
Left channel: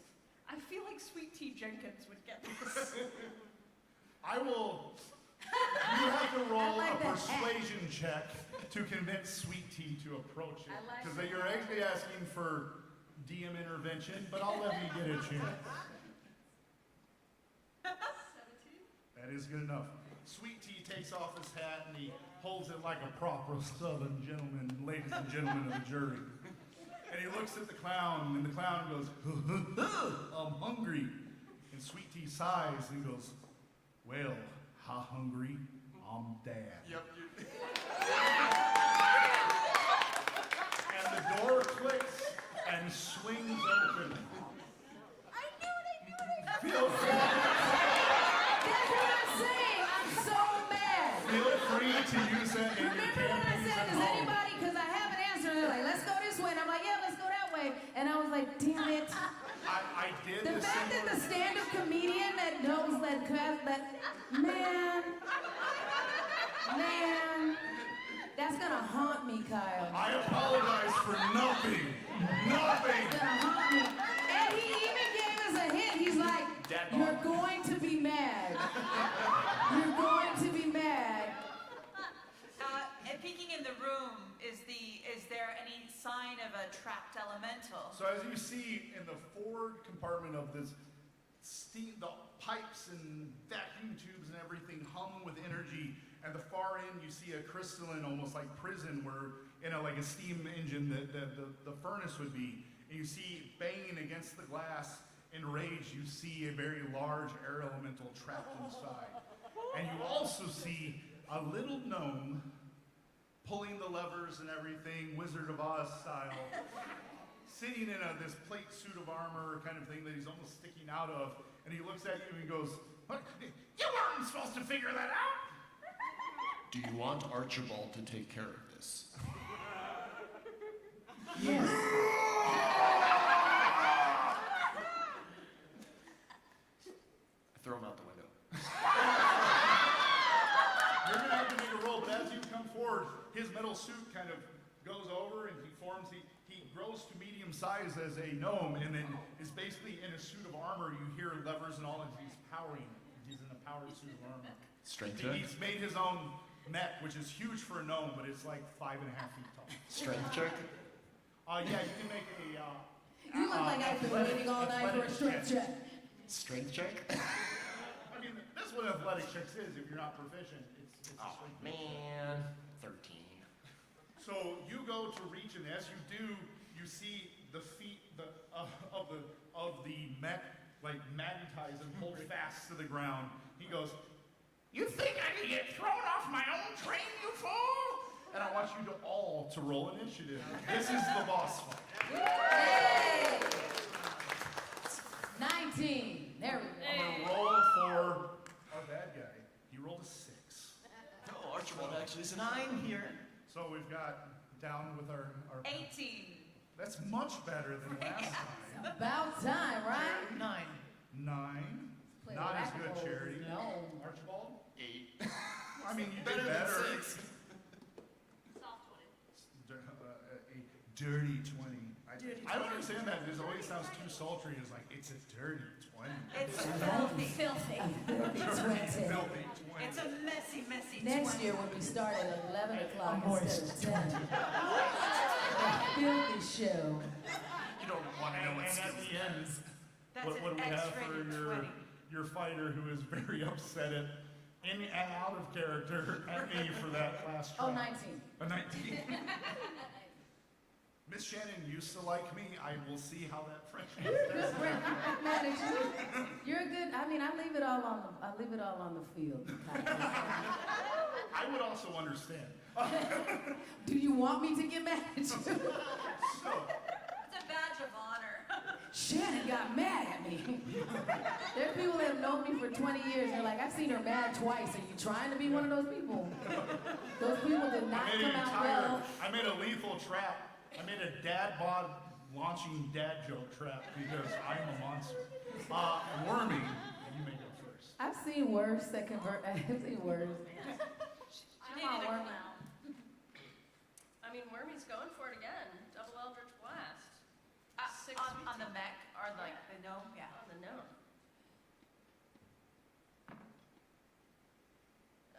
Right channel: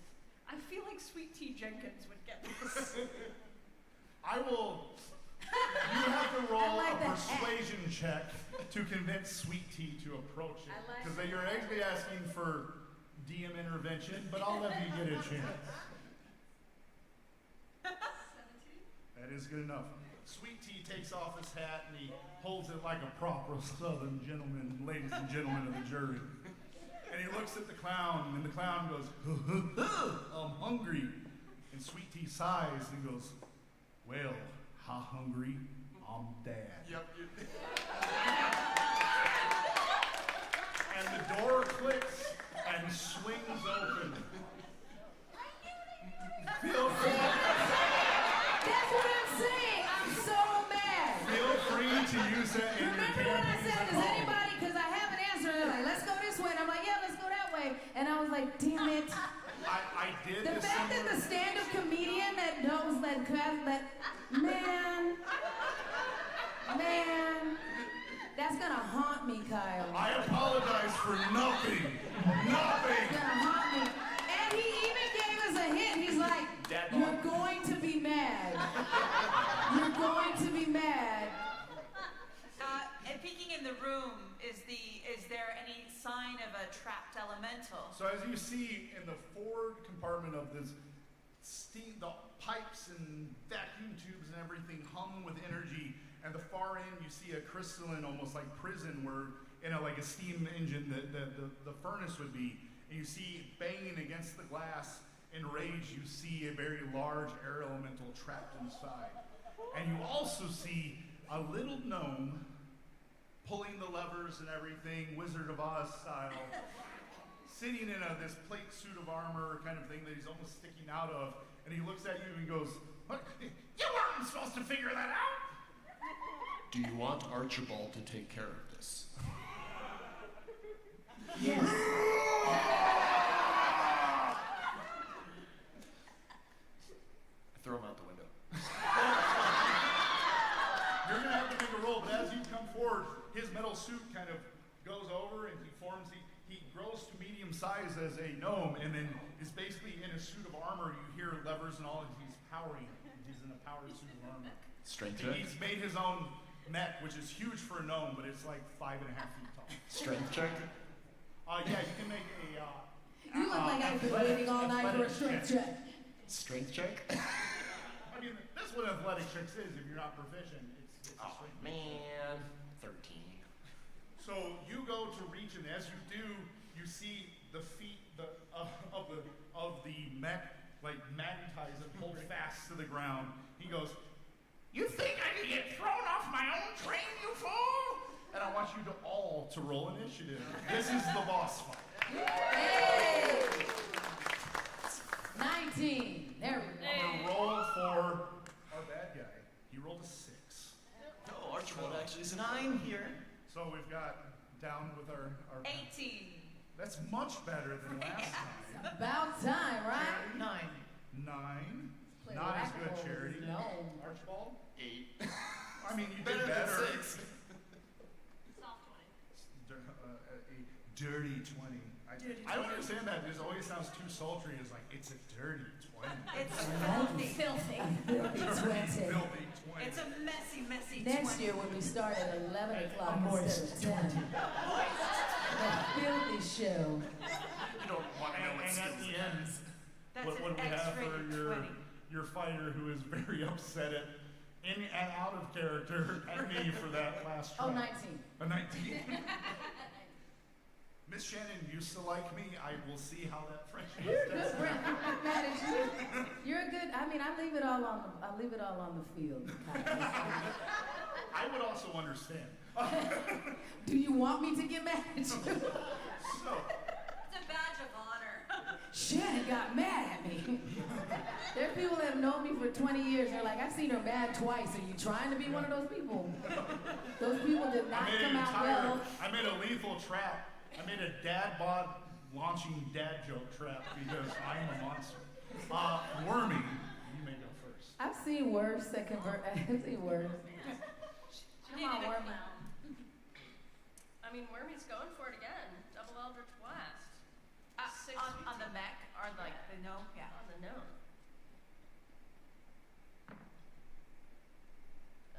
I feel like Sweet Tea Jenkins would get this. I will. You have to roll I like a that. persuasion check to convince Sweet Tea to approach it. I like Because that. you're actually asking for DM intervention, but I'll let you get a chance. 17? That is good enough. Sweet Tea takes off his hat and he holds it like a proper Southern gentleman, ladies and gentlemen of the jury. And he looks at the clown, and the clown goes, I'm hungry. And Sweet Tea sighs and goes, well, how hungry? I'm dad. Yep. And the door clicks and swings open. Feel free, That's what I'm saying. I'm so mad. feel free to use that in your Remember when I campaigns said, at does home. anybody, because I have an answer, and they're like, let's go this way. And I'm like, yeah, let's go that way. And I was like, damn it. I did The this fact that the similar. stand-up comedian that knows that, man, that's gonna haunt me, Kyle. I apologize for nothing. It's Nothing. gonna haunt me. And he even gave us a hint. He's like, Dad you're bod. going to be mad. You're going to be mad. And peeking in the room, is there any sign of a trapped elemental? So as you see in the forward compartment of this steam, the pipes and vacuum tubes and everything hum with energy, and the far end you see a crystalline, almost like prison, where like a steam engine that the furnace would be, and you see banging against the glass in rage. You see a very large air elemental trapped inside, and you also see a little gnome pulling the levers and everything, Wizard of Oz style, sitting in this plate suit of armor kind of thing that he's almost sticking out of, and he looks at you and goes, "What? You weren't supposed to figure that out?" Do you want Archibald to take care of this? Yes. I throw him out the window. You're gonna have to make a roll, but as you come forward, his metal suit kind of goes over and he grows grows to medium size as a gnome, and then is basically in a suit of armor. You hear levers and all, and he's powering. He's in a powered suit of armor. Strength check. He's made his own mech, which is huge for a gnome, but it's like 5.5 feet tall. Strength check. Yeah, you can make a. You look like I've been waiting all night for a strength check. Strength check. I mean, that's what athletic checks is. If you're not proficient, it's a Oh strength. man, 13. So you go to reach, and as you do, you see the feet of the mech like magnetize and hold fast to the ground. He goes, "You think I can get thrown off my own train, you fool?" And I want you to all to roll initiative. This is the boss fight. Hey! 19. There we go. I'm gonna roll for our bad guy. He rolled a 6. No, Archibald actually is a 9 here. So we've got down with our 18. That's much better than last time. About time, right? 9. 9. Play Not as good, whack-a-mole with Charity. his gnome. Archibald? 8. I mean, you Better did than better. 6. Soft 20. A dirty 20. I don't understand that. It always sounds too sultry. It's like, it's a dirty 20. It's filthy. Filthy. Filthy Dirty, 20. filthy 20. It's a messy, messy Next 20. year when we start at 11 o'clock moist instead of 10. The filthy show. You don't want to know what and at skills the it end, has. That's what do an we have for X-rated 20. your fighter who is very upset at in and out of character at me for that last try? Oh, 19. A 19. Miss Shannan used to like me. I will see how that friendship Good, tests Brent. out. I'm not mad at you. You're a good. I mean, I leave it all on the field. Kyle. I would also understand. Do you want me to get mad at you? So, It's a badge of honor. Shannon got mad at me. There's people that have known me for 20 years. They're like, I've seen her mad twice. Are you trying to be one of those people? Those people did not come out well. I made a lethal trap. I made a dad bod launching dad joke trap because I'm a monster. Wormy, you may go first. I've seen worse that convert. I've seen worse. She Come on, needed a Wormy. clown. I mean, Wormy's going for it again. Double Eldritch Blast. Six On the mech, or like the gnome, yeah. On the gnome. I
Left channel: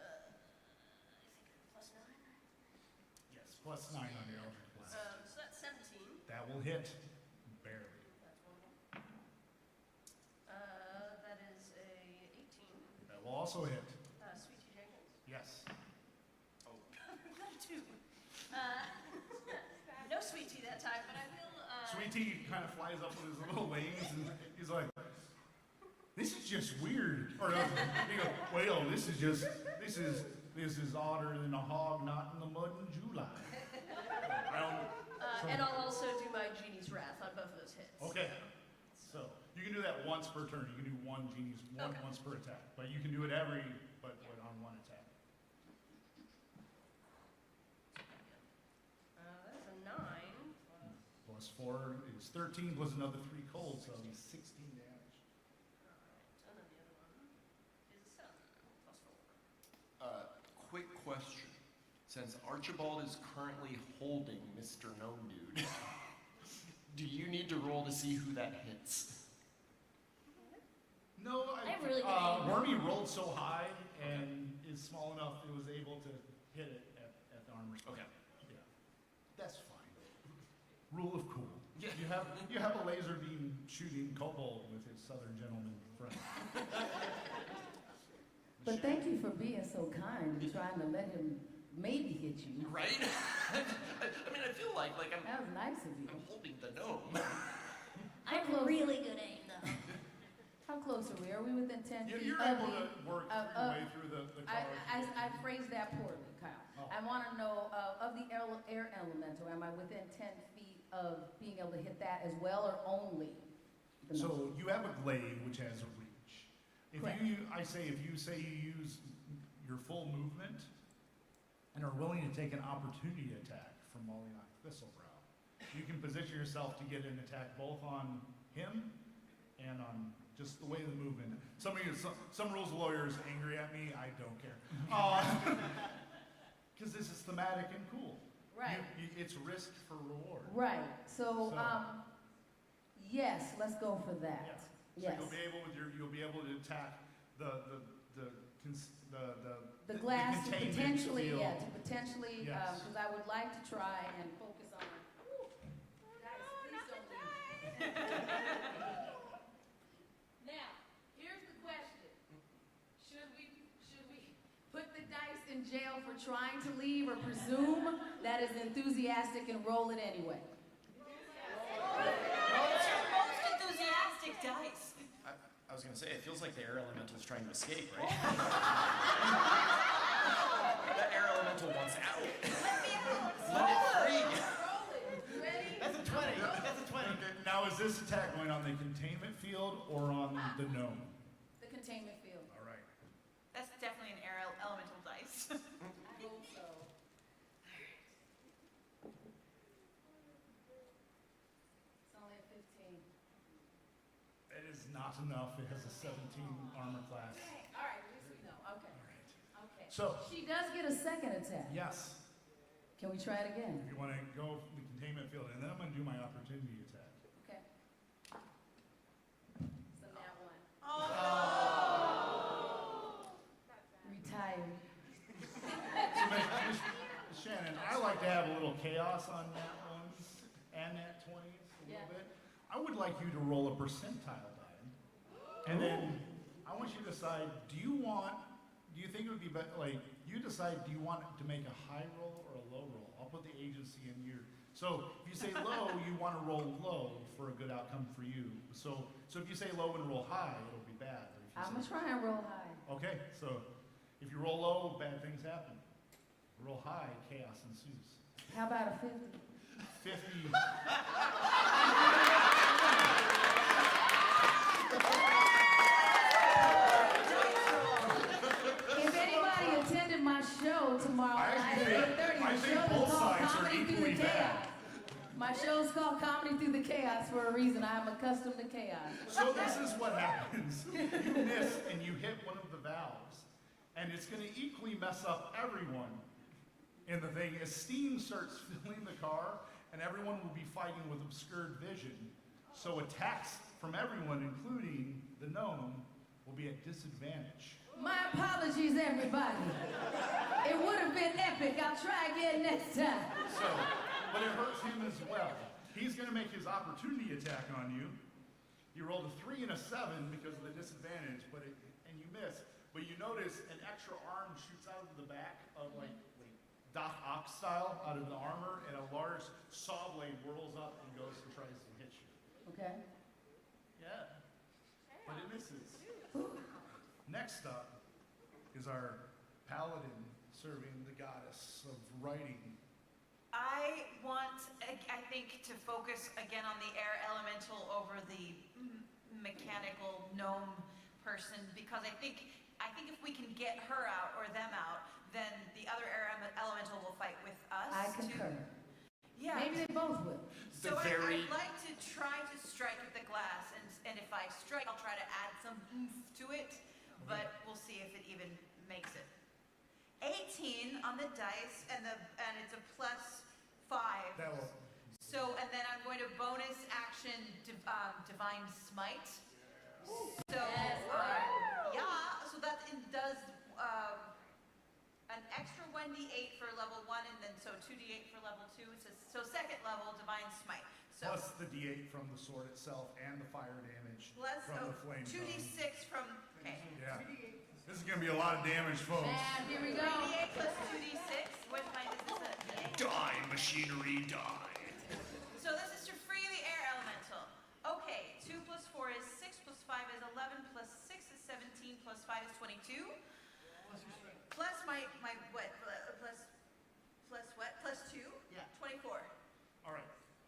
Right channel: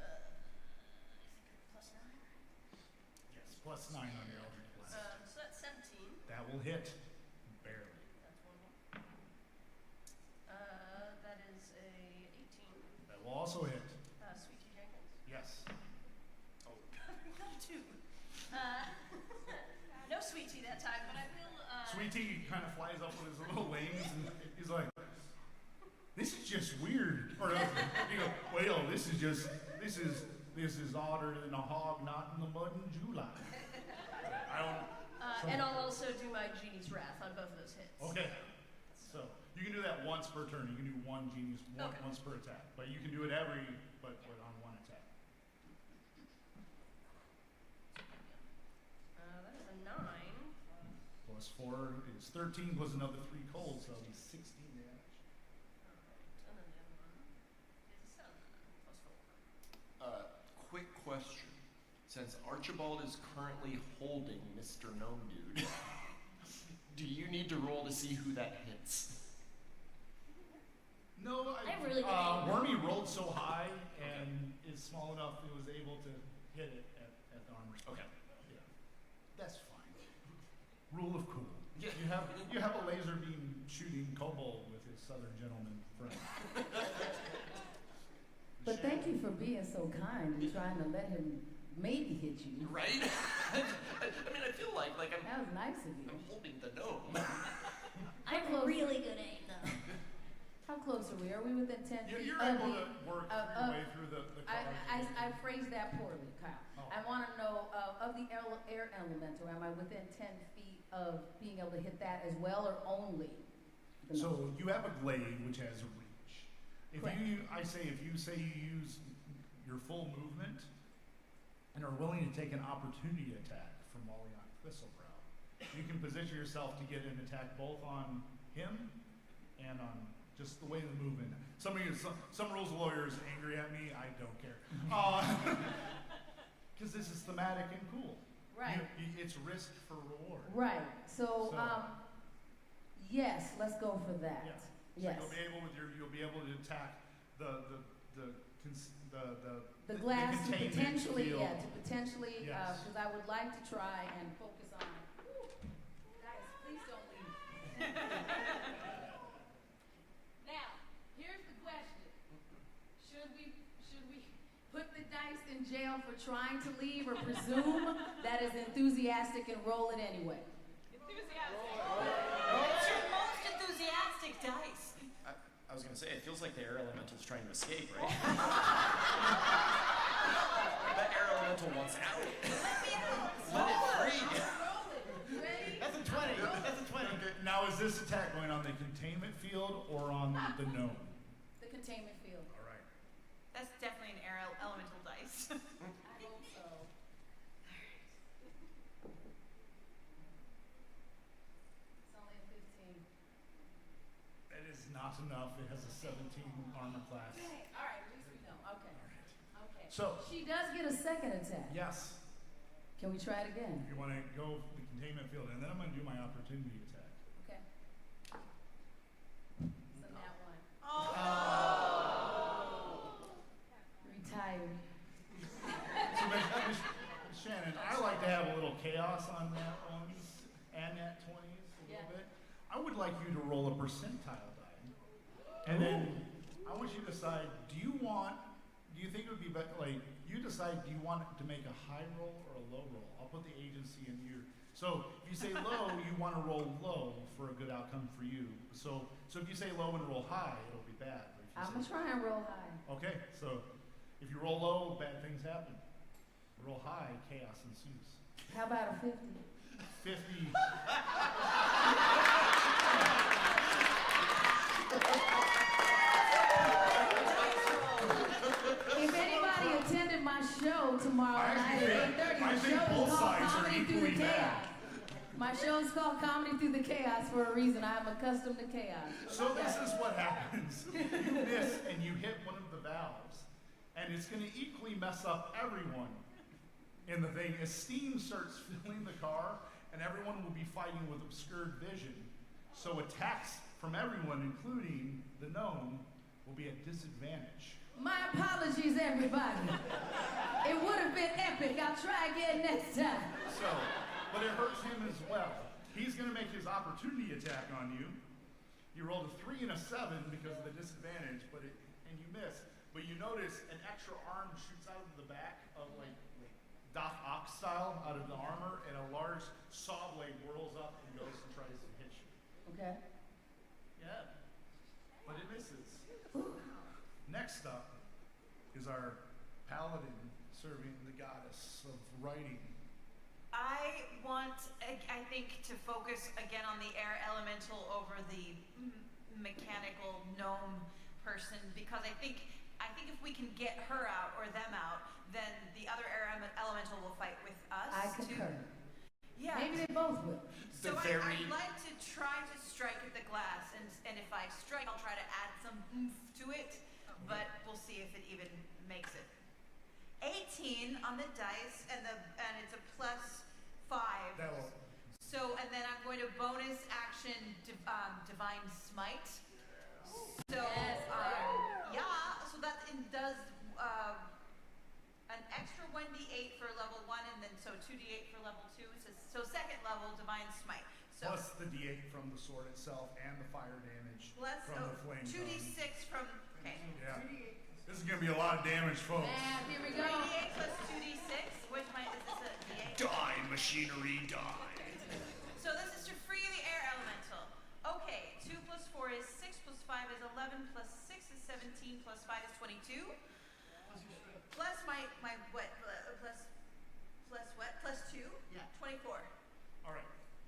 think plus 9, right? Yes, plus 9 on your Eldritch Blast. So that's 17. That will hit. Barely. That's one of them. That is a 18. That will also hit. Sweet Tea Jenkins. Yes. Not a 2. No Sweet Tea that time, but I will. Sweet Tea kind of flies up with his little wings and he's like, "This is just weird." Or you go, "Well, this is odder than a hog not in the mud in July." I don't. And I'll also do my Genie's Wrath on both of those hits. Okay. So you can do that once per turn. You can do one Genie's Okay. once per attack, but you can do it but on one attack. That is a 9. Plus 4 is 13, plus another 3 cold, so that'll be 16 damage. Alright, and then the other one is a 7 plus 4. Quick question. Since Archibald is currently holding Mr. Gnome Dude, do you need to roll to see who that hits? No, I have really good aim. Wormy rolled so high and is small enough it was able to hit it at the armor spot. Okay. Yeah. That's fine. Rule of cool. Yeah. You have a laser beam shooting kobold with his southern gentleman friend. But thank you for being so kind and trying to let him maybe hit you. Right? I mean, I feel like I'm That was nice of you. holding the gnome. I have close. really good aim, though. How close are we? Are we within 10 feet You're of able the... to work your way through the cars. I phrased that poorly, Kyle. Oh. I want to know, of the air elemental, am I within 10 feet of being able to hit that as well, or only the gnome? So you have a glaive which has a reach. If Correct. you say you use your full movement and are willing to take an opportunity attack from Mollynock Thistlebrow, you can position yourself to get an attack both on him and on just the way of the movement. Some rules lawyers angry at me. I don't care, because this is thematic and cool. Right. It's risk for reward. Right. So, So- yes, let's go for that. Yeah. So Yes. you'll be able to attack the glass to containment potentially, field. to potentially, Yes. because I would like to try and focus on. Woo, guys, please don't leave. Now, here's the question: Should we put the dice in jail for trying to leave, or presume that is enthusiastic and roll it anyway? It's your most enthusiastic dice. I was gonna say, it feels like the air elemental's trying to escape, right? That air elemental wants out. Let me out. Let it free. Roll it. You ready? That's a 20. That's a 20. Okay, now, is this attack going on the containment field or on the gnome? The containment field. All right. That's definitely an air elemental dice. I hope so. It's only a 15. It is not enough. It has a 17 armor class. All right, at least we know. Okay. All right. Okay. So, She does get a second attack. yes, Can we try it again? if you want to go the containment field, and then I'm going to do my opportunity attack. Okay. So that one. Retired. So, Miss Shannon, I like to have a little chaos on nat ones and nat 20s a Yeah. little bit. I would like you to roll a percentile die, and then I want you to decide: do you think it would be better? Like, you decide: do you want to make a high roll or a low roll? I'll put the agency in your. So if you say low, you want to roll low for a good outcome for you. So if you say low and roll high, it'll be bad. But if you I'm say, gonna try and roll high. okay, so if you roll low, bad things happen. Roll high, chaos ensues. How about a 50? 50. If anybody attended my show tomorrow I night actually at 8:30, think- I the think show is both called sides are Comedy Through the equally bad. Chaos. My show is called Comedy Through the Chaos for a reason. I am accustomed to chaos. So this is what happens. You miss and you hit one of the valves, and it's going to equally mess up everyone in the thing. As steam starts filling the car, and everyone will be fighting with obscured vision, so attacks from everyone, including the gnome, will be at disadvantage. My apologies, everybody. It would have been epic. I'll try again next time. So, but it hurts him as well. He's going to make his opportunity attack on you. You rolled a 3 and a 7 because of the disadvantage, and you miss. But you notice an extra arm shoots out of the back of like Doc Ock style out of the armor, and a large saw blade whirls up and goes and tries to hit you. Okay. Yeah, but it misses. Next up is our paladin serving the goddess of writing. I want, I think, to focus again on the air elemental over the mechanical gnome person, because I think if we can get her out or them out, then the other air elemental will fight with us. I concur. Yeah. Maybe they both will. So I'd like to try to strike at the glass, and if I strike, I'll try to add some oomph to it, but we'll see if it even makes it. 18 on the dice, and it's a +5. That will. So, and then I'm going to bonus action divine smite. So, Yes, yeah, so that does an extra 1d8 for level 1, and then so 2d8 for level 2. So second level divine smite. So Plus the d8 from the sword itself and the fire damage plus from the flame. 2d6 from, okay. Yeah. This is going to be a lot of damage, folks. Math, here we go. 3d8 plus 2d6. Which one is this? A d8? Die, machinery, die. So this is to free the air elemental. Okay, 2 plus 4 is 6 plus 5 is 11 plus 6 is 17 plus 5 is 22. Plus my what? Plus what? Plus 2? Yeah. 24. All right.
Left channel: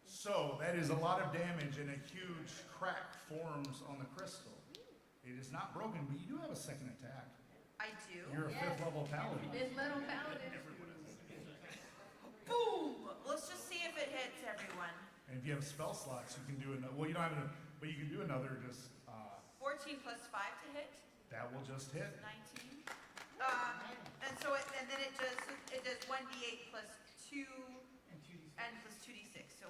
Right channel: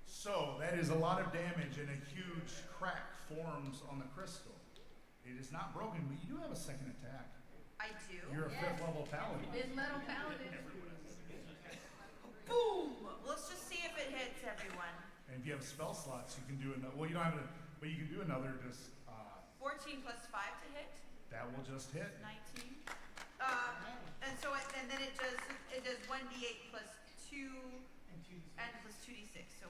So that is a lot of damage, and a huge crack forms on the crystal. It is not broken, but you do have a second attack. I do. You're a Yes. 5th level paladin. This little paladin. Boom! Let's just see if it hits everyone. And if you have spell slots, you can do another. Well, you don't have it, but you can do another. Just 14 plus 5 to hit. that will just hit. 19. And so and then it does 1d8 plus 2 And 2d6. And plus 2d6. So,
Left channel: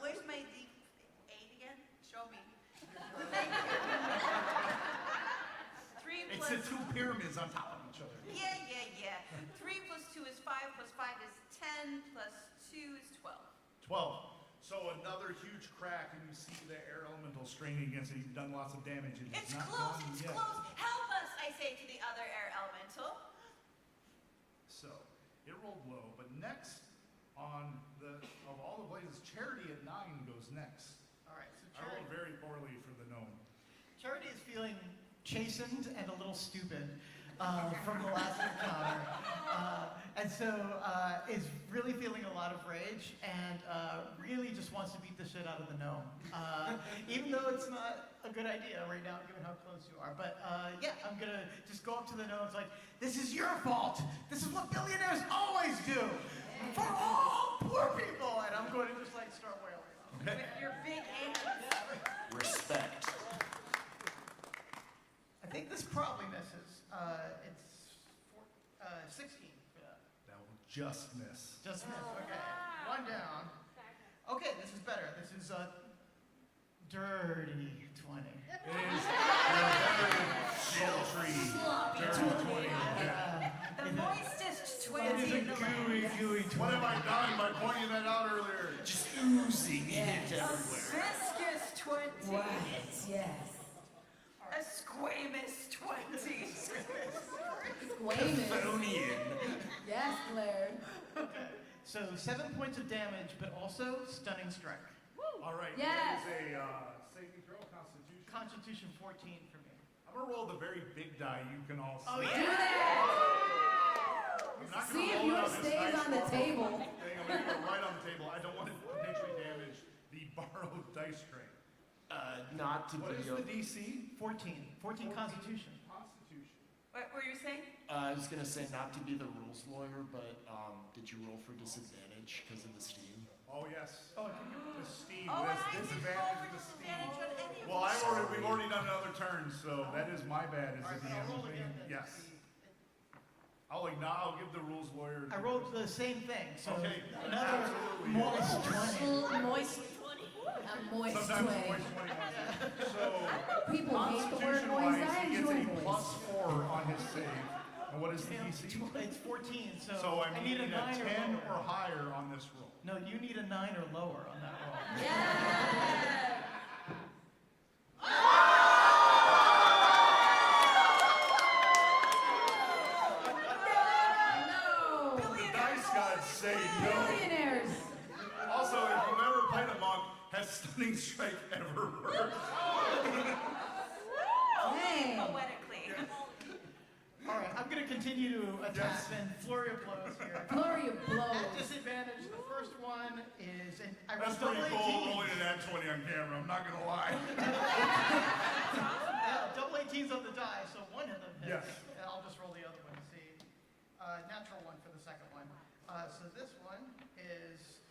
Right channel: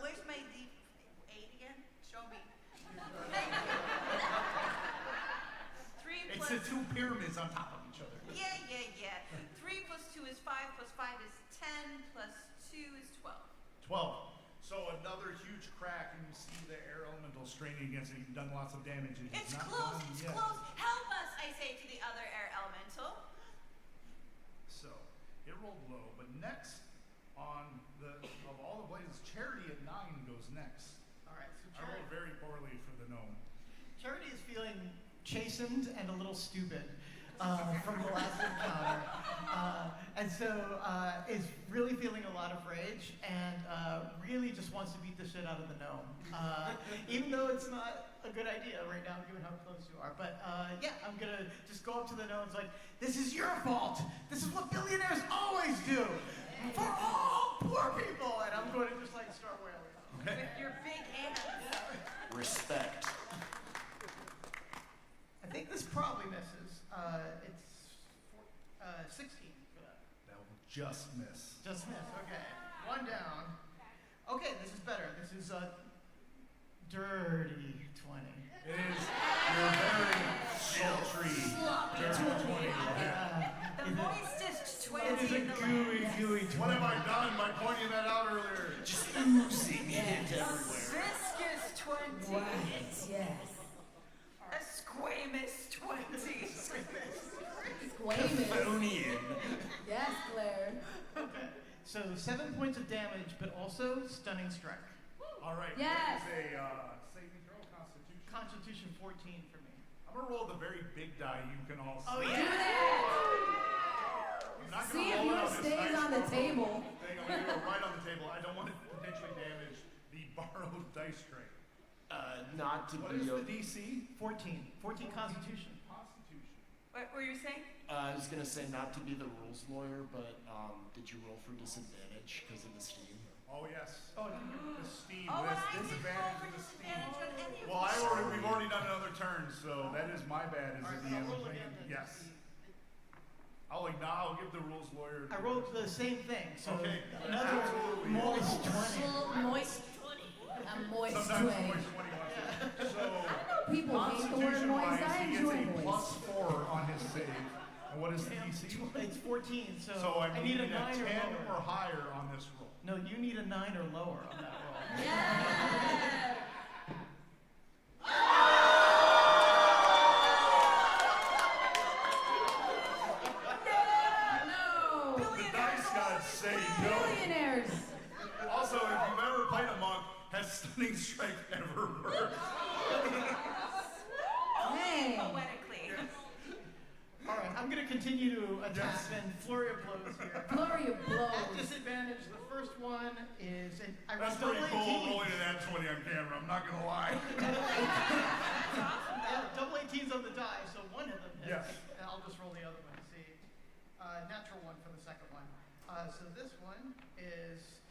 where's my d8 again? Show me. Thank you. 3 It's plus. the two pyramids on top of each other. Yeah. 3 plus 2 is 5, plus 5 is 10, plus 2 is 12. 12. So another huge crack, and you see the air elemental straining against it. You've done lots of damage. It's not close, done it's yet. close. Help us, I say to the other air elemental. So it rolled low, but next on of all the blazes, Charity at 9 goes next. All right, so I rolled very poorly for the gnome. Charity is feeling chastened and a little stupid from the last encounter. And so is really feeling a lot of rage and really just wants to beat the shit out of the gnome. Even though it's not a good idea right now, given how close you are. But yeah, I'm going to just go up to the gnome and it's like, this is your fault. This is what billionaires always do for all poor people. And I'm going to just like start wailing on him. Okay. With your big hands. Respect. I think this probably misses. It's 16 for that. That will just miss. Just missed. Okay. One down. Okay, this is better. This is a dirty 20. It is your very sultry, dirty 20 will hit. The moistest 20 It is a in the gooey, land. gooey 20. What have I done by pointing that out earlier? Just oozing hit A everywhere. viscous 20. Yes. A squamous 20. Squamous. Phonian. Yes, Claire. Okay. So 7 points of damage, but also stunning strike. All right. Yes. That is a saving throw, Constitution. Constitution 14 for me. I'm going to roll the very big die you can all see. Oh, Do yeah. that. I'm not See going to if roll it yours on this stays nice on the borrowed table. thing. I'm going to do it right on the table. I don't want to potentially damage the borrowed dice tray. Not to What be is a... the DC? 14. 14 Constitution. Constitution. What were you saying? I was gonna say not to be the rules lawyer, but did you roll for disadvantage because of the steam? Oh, yes. Oh, The steam. Oh, and This I didn't roll disadvantage for of the steam. disadvantage on any of Well, them. we've already done another turn, so that is my bad as all right, the but I'll DM. roll again then. to Yes. see. I'll give the rules lawyer. I rolled the same thing, so Okay, another absolutely. moist 20. Moist 20. A moist Sometimes 20. moist 20 wants it. So, People hate the word moist. Constitution-wise, I he enjoy gets a moist. +4 on his save. And what is the Damn, DC? It's 14, so, So I need need a 9 a 10 or lower. or higher on this roll. No, you need a 9 or lower on that roll. Yeah. No. The dice gods say no. Billionaires. Also, if you've ever played a monk, has Stunning Strike ever worked? Dang. Poetically. All right, I'm going to continue to attack Yes. then. Flurry of blows here. Flurry of At blows. disadvantage, the first one is, and I That's rolled pretty double cool 18s. rolling an at 20 on camera, I'm not gonna lie. That's awesome. Yeah, double 18s on the die, so one of them hits. Yes. And I'll just roll the other one to see. Natural one for the second one. So this one is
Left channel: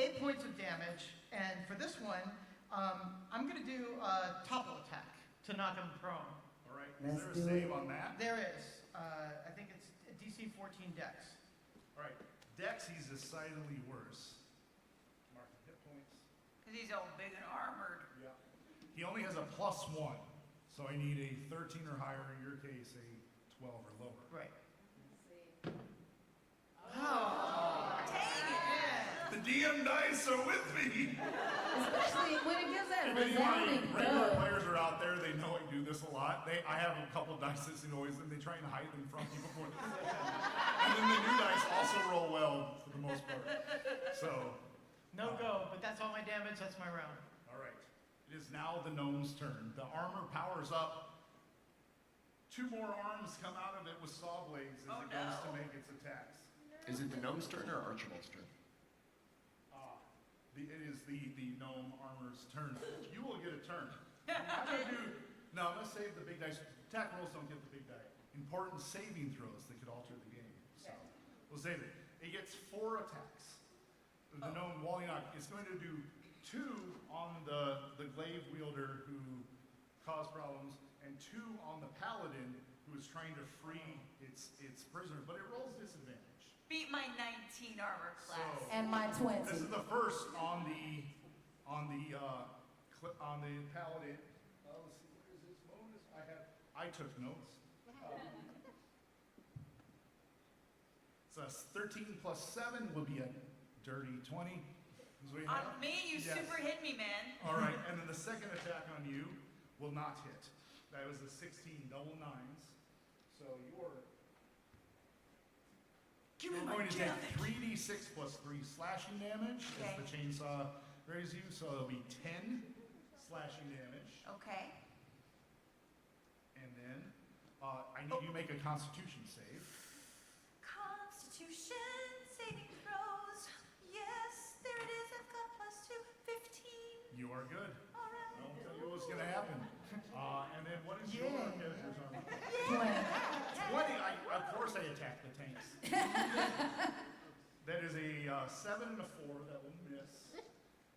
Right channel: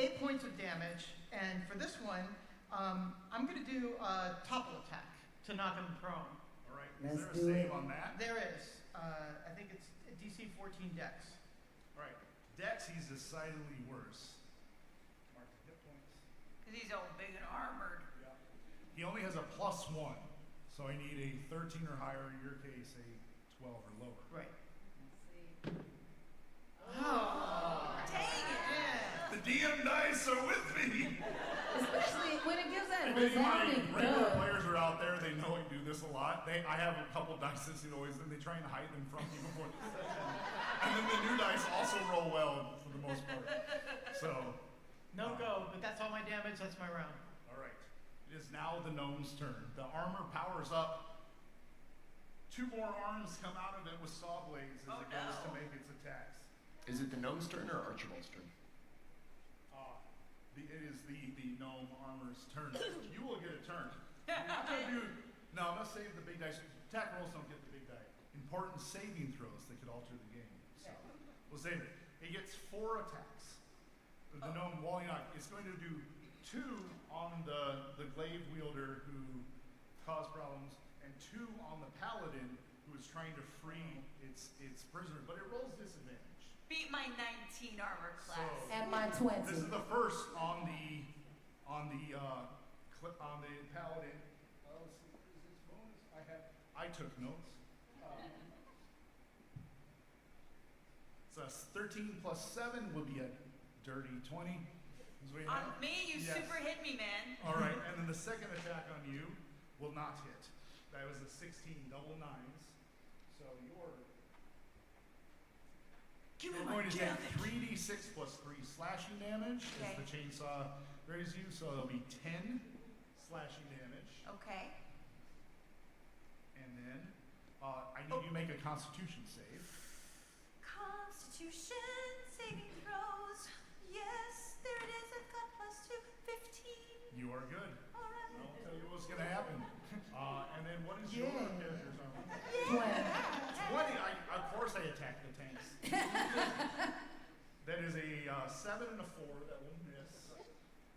8 points of damage, and for this one, I'm going to do a topple attack to knock him prone. All right, Let's is do there a it. save on that? There is. I think it's DC 14 Dex. All right, Dex, he's decidedly worse. Mark the hit points. Because he's all big and armored. Yeah. He only has a +1, so I need a 13 or higher, in your case, a 12 or lower. Right. Let's see. Oh, Dang it. yeah. The DM dice are with me! Especially when it gives that If any of my resounding regular thud. players are out there, they know I do this a lot. I have a couple dice that always, and they try and hide them from me before the session. And then the new dice also roll well for the most part. So, No go, but that's all my damage. That's my round. all right. It is now the gnome's turn. The armor powers up. 2 more arms come out of it with saw blades as Oh, it goes to no. make its attacks. Is it the gnome's turn or Archibald's turn? It is the gnome armor's turn. You will get a turn. I'm gonna save the big dice. Attack rolls don't get the big die. Important saving throws that could alter the game. So we'll save it. It gets 4 attacks. The gnome Wallynock is going to do 2 on the glaive wielder who caused problems, and 2 on the paladin who is trying to free its prisoner, but it rolls disadvantage. Beat my 19 armor class. So, And my 20. this is the first on the paladin. Let's see, what is his bonus? I took notes. So 13 plus 7 will be a dirty 20. On me, you Yes. super hit me, man. All right, and then the second attack on you will not hit. That was a 16, double nines. So you're going to take 3d6 plus 3 slashing damage as the chainsaw raises you. So it'll be 10 slashing damage. Okay. And then I need you to make a Constitution save. Constitution saving throws. Yes, there it is. I've got +2, 15. You are good. All right. I won't tell you what's going to happen. And then what is your character's armor? 20. Of course I attack the tanks. That is a 7 and a 4 that will miss.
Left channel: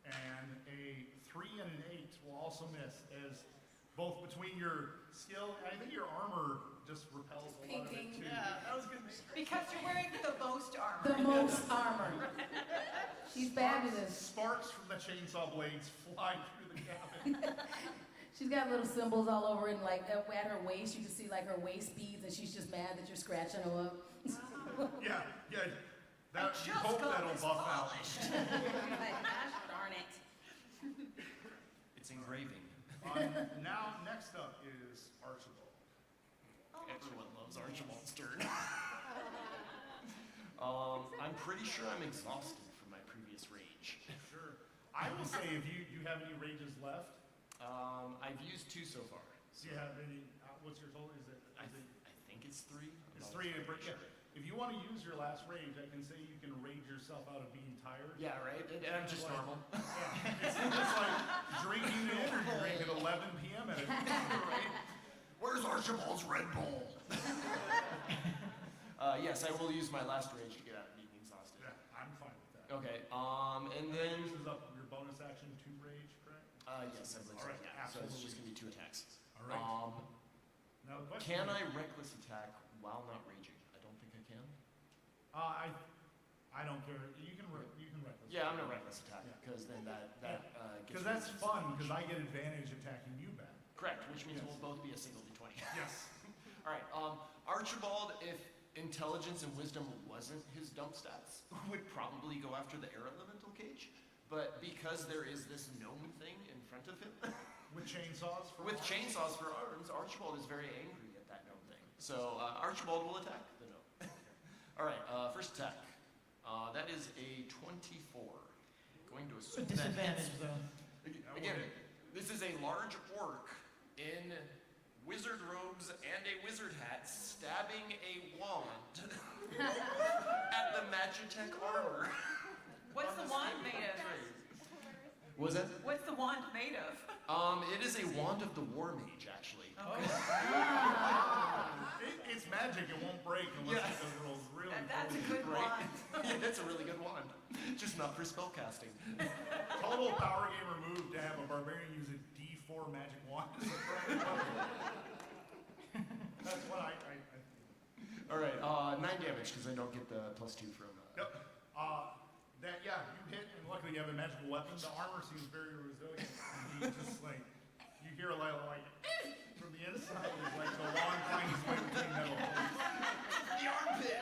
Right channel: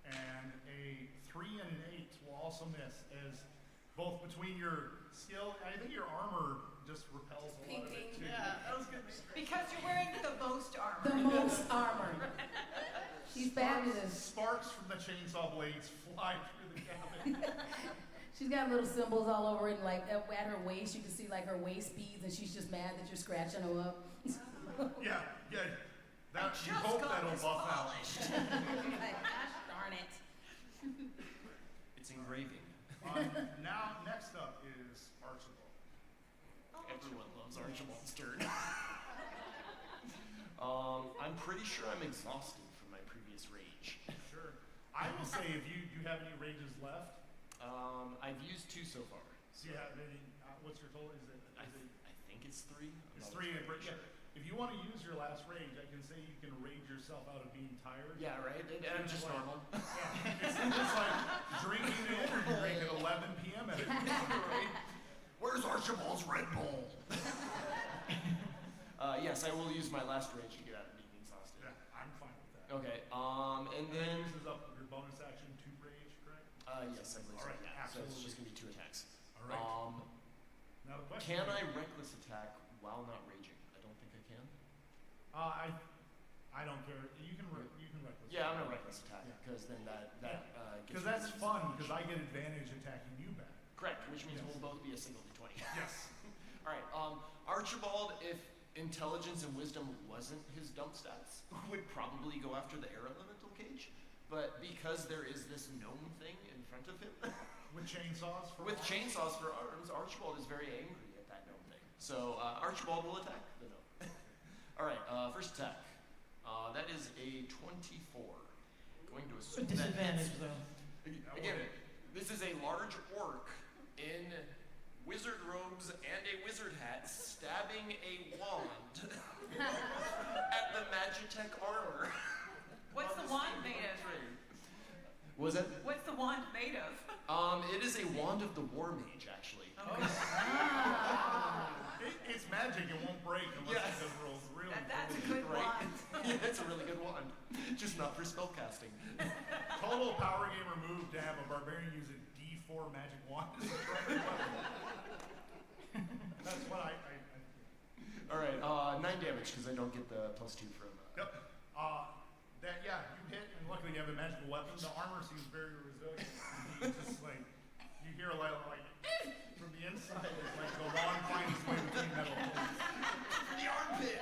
And a 3 and an 8 will also miss, as both between your skill, I think your armor just repels a lot of it too. Yeah, that was good. Because you're wearing the most armor. The most armor. She's fabulous. Sparks from the chainsaw blades fly through the cabin. She's got little symbols all over it, and like at her waist, you can see like her waist beads, and she's just mad that you're scratching her up. Yeah. That, you hope that'll buff polished. Like, gosh darn it. It's engraving. out. Now, next up is Archibald. Everyone loves Archibald's turn. I'm pretty sure I'm exhausted from my previous rage. Sure. I will say, if you have any rages left, I've used 2 so far. do you have any? What's your total? I think it's 3. It's 3. If you want to use your last rage, I can say you can rage yourself out of being tired. Yeah, right? I'm just normal. Yeah. It's like drinking an energy drink at 11 p.m. at a Right? Where's Archibald's Red Bull? Yes, I will use my last rage to get out of being exhausted. Yeah, I'm fine with that. Okay, and then... That uses up your bonus action to rage, correct? Yes, I believe All so. right, Yeah, so it's absolutely. just going to be 2 attacks. All right. Now the question Can is, I reckless attack while not raging? I don't think I can. I don't care. You can reckless. Yeah, I'm going to reckless attack, Yeah. because then that gets Because rid that's of fun, disadvantage. because I get advantage attacking you back. Correct, which means Yes. we'll both be a single d20. Yes. All right, Archibald, if intelligence and wisdom wasn't his dump stats, would probably go after the air elemental cage. But because there is this gnome thing in front of him, With chainsaws for with arms? chainsaws for arms, Archibald is very angry at that gnome thing. So Archibald will attack the gnome. All right, first attack. That is a 24. Going to assume Disadvantage that though. again, this is a large orc in wizard robes and a wizard hat stabbing a wand at the Magitech armor. What's the wand made of? Was it? What's the wand made of? It is a wand of the War Mage, actually. It's magic. It won't break unless Yeah. it does rolls really. That's a cool. good Right? wand. Yeah, it's a really good wand. Just not for spellcasting. Total power gamer move to have a barbarian use a D4 magic wand as a primary weapon. That's what I All right, 9 damage because I don't get the +2 from. Yep. You hit, and luckily you have a magical weapon. The armor seems very resilient. You just like, you hear a little like from the inside. It's like the wand finds its way between metal plates. The armpit.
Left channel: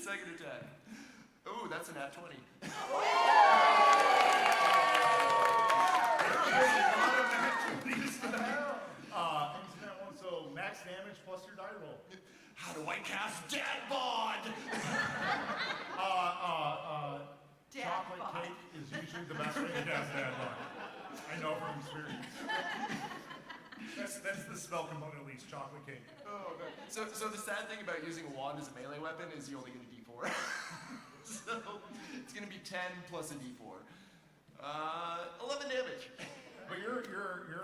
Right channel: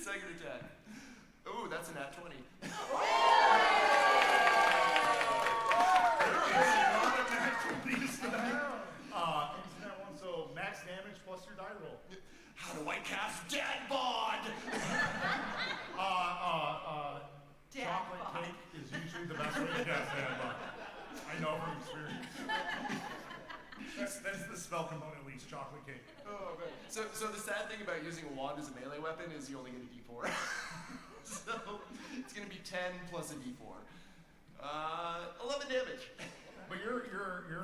Second attack. Ooh, that's a nat 20. There is a lot of nat 20s tonight. Thanks for that one. So max damage plus your die roll. How do I cast Dad Bod? Dad Chocolate bod. cake is usually the best way to cast Dad Bod. I know from experience. That's the spell component at least, chocolate cake. Oh man. So the sad thing about using a wand as a melee weapon is you only get a d4. So it's gonna be 10 plus a d4. 11 damage. But you're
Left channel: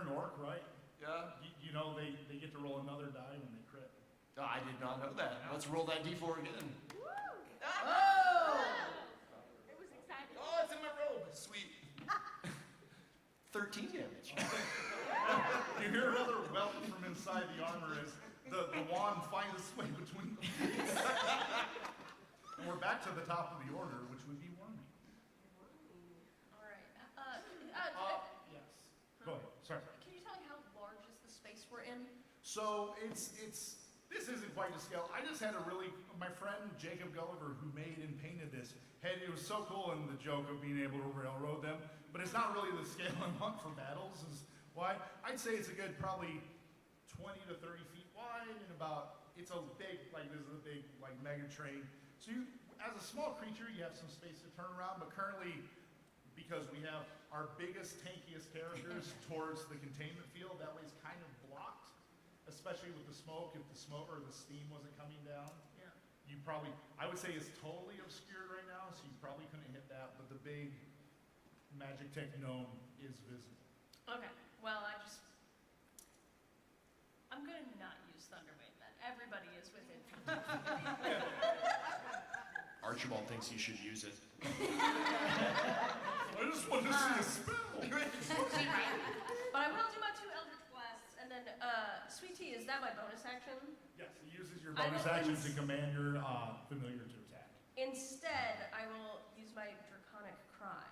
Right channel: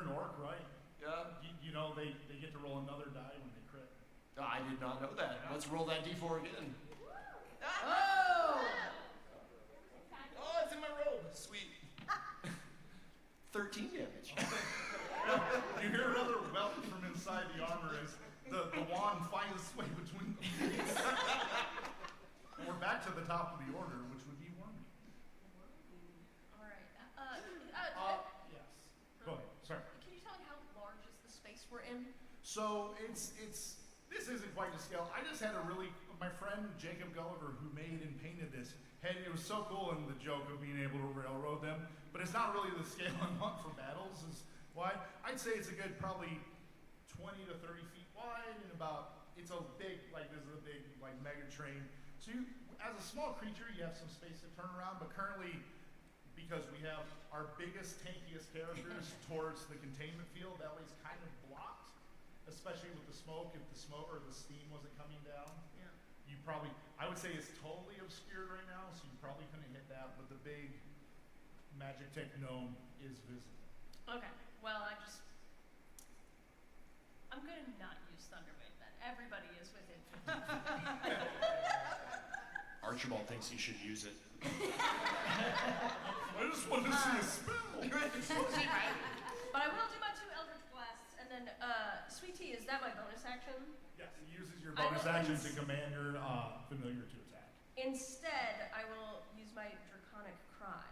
an orc, right? Yeah. You know they get to roll another die when they crit. Oh, I did not know that. Let's roll that d4 again. Oh! Oh, it's in my robe. Sweet. 13 damage. You you hear another welt from inside the armor as the wand finds its way between the blades. And we're back to the top of the order, which would be Wormy. All right. Yes. Go ahead. Sorry. Can you tell me how large is the space we're in? So this isn't quite to scale. I just had my friend Jacob Gulliver, who made and painted this, it was so cool in the joke of being able to railroad them, but it's not really the scale I want for battles is why. I'd say it's a good probably 20 to 30 feet wide and it's a big, this is a big mega train. So you, as a small creature, you have some space to turn around, but currently, because we have our biggest, tankiest characters towards the containment field, that way it's kind of blocked, especially with the smoke, if the smoke or the steam wasn't coming down. Yeah. I would say it's totally obscured right now, so you probably couldn't hit that, but the big Magic Tech gnome is visible. Okay. Well, I'm going to not use Thunderwave then. Everybody is within 50 feet. Archibald thinks you should use it. I just want to see a spell. But I will do my 2 Eldritch Blasts, and then, Sweet Tea, is that my bonus action? Yes, he uses your bonus action to command your familiar to attack. Instead, I will use my Draconic Cry.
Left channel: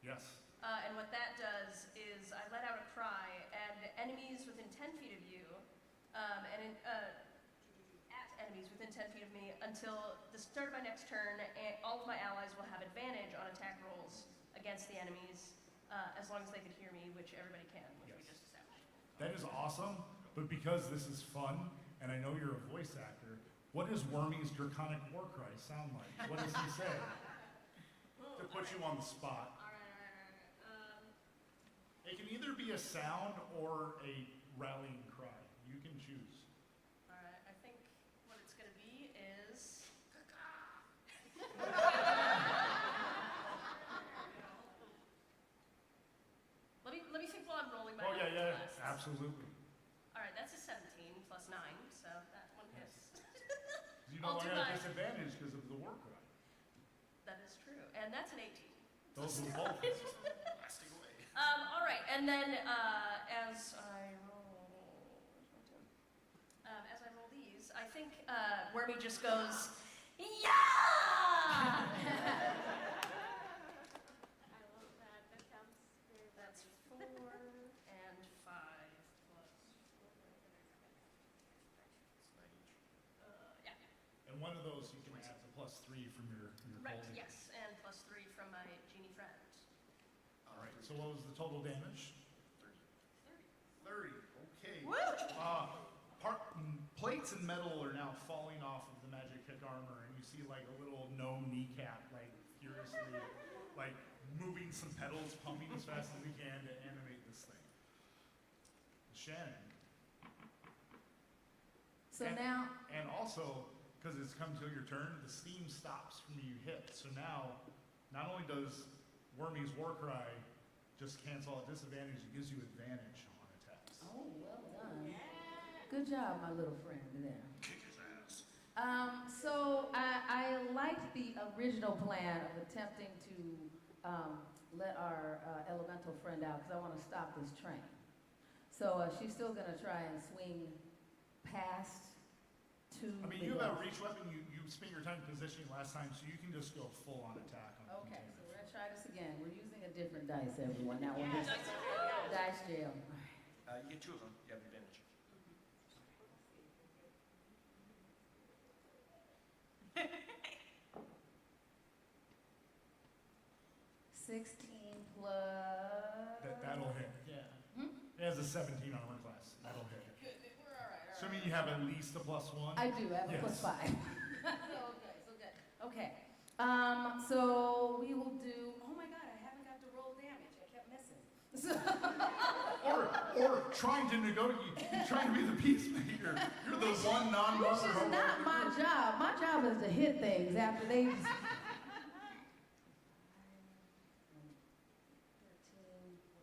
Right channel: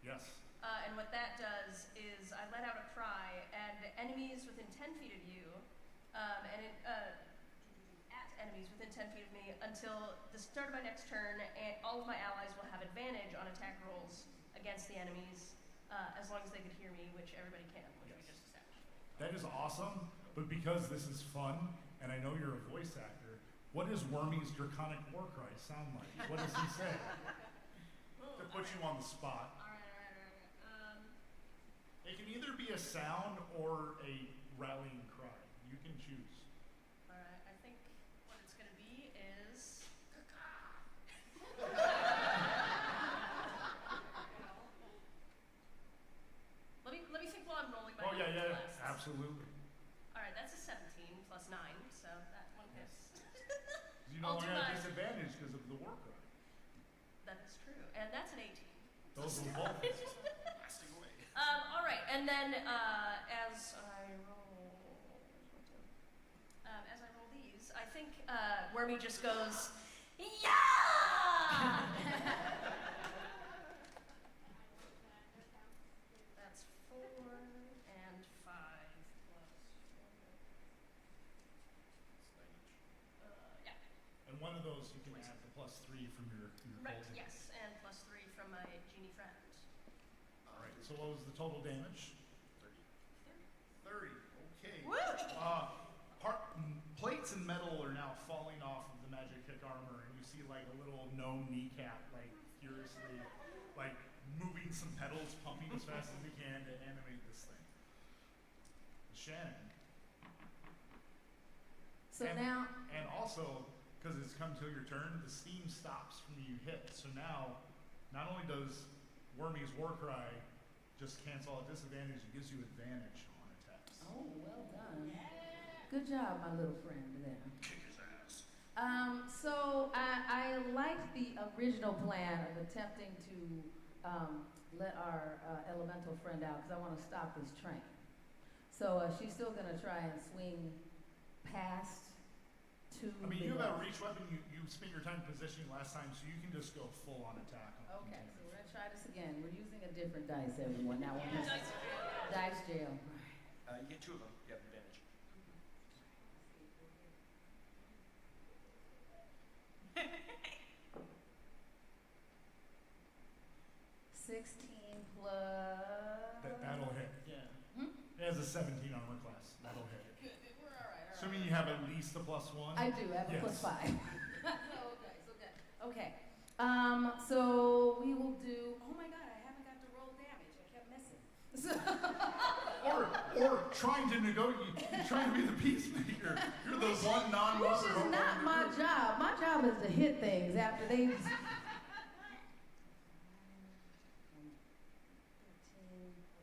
Yes. And what that does is I let out a cry, and enemies within 10 feet of you, at enemies within 10 feet of me until the start of my next turn, and all of my allies will have advantage on attack rolls against the enemies, as long as they could hear me, which everybody can, which we just established. That is awesome, but because this is fun, and I know you're a voice actor, what does Wormy's Draconic War Cry sound like? What does he say? To put you on the spot. All right. It can either be a sound or a rallying cry. You can choose. All right, I think what it's going to be is... Let me think while I'm rolling my yeah, blasts. absolutely. All right, that's a 17 plus 9, so that one hits. You no I'll do longer have my- disadvantage because of the war cry. That is true, and that's an 18. Those will both hit. Blasting away. All right, and then as I roll, where's my 10? As I roll these, I think Wormy just goes, yeah! That's 4 and 5 plus 4. Yeah. And one of those you can add the +3 from your Right. cold damage. Yes, and plus 3 from my genie friend. All right. So what was the total damage? 30. Okay. Woo! Plates and metal are now falling off of the Magic Kick armor, and you see a little gnome kneecap furiously moving some pedals, pumping as fast as he can to animate this thing. Shannan. So now, And also, because it's come to your turn, the steam stops from you hit. So now, not only does Wormy's War Cry just cancel a disadvantage, it gives you advantage on attacks. oh, well done. Good job, my little friend there. Kick his ass. So I liked the original plan of attempting to let our elemental friend out because I want to stop this train. So she's still going to try and swing past to You have a reach weapon. You spent your time positioning last time, so you can just go full on attack on the Okay, container. so we're going to try this again. We're using a different dice, everyone. That one is dice jail. All right. You get 2 of them. You have advantage. 16 plus... That'll hit. Yeah. It has a 17 armor class. That'll hit. Good, we're all right. Assuming you have at least a +1. I do. I have a Yes. +5. so good. Okay. So we will do... Oh my god, I haven't got to roll damage. I kept missing. Or trying to negotiate, trying to be the peacemaker. You're the one non-voter. Which is not my job. My job is to hit things after they... 13, 14,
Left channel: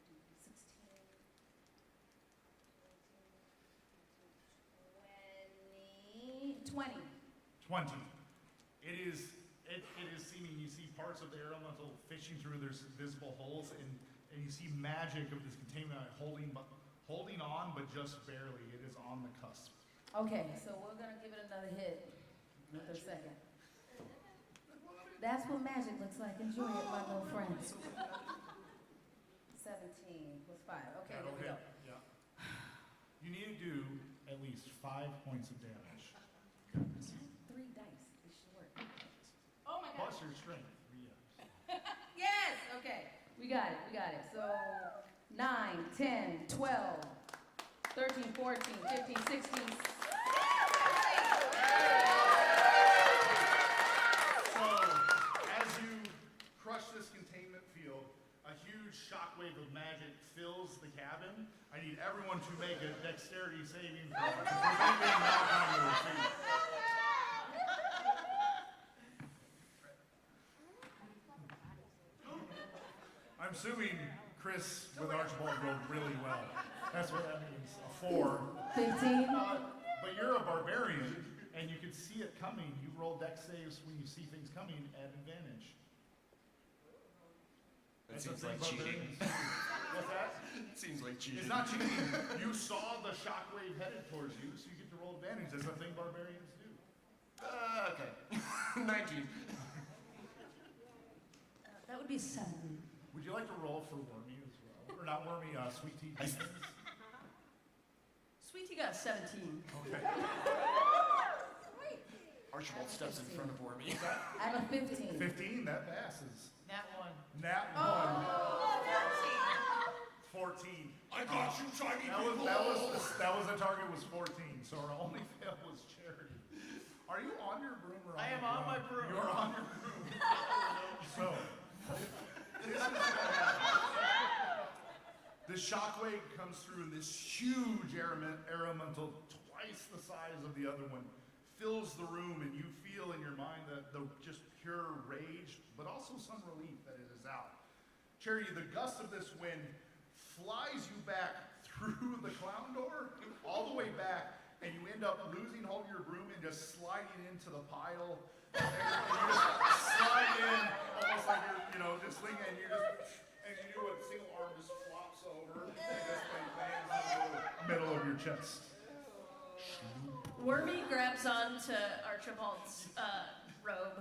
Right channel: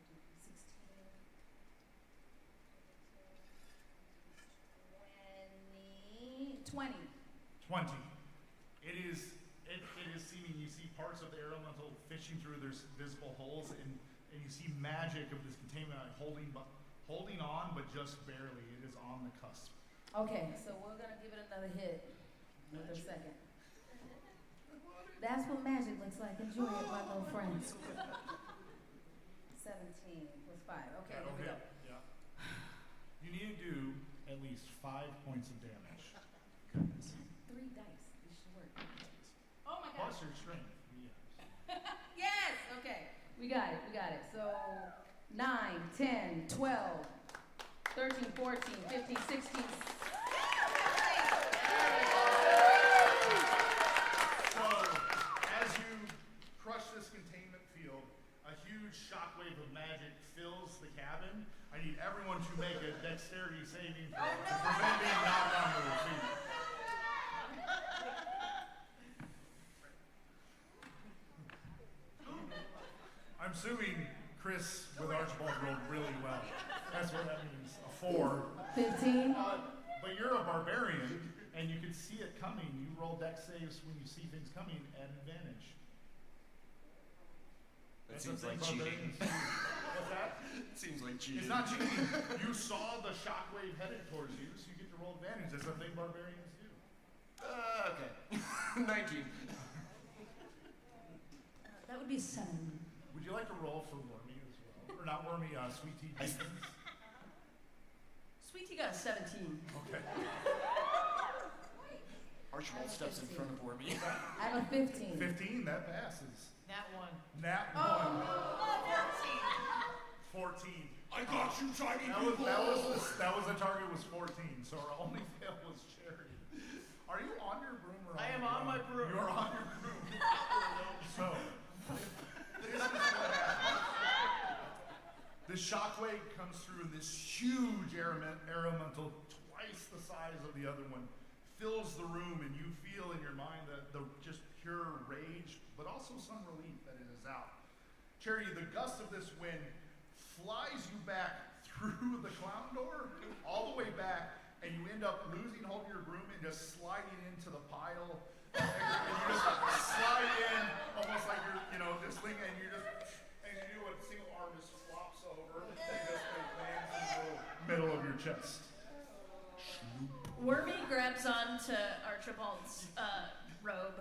16, 20. 20. It is seeming you see parts of the air elemental fishing through. There's visible holes, and you see magic of this containment holding on, but just barely. It is on the cusp. Okay, so we're gonna give it another hit with a second. That's what magic looks like. Enjoy it, my little friends. 17 plus 5. Okay, That'll there we hit. go. Yeah. You need to do at least 5 points of damage. 3 dice. This should work. Oh my God. Plus your strength. Yes. Yes! Okay. We got it. So 9, 10, 12, 13, 14, 15, 16. So, as you crush this containment field, a huge shockwave of magic fills the cabin. I need everyone to make a dexterity saving throw to prevent being knocked onto their feet. I'm assuming Chris with Archibald rolled really well. That's what that means. A 4. 15. But you're a barbarian, and you can see it coming. You roll dex saves when you see things coming at advantage. That That's seems the thing like cheating. barbarians do. What's that? It seems like cheating. It's not cheating. You saw the shockwave headed towards you, so you get to roll advantage. That's the thing barbarians do. Okay. 19. That would be 7. Would you like to roll for Wormy as well? Or not Wormy, Sweet Tea Jenkins? Sweet Tea got a 17. Okay. Archibald steps in front of Wormy. I have a 15. 15, that passes. That one. Nat 1. Oh, 14. I got you, tiny That people! was the target was 14, so our only fail was Charity. Are you on your broom or on I am the on ground? my broom. You're on your broom. So, this is what happens. The shockwave comes through, and this huge elemental, twice the size of the other one, fills the room, and you feel in your mind the just pure rage, but also some relief that it is out. Charity, the gust of this wind flies you back through the clown door, all the way back, and you end up losing hold of your broom and just sliding into the pile. And you just slide in almost like you're, just leaning, and you do what a single arm just flops over and just lands in the middle of your chest. Wormy grabs onto Archibald's robe.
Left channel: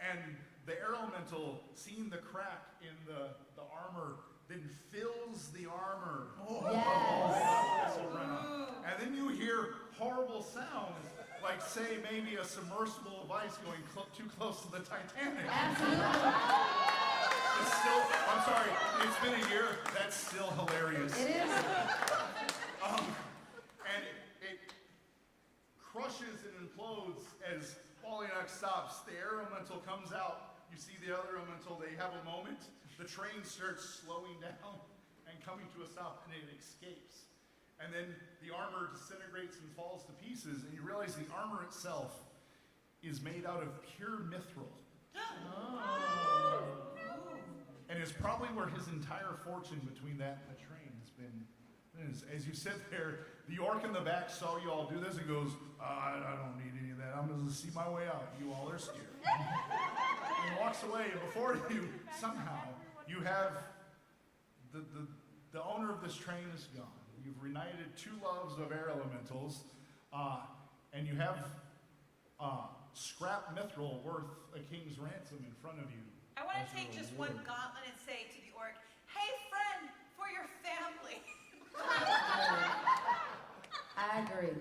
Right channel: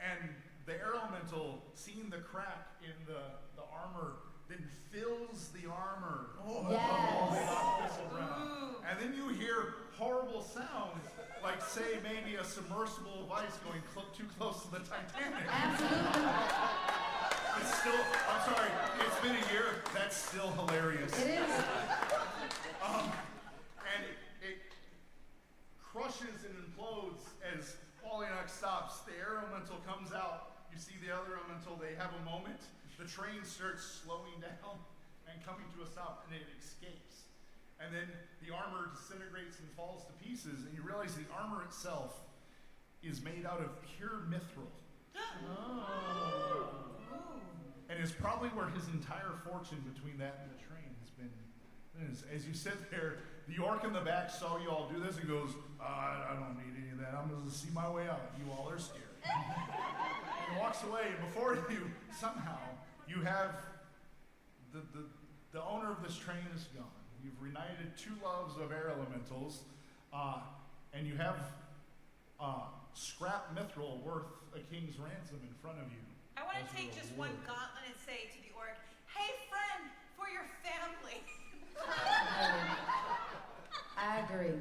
And the air elemental, seeing the crack in the armor, then fills the armor. Yes. And then you hear horrible sounds, like say maybe a submersible device going too close to the Titanic. Absolutely. It's still, I'm sorry, it's been a year, that's still hilarious. It is. And it crushes and implodes as Pollyanx stops. The air elemental comes out. You see the other elemental, they have a moment. The train starts slowing down and coming to a stop, and it escapes. And then the armor disintegrates and falls to pieces, and you realize the armor itself is made out of pure mithril. And it's probably where his entire fortune between that and the train has been. As you sit there, the orc in the back saw you all do this and goes, I don't need any of that. I'm going to see my way out. You all are scared. And he walks away, and before you, somehow, you have the owner of this train is gone. You've reunited 2 loves of air elementals, and you have scrap mithril worth a king's ransom in front of you. I want as to your take just reward. one gauntlet and say to the orc, hey friend, for your family. I agree.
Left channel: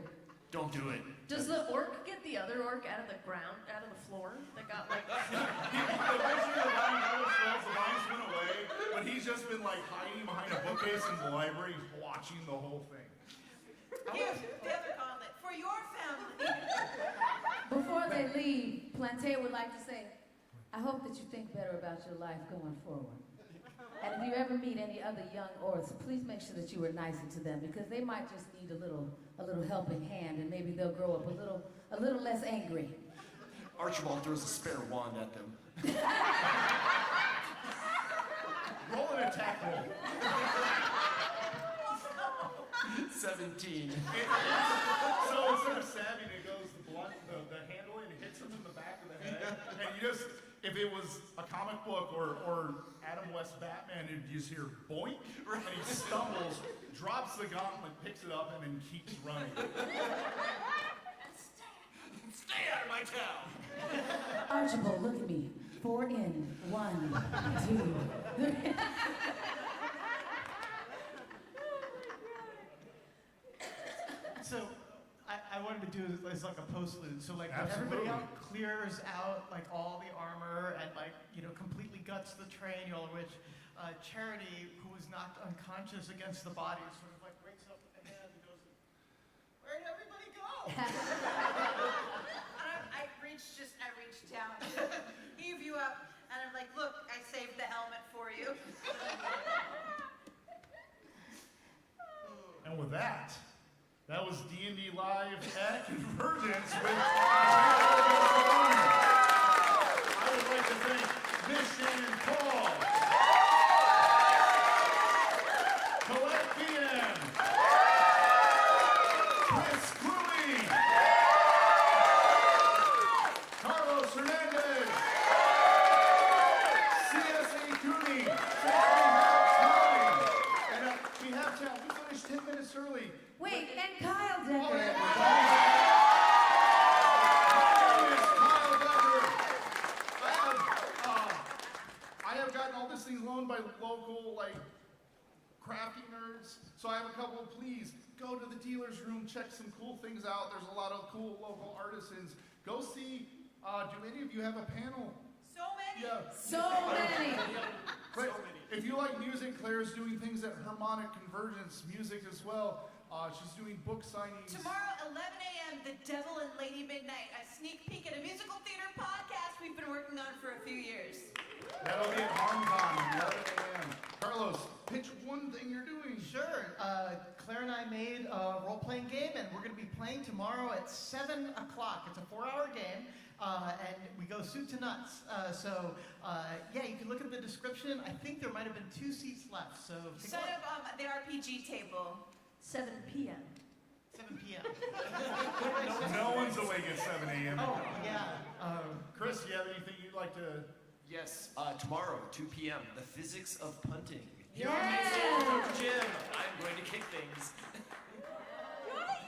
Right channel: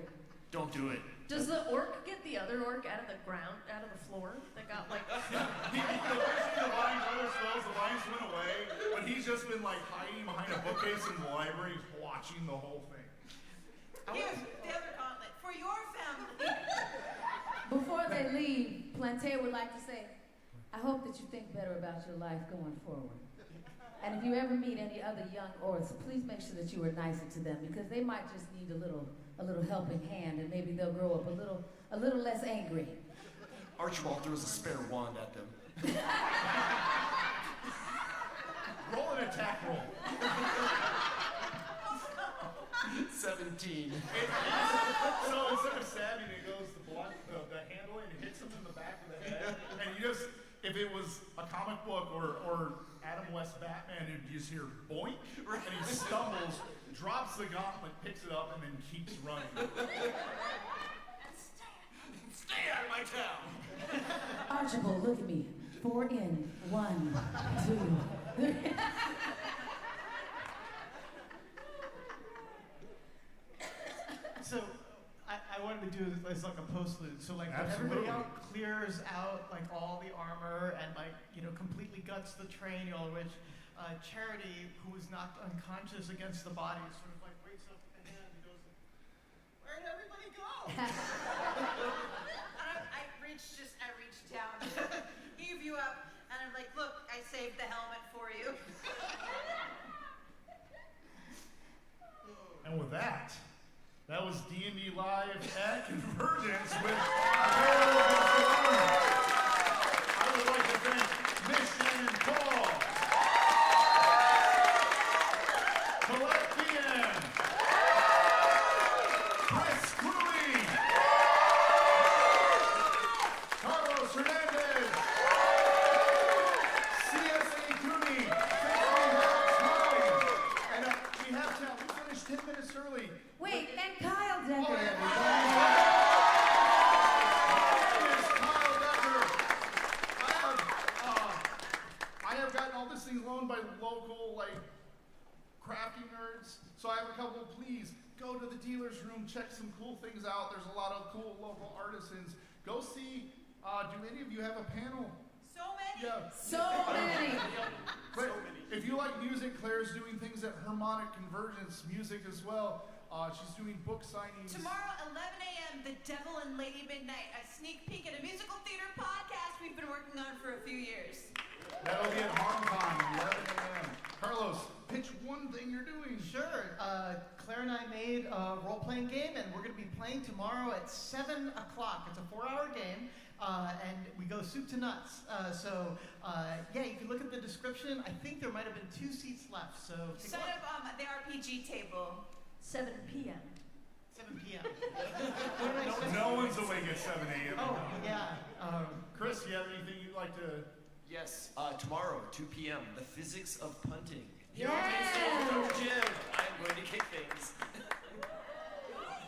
Don't do it. Does the orc get the other orc out of the ground, out of the floor? That got like. Eventually the vines went away, but he's just been like hiding behind a bookcase in the library watching the whole thing. Here's the other gauntlet, for your family. Before they leave, Plantae would like to say, I hope that you think better about your life going forward. And if you ever meet any other young orcs, please make sure that you are nicer to them, because they might just need a little helping hand, and maybe they'll grow up a little less angry. Archibald throws a spare wand at them. Roll an attack roll. 17. So instead of stabbing, it goes the handle and hits him in the back of the head. And you just, if if it was a comic book or Adam West Batman, you'd just hear boink, and he stumbles, drops the gauntlet, picks it up, and then keeps running. Stay out of my town! Archibald, look at me. 4 in, 1, 2, 3. So I wanted to do this like a postlude. So like when Absolutely. everybody else clears out like all the armor and like, you know, completely guts the train, all of which Charity, who was knocked unconscious against the body, sort of like wakes up with the hand and goes, "Where did everybody go?" I reached down, heave you up, and I'm like, look, I saved the helmet for you. And with that was D&D Live at CONvergence with I would like to thank Miss Shannan Paul, Colette Feehan, Chris Kluwe, Carlos Hernandez, C.S.E. Cooney. Since we have time, and we have time. We finished 10 minutes early. Wait, and Kyle Dekker. My name is Kyle Dekker. I have gotten all these things loaned by local, like, crafty nerds. So I have a couple of please. Go to the dealer's room, check some cool things out. There's a lot of cool local artisans. Go see, do any of you have a panel? So many. Yeah. So many. But if you like music, Claire's doing things at Harmonic Convergence Music as well. She's doing book signings. Tomorrow, 11 a.m., The Devil and Lady Midnight, a sneak peek at a musical theater podcast we've been working on for a few years. That'll be at HarmCon, 11 a.m. Carlos, pitch one thing you're doing. Sure. Claire and I made a role-playing game, and we're going to be playing tomorrow at 7 o'clock. It's a 4-hour game, and we go soup to nuts. Yeah, you can look at the description. I think there might have been 2 seats left, so take a Set look. up the RPG table. 7 p.m. 7 p.m. What did I say? No one's awake at 7 a.m. Oh, yeah. Chris, do you have anything you'd like to... Yes, tomorrow, 2 p.m., the physics of punting. Here on Yes. main stage of the gym, I'm going to kick things.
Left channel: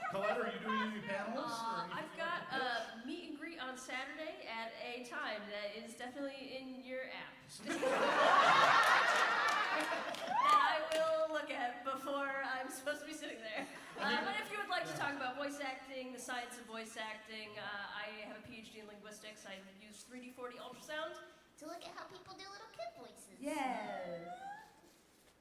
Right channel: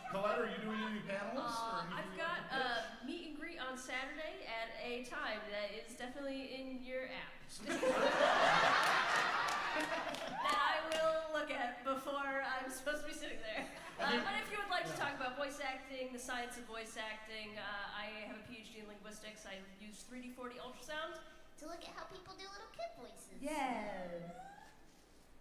Colette, are you doing any panels? Or anything I've you'd got like to pitch? a meet and greet on Saturday at a time that is definitely in your app. That I will look at before I'm supposed to be sitting there. But if you would like to talk about voice acting, the science of voice acting, I have a PhD in linguistics. I use 3D/4D ultrasound to look at how people do little kid voices. Yes.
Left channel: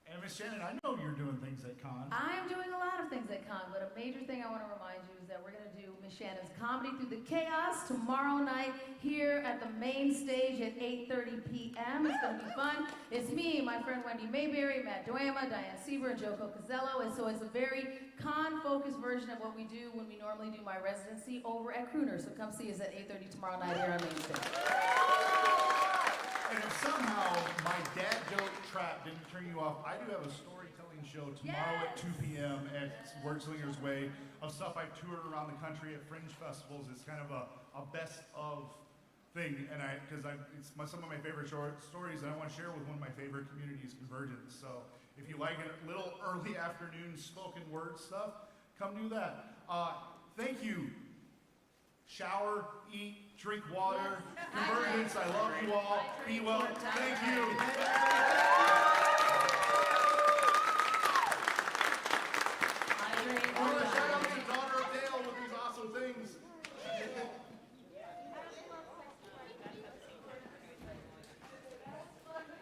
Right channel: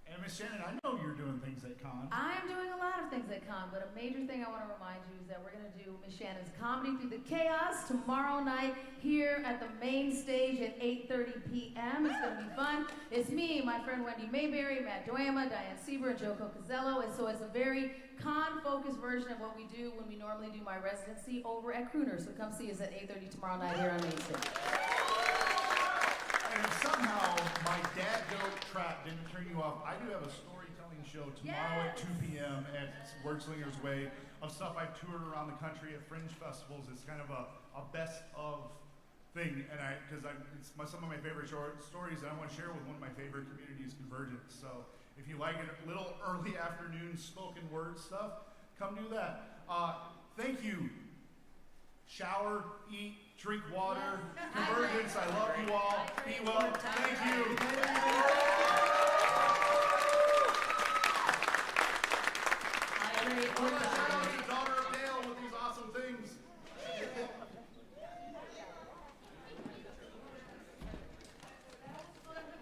And Miss Shannan, I know you're doing things at Con. I'm doing a lot of things at Con, but a major thing I want to remind you is that we're going to do Miss Shannan's Comedy Through the Chaos tomorrow night here at the main stage at 8:30 p.m. It's going to be fun. It's me, my friend Wendy Mayberry, Matt Doyama, Diane Sieber, and Joe Cocazello, and so it's a very con-focused version of what we do when we normally do my residency over at Crooner. So come see us at 8:30 tomorrow night here on main stage. And if somehow my dad joke trap didn't turn you off, I do have a storytelling show tomorrow at 2 p.m. at Wordslinger's Way of stuff I've toured around the country at fringe festivals. It's kind of a best of thing, and it's some of my favorite short stories, and I want to share with one of my favorite communities, CONvergence. So if you like a little early afternoon spoken word stuff, come do that. Thank you. Shower, eat, drink water. CONvergence, I love you all. Be well. Thank you. Hydrate I or want to shout out die. to Daughter of Dale with these awesome things.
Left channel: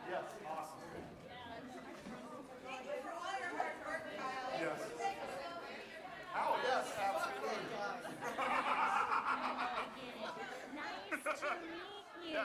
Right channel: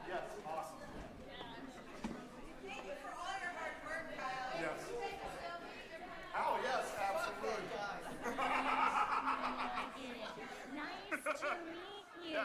Yes, awesome. Thank you for all your hard work, Kyle. Yes. Oh, yes, absolutely. I get it. Nice to meet you.